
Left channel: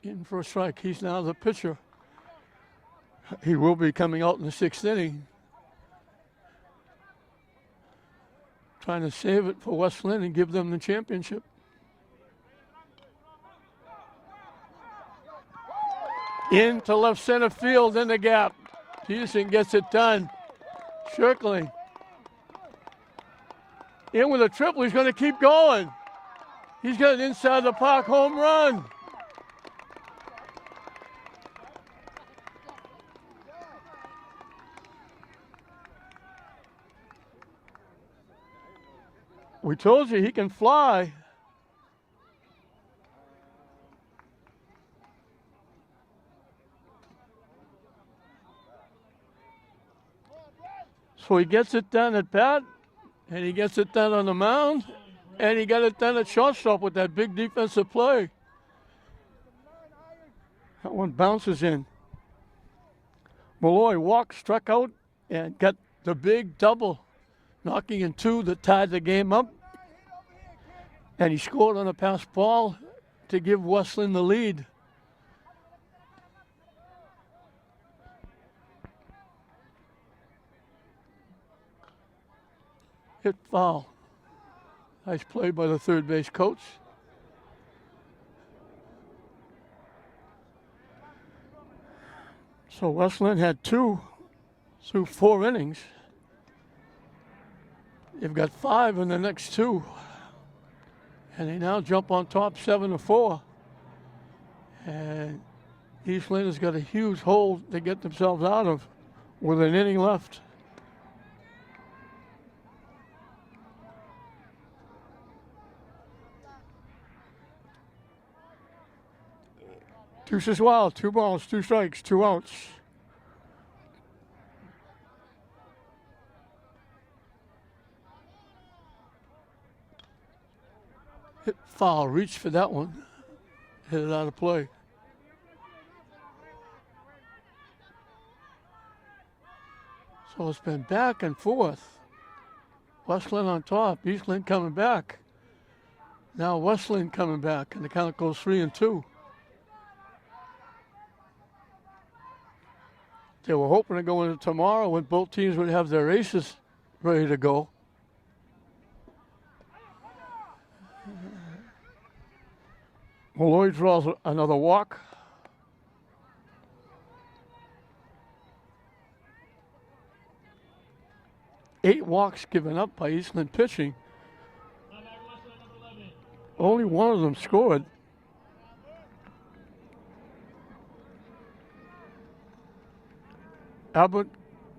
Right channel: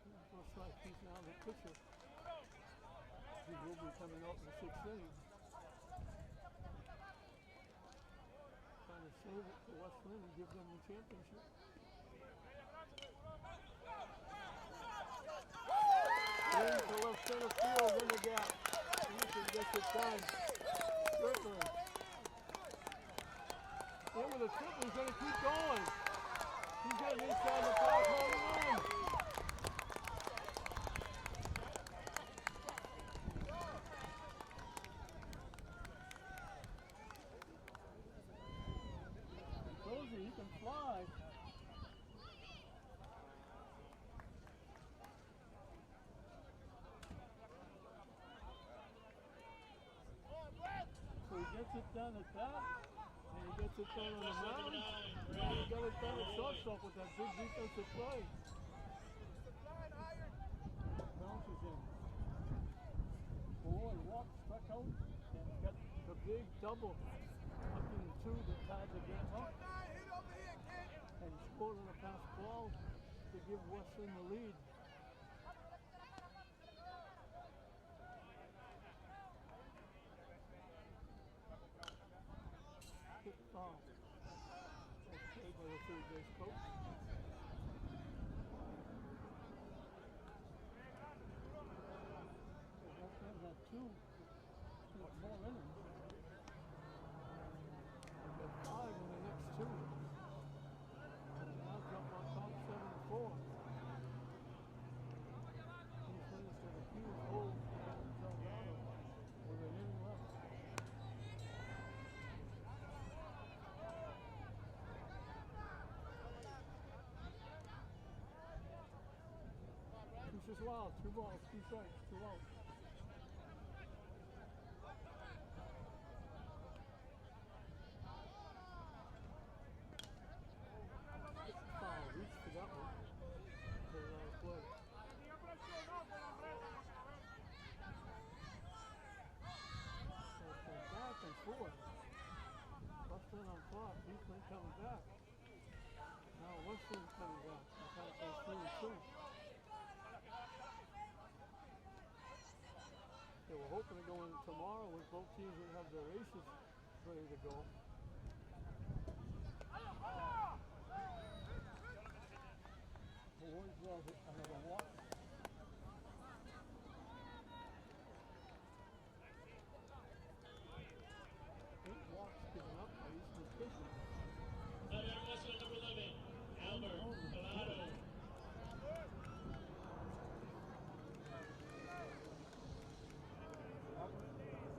In for a strike. He's now the pitcher. He will be coming out in the 6th inning. Trying to save it for West Lynn and give them the championship. Into left center field in the gap. Peterson gets it done. Circling. In with a triple. He's going to keep going. He's got an inside the park home run. We told you he can fly. So he gets it done at bat, and he gets it done on the mound, and he got it done at shortstop with that big defensive play. That one bounces in. Malloy walked, struck out, and got the big double, knocking in 2 that tied the game up. And he scored on a pass ball to give Westland the lead. Hit foul. Nice play by the third base coach. So Westland had 2 through 4 innings. They've got 5 in the next 2. And they now jump on top 7-4. And Eastland has got a huge hole to get themselves out of with an inning left. Deuce is wild. 2 balls, 2 strikes, 2 outs. Hit foul, reach for that one. Hit it out of play. So it's been back and forth. Westland on top, Eastland coming back. Now Westland coming back, and the count goes 3-2. They were hoping to go into tomorrow when both teams would have their aces ready to go. Malloy draws another walk. Eight walks given up by Eastland pitching. Only one of them scored. Albert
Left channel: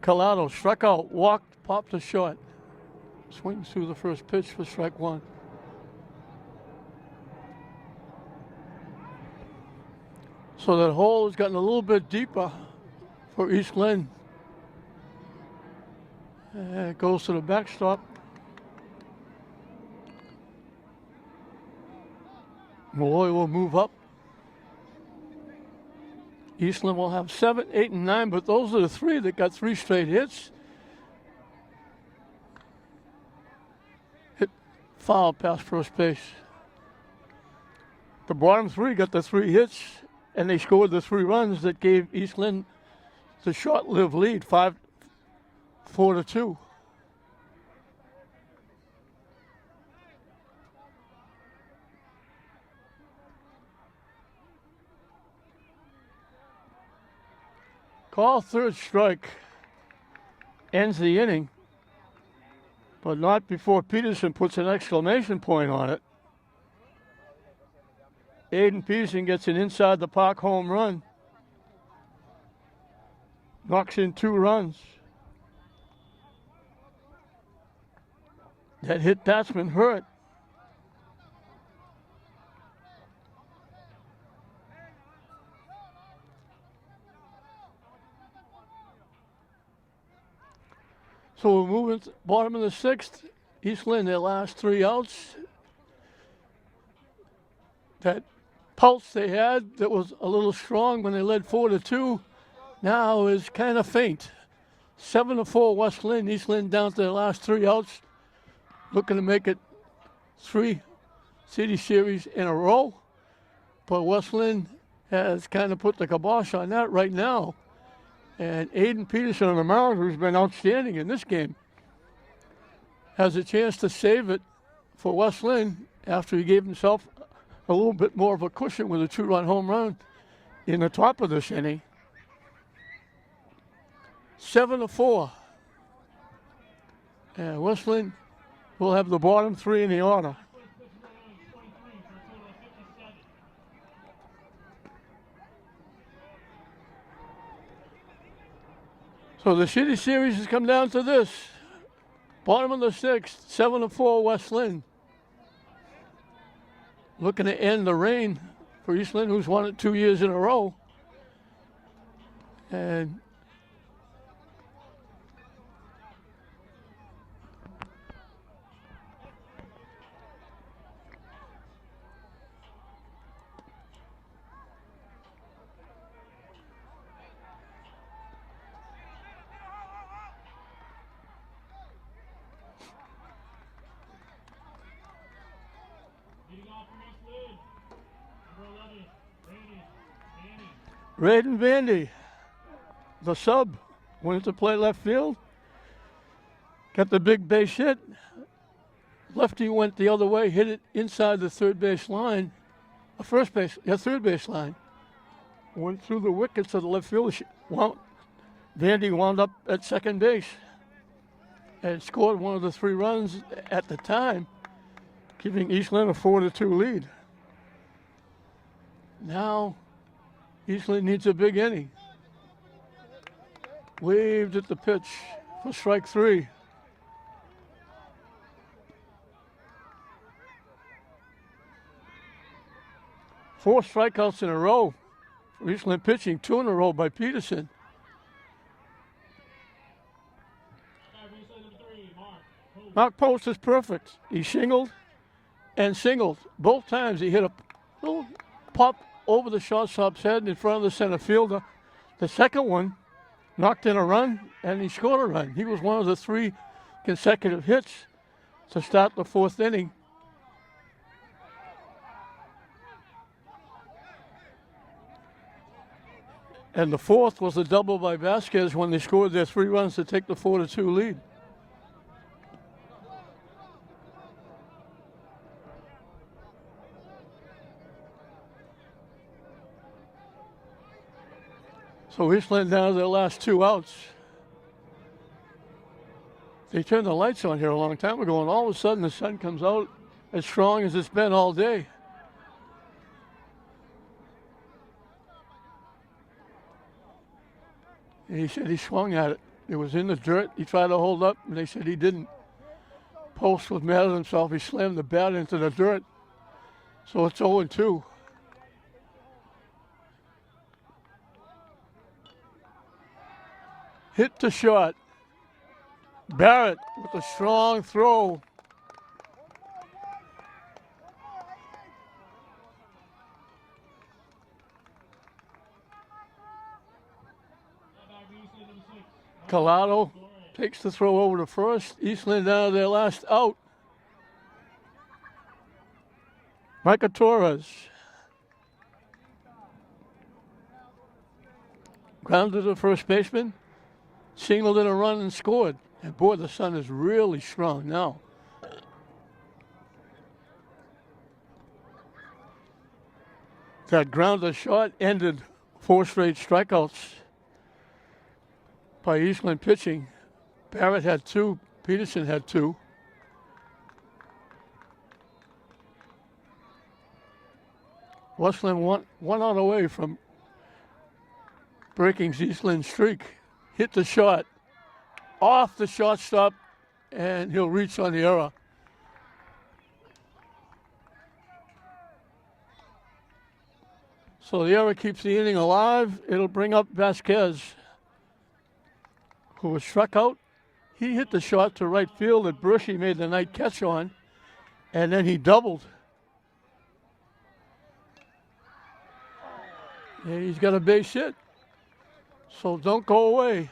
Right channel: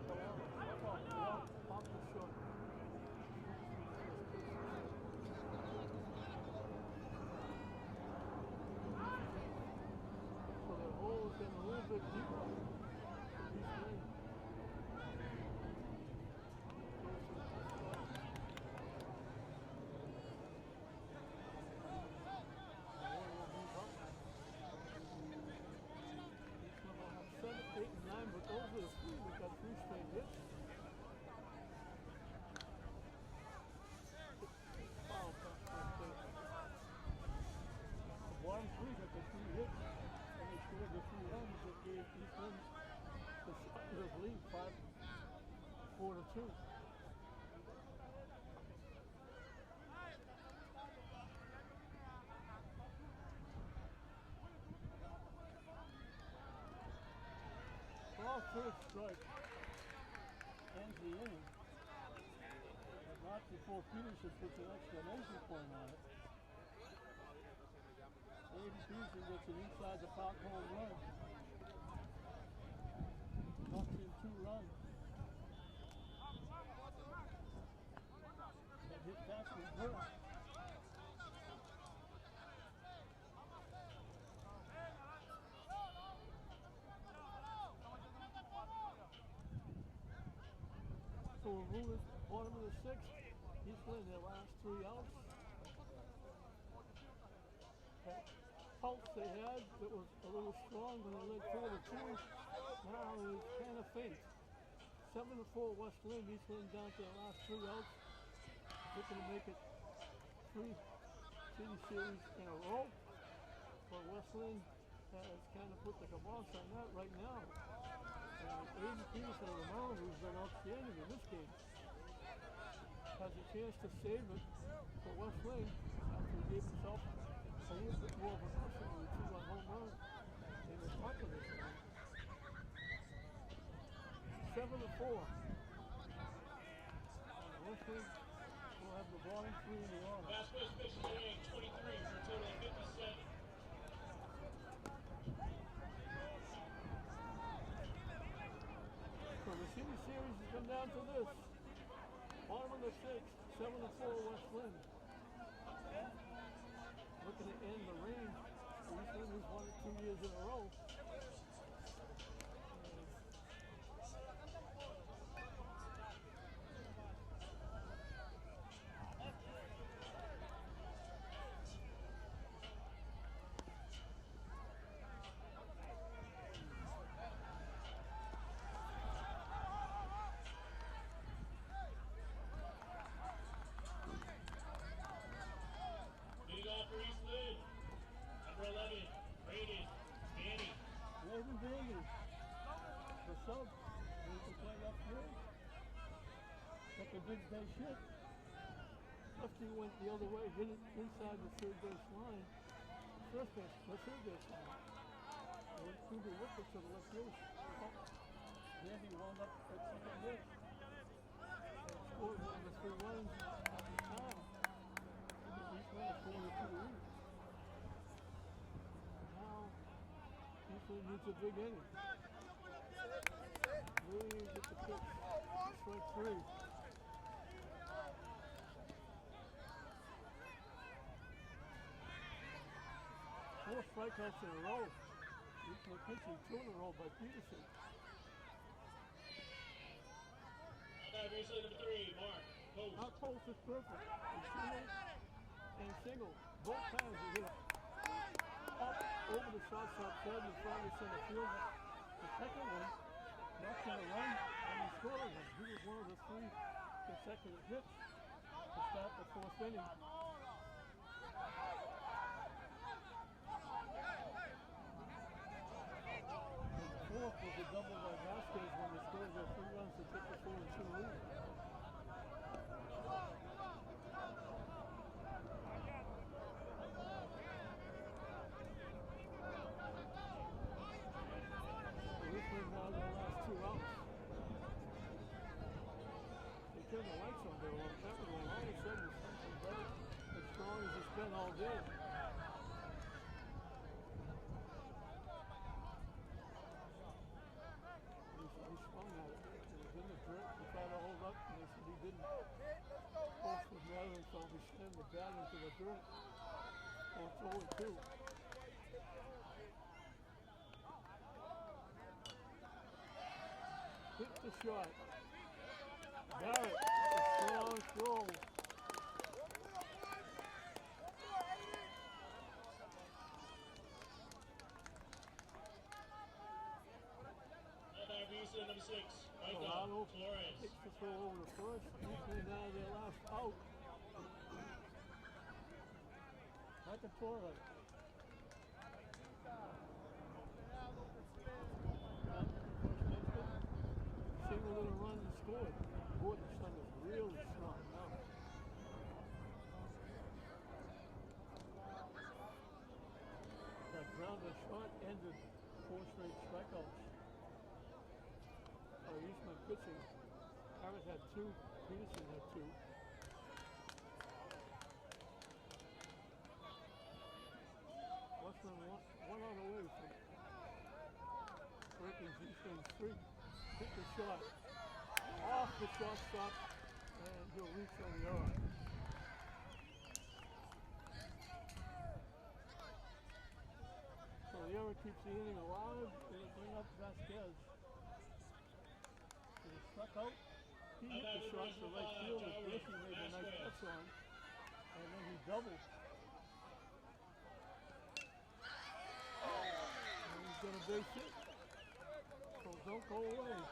Collado struck out, walked, popped a shot. Swings through the first pitch for strike one. So that hole has gotten a little bit deeper for East Lynn. And it goes to the backstop. Malloy will move up. Eastland will have 7, 8, and 9, but those are the three that got 3 straight hits. Hit foul past first base. The bottom 3 got the 3 hits, and they scored the 3 runs that gave Eastland the short-lived lead, 4-2. Call third strike. Ends the inning, but not before Peterson puts an exclamation point on it. Aiden Peterson gets an inside the park home run. Knocks in 2 runs. That hit batsman hurt. So we're moving to bottom of the 6th. East Lynn, their last 3 outs. That pulse they had that was a little strong when they led 4-2 now is kind of faint. 7-4 West Lynn. East Lynn down to their last 3 outs. Looking to make it 3 city series in a row. But West Lynn has kind of put the kibosh on that right now. And Aiden Peterson on the mound, who's been outstanding in this game, has a chance to save it for West Lynn after he gave himself a little bit more of a cushion with a 2-run home run in the top of this inning. 7-4. And West Lynn will have the bottom 3 in the order. So the city series has come down to this. Bottom of the 6th, 7-4 West Lynn. Looking to end the reign for East Lynn, who's won it 2 years in a row. And Raiden Vandy, the sub, went to play left field. Got the big base hit. Lefty went the other way, hit it inside the third base line. Third base line. Went through the wickets of the left field. Vandy wound up at second base and scored one of the 3 runs at the time, giving East Lynn a 4-2 lead. Now, East Lynn needs a big inning. Waved at the pitch for strike 3. Four strikeouts in a row. East Lynn pitching 2 in a row by Peterson. Mark Post is perfect. He shingled and singled. Both times he hit a little pop over the shortstop's head in front of the center fielder. The second one knocked in a run, and he scored a run. He was one of the 3 consecutive hits to start the 4th inning. And the 4th was a double by Vasquez when they scored their 3 runs to take the 4-2 lead. So Eastland down to their last 2 outs. They turned the lights on here a long time ago, and all of a sudden the sun comes out as strong as it's been all day. And he said he swung at it. It was in the dirt. He tried to hold up, and they said he didn't. Post was mad at himself. He slammed the bat into the dirt. So it's 0-2. Hit the shot. Barrett with a strong throw. Now back for Eastland, number 6. Collado takes the throw over to first. Eastland down to their last out. Micah Torres. Grounded to the first baseman. Singled in a run and scored. And boy, the sun is really strong now. That grounder shot ended 4 straight strikeouts by Eastland pitching. Barrett had 2, Peterson had 2. Westland one out away from breaking Eastland's streak. Hit the shot, off the shortstop, and he'll reach on the error. So the error keeps the inning alive. It'll bring up Vasquez, who was struck out. He hit the shot to right field that Brushy made the night catch on, and then he doubled. And he's got a base hit. So don't go away.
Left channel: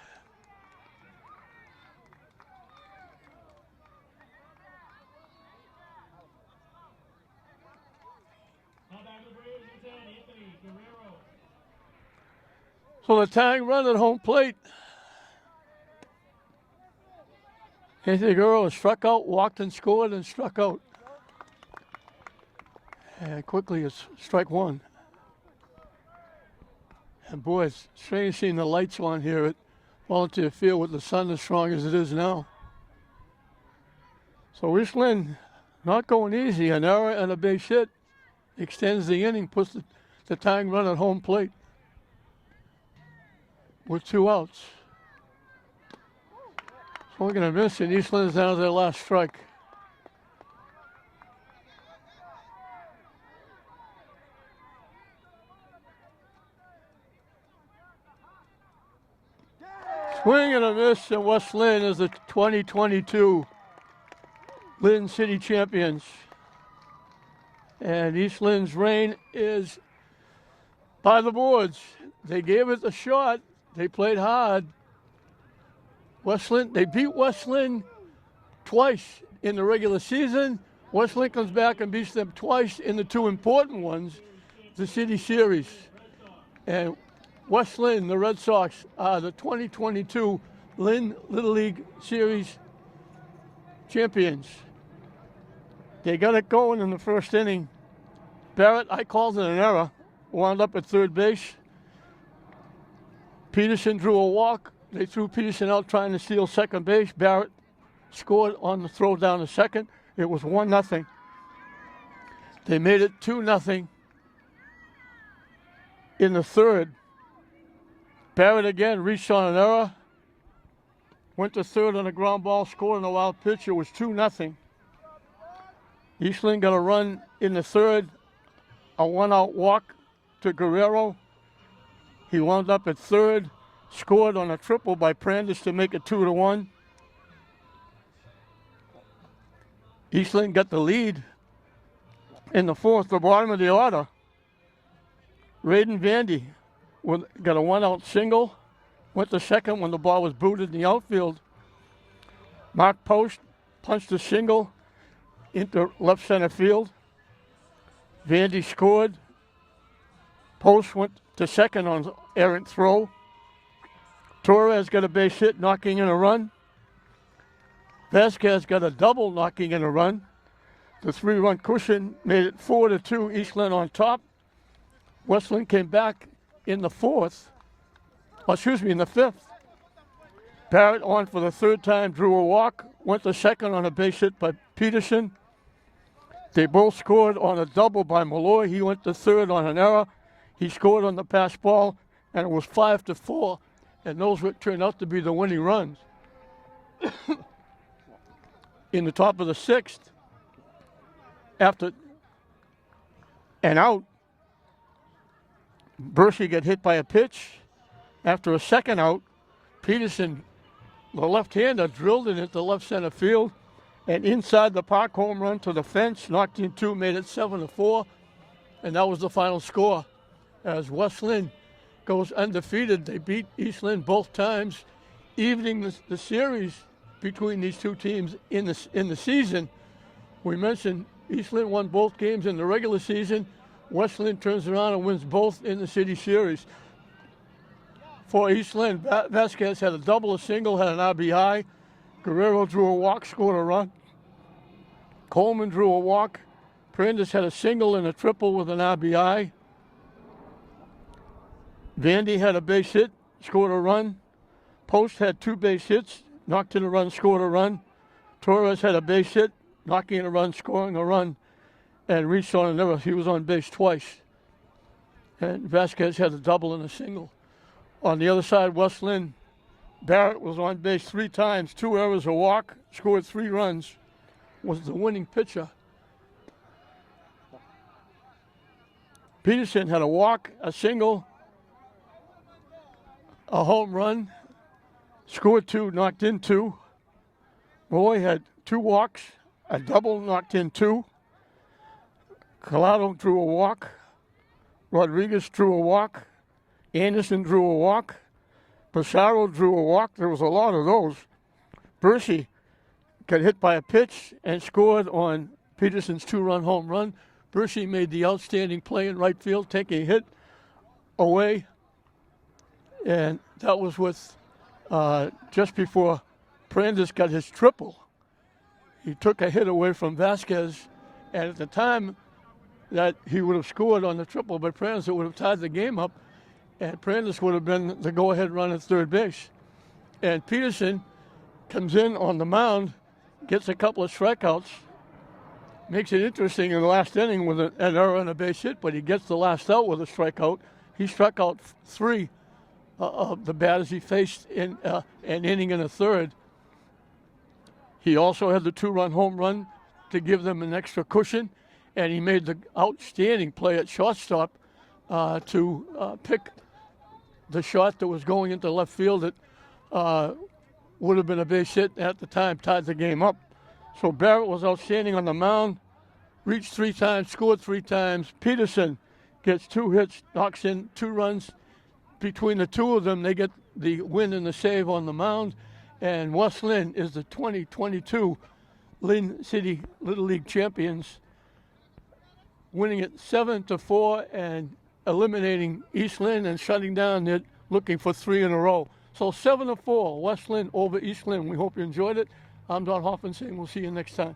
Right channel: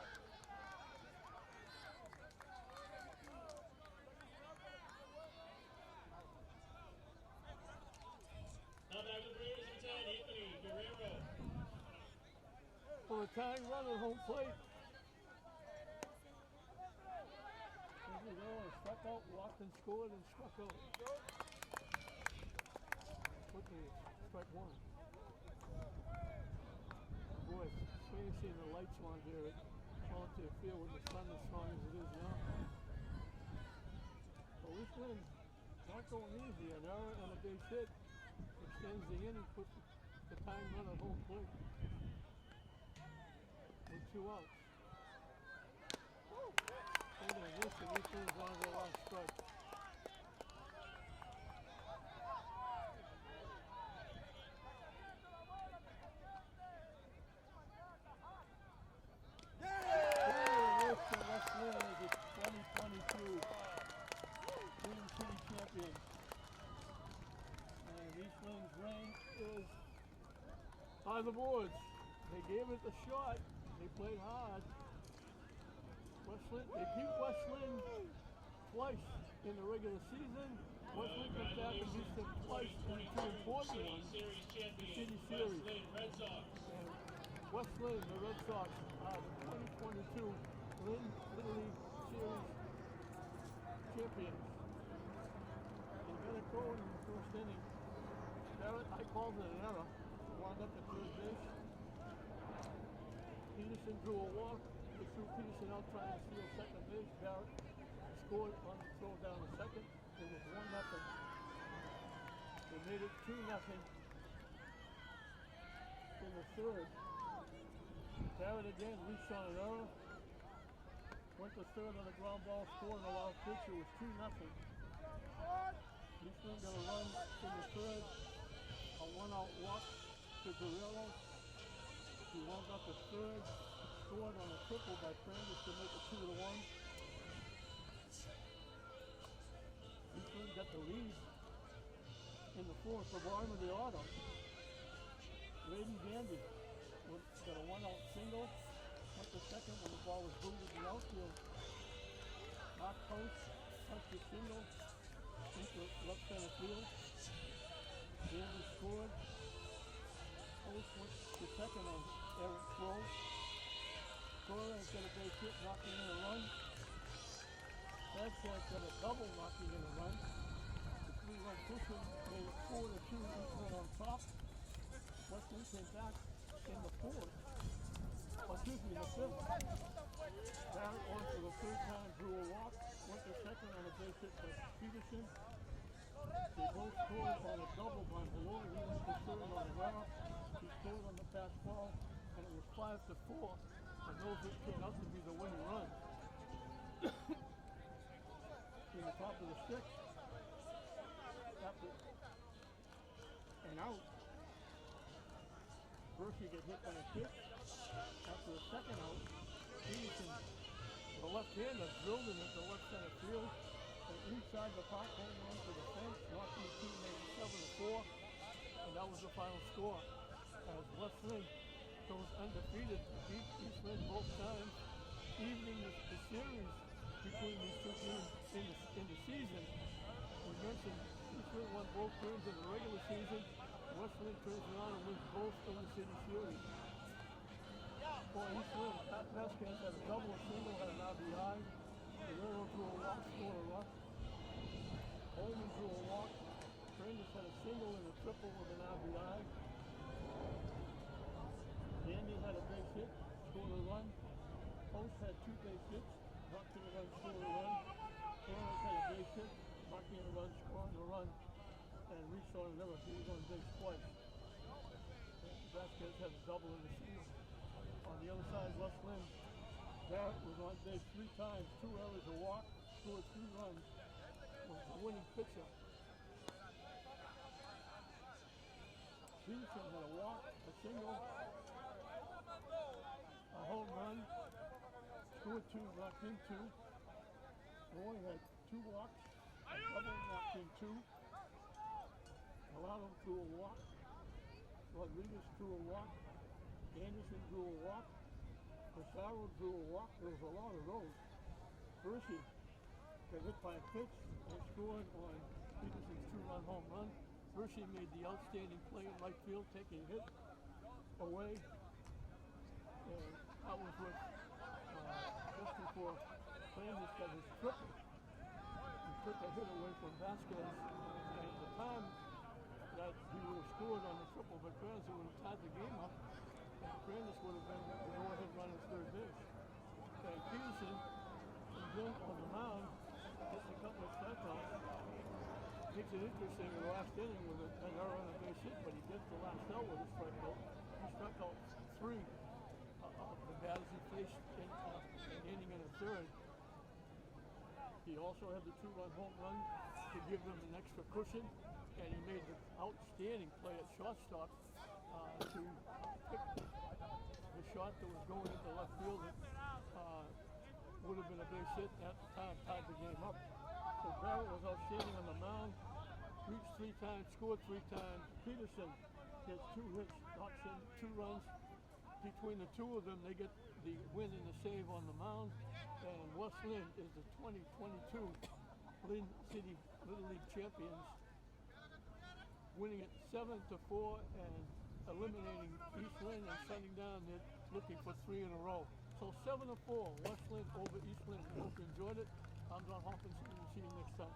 Now back to the Braves, number 10, Anthony Guerrero. So the tying run at home plate. Anthony Guerrero struck out, walked and scored, and struck out. And quickly it's strike 1. And boy, it's strange seeing the lights on here at Volunteer Field with the sun as strong as it is now. So Eastland not going easy. An error and a base hit extends the inning, puts the tying run at home plate with 2 outs. Swing and a miss, and Eastland is down to their last strike. Swing and a miss, and West Lynn is the 2022 Lynn City champions. And East Lynn's reign is by the boards. They gave it a shot. They played hard. West Lynn, they beat West Lynn twice in the regular season. West Lynn comes back and beats them twice in the 2 important ones, the City Series. And West Lynn, the Red Sox, are the 2022 Lynn Little League Series champions. They got it going in the first inning. Barrett, I called it an error, wound up at third base. Peterson drew a walk. They threw Peterson out trying to steal second base. Barrett scored on the throw down to second. It was 1-0. They made it 2-0 in the third. Barrett again reached on an error. Went to third on a ground ball, scored on a wild pitch. It was 2-0. Eastland got a run in the third, a 1-out walk to Guerrero. He wound up at third, scored on a triple by Prandis to make it 2-1. Eastland got the lead in the fourth, the bottom of the order. Raiden Vandy got a 1-out single, went to second when the ball was booted in the outfield. Mark Post punched a single into left center field. Vandy scored. Post went to second on an errant throw. Torres got a base hit, knocking in a run. Vasquez got a double, knocking in a run. The 3-run cushion made it 4-2, Eastland on top. Westland came back in the fourth In the fifth. Barrett on for the third time, drew a walk, went to second on a base hit by Peterson. They both scored on a double by Malloy. He went to third on an error. He scored on the pass ball, and it was 5-4, and those would turn out to be the winning runs. In the top of the sixth, after an out, Bercy got hit by a pitch. After a second out, Peterson, the left-hander, drilled it into left center field, and inside the park, home run to the fence, knocked in two, made it 7-4, and that was the final score. As West Lynn goes undefeated, they beat East Lynn both times, evening the series between these two teams in the season. We mentioned East Lynn won both games in the regular season. West Lynn turns around and wins both in the city series. For East Lynn, Vasquez had a double, a single, had an RBI. Guerrero drew a walk, scored a run. Coleman drew a walk. Prandis had a single and a triple with an RBI. Vandy had a base hit, scored a run. Post had two base hits, knocked in a run, scored a run. Torres had a base hit, knocking in a run, scoring a run, and reached on an error. He was on base twice. And Vasquez had a double and a single. On the other side, West Lynn, Barrett was on base three times, two errors, a walk, scored 3 runs, was the winning pitcher. Peterson had a walk, a single, a home run, scored 2, knocked in 2. Roy had 2 walks, a double, knocked in 2. Collado drew a walk. Rodriguez drew a walk. Anderson drew a walk. Pissarro drew a walk. There was a lot of those. Bercy got hit by a pitch and scored on Peterson's 2-run home run. Bercy made the outstanding play in right field, taking a hit away. And that was with just before Prandis got his triple. He took a hit away from Vasquez, and at the time that he would have scored on the triple by Prandis, it would have tied the game up, and Prandis would have been the go-ahead run at third base. And Peterson comes in on the mound, gets a couple of strikeouts, makes it interesting in the last inning with an error and a base hit, but he gets the last out with a strikeout. He struck out 3 of the batters he faced in an inning and a third. He also had the 2-run home run to give them an extra cushion, and he made the outstanding play at shortstop to pick the shot that was going into left field that would have been a base hit at the time, tied the game up. So Barrett was outstanding on the mound, reached 3 times, scored 3 times. Peterson gets 2 hits, knocks in 2 runs. Between the two of them, they get the win and the save on the mound. And West Lynn is the 2022 Lynn City Little League champions, winning it 7-4 and eliminating East Lynn and shutting down it, looking for 3 in a row. So 7-4, West Lynn over East Lynn. We hope you enjoyed it. I'm Don Hoffman saying we'll see you next time.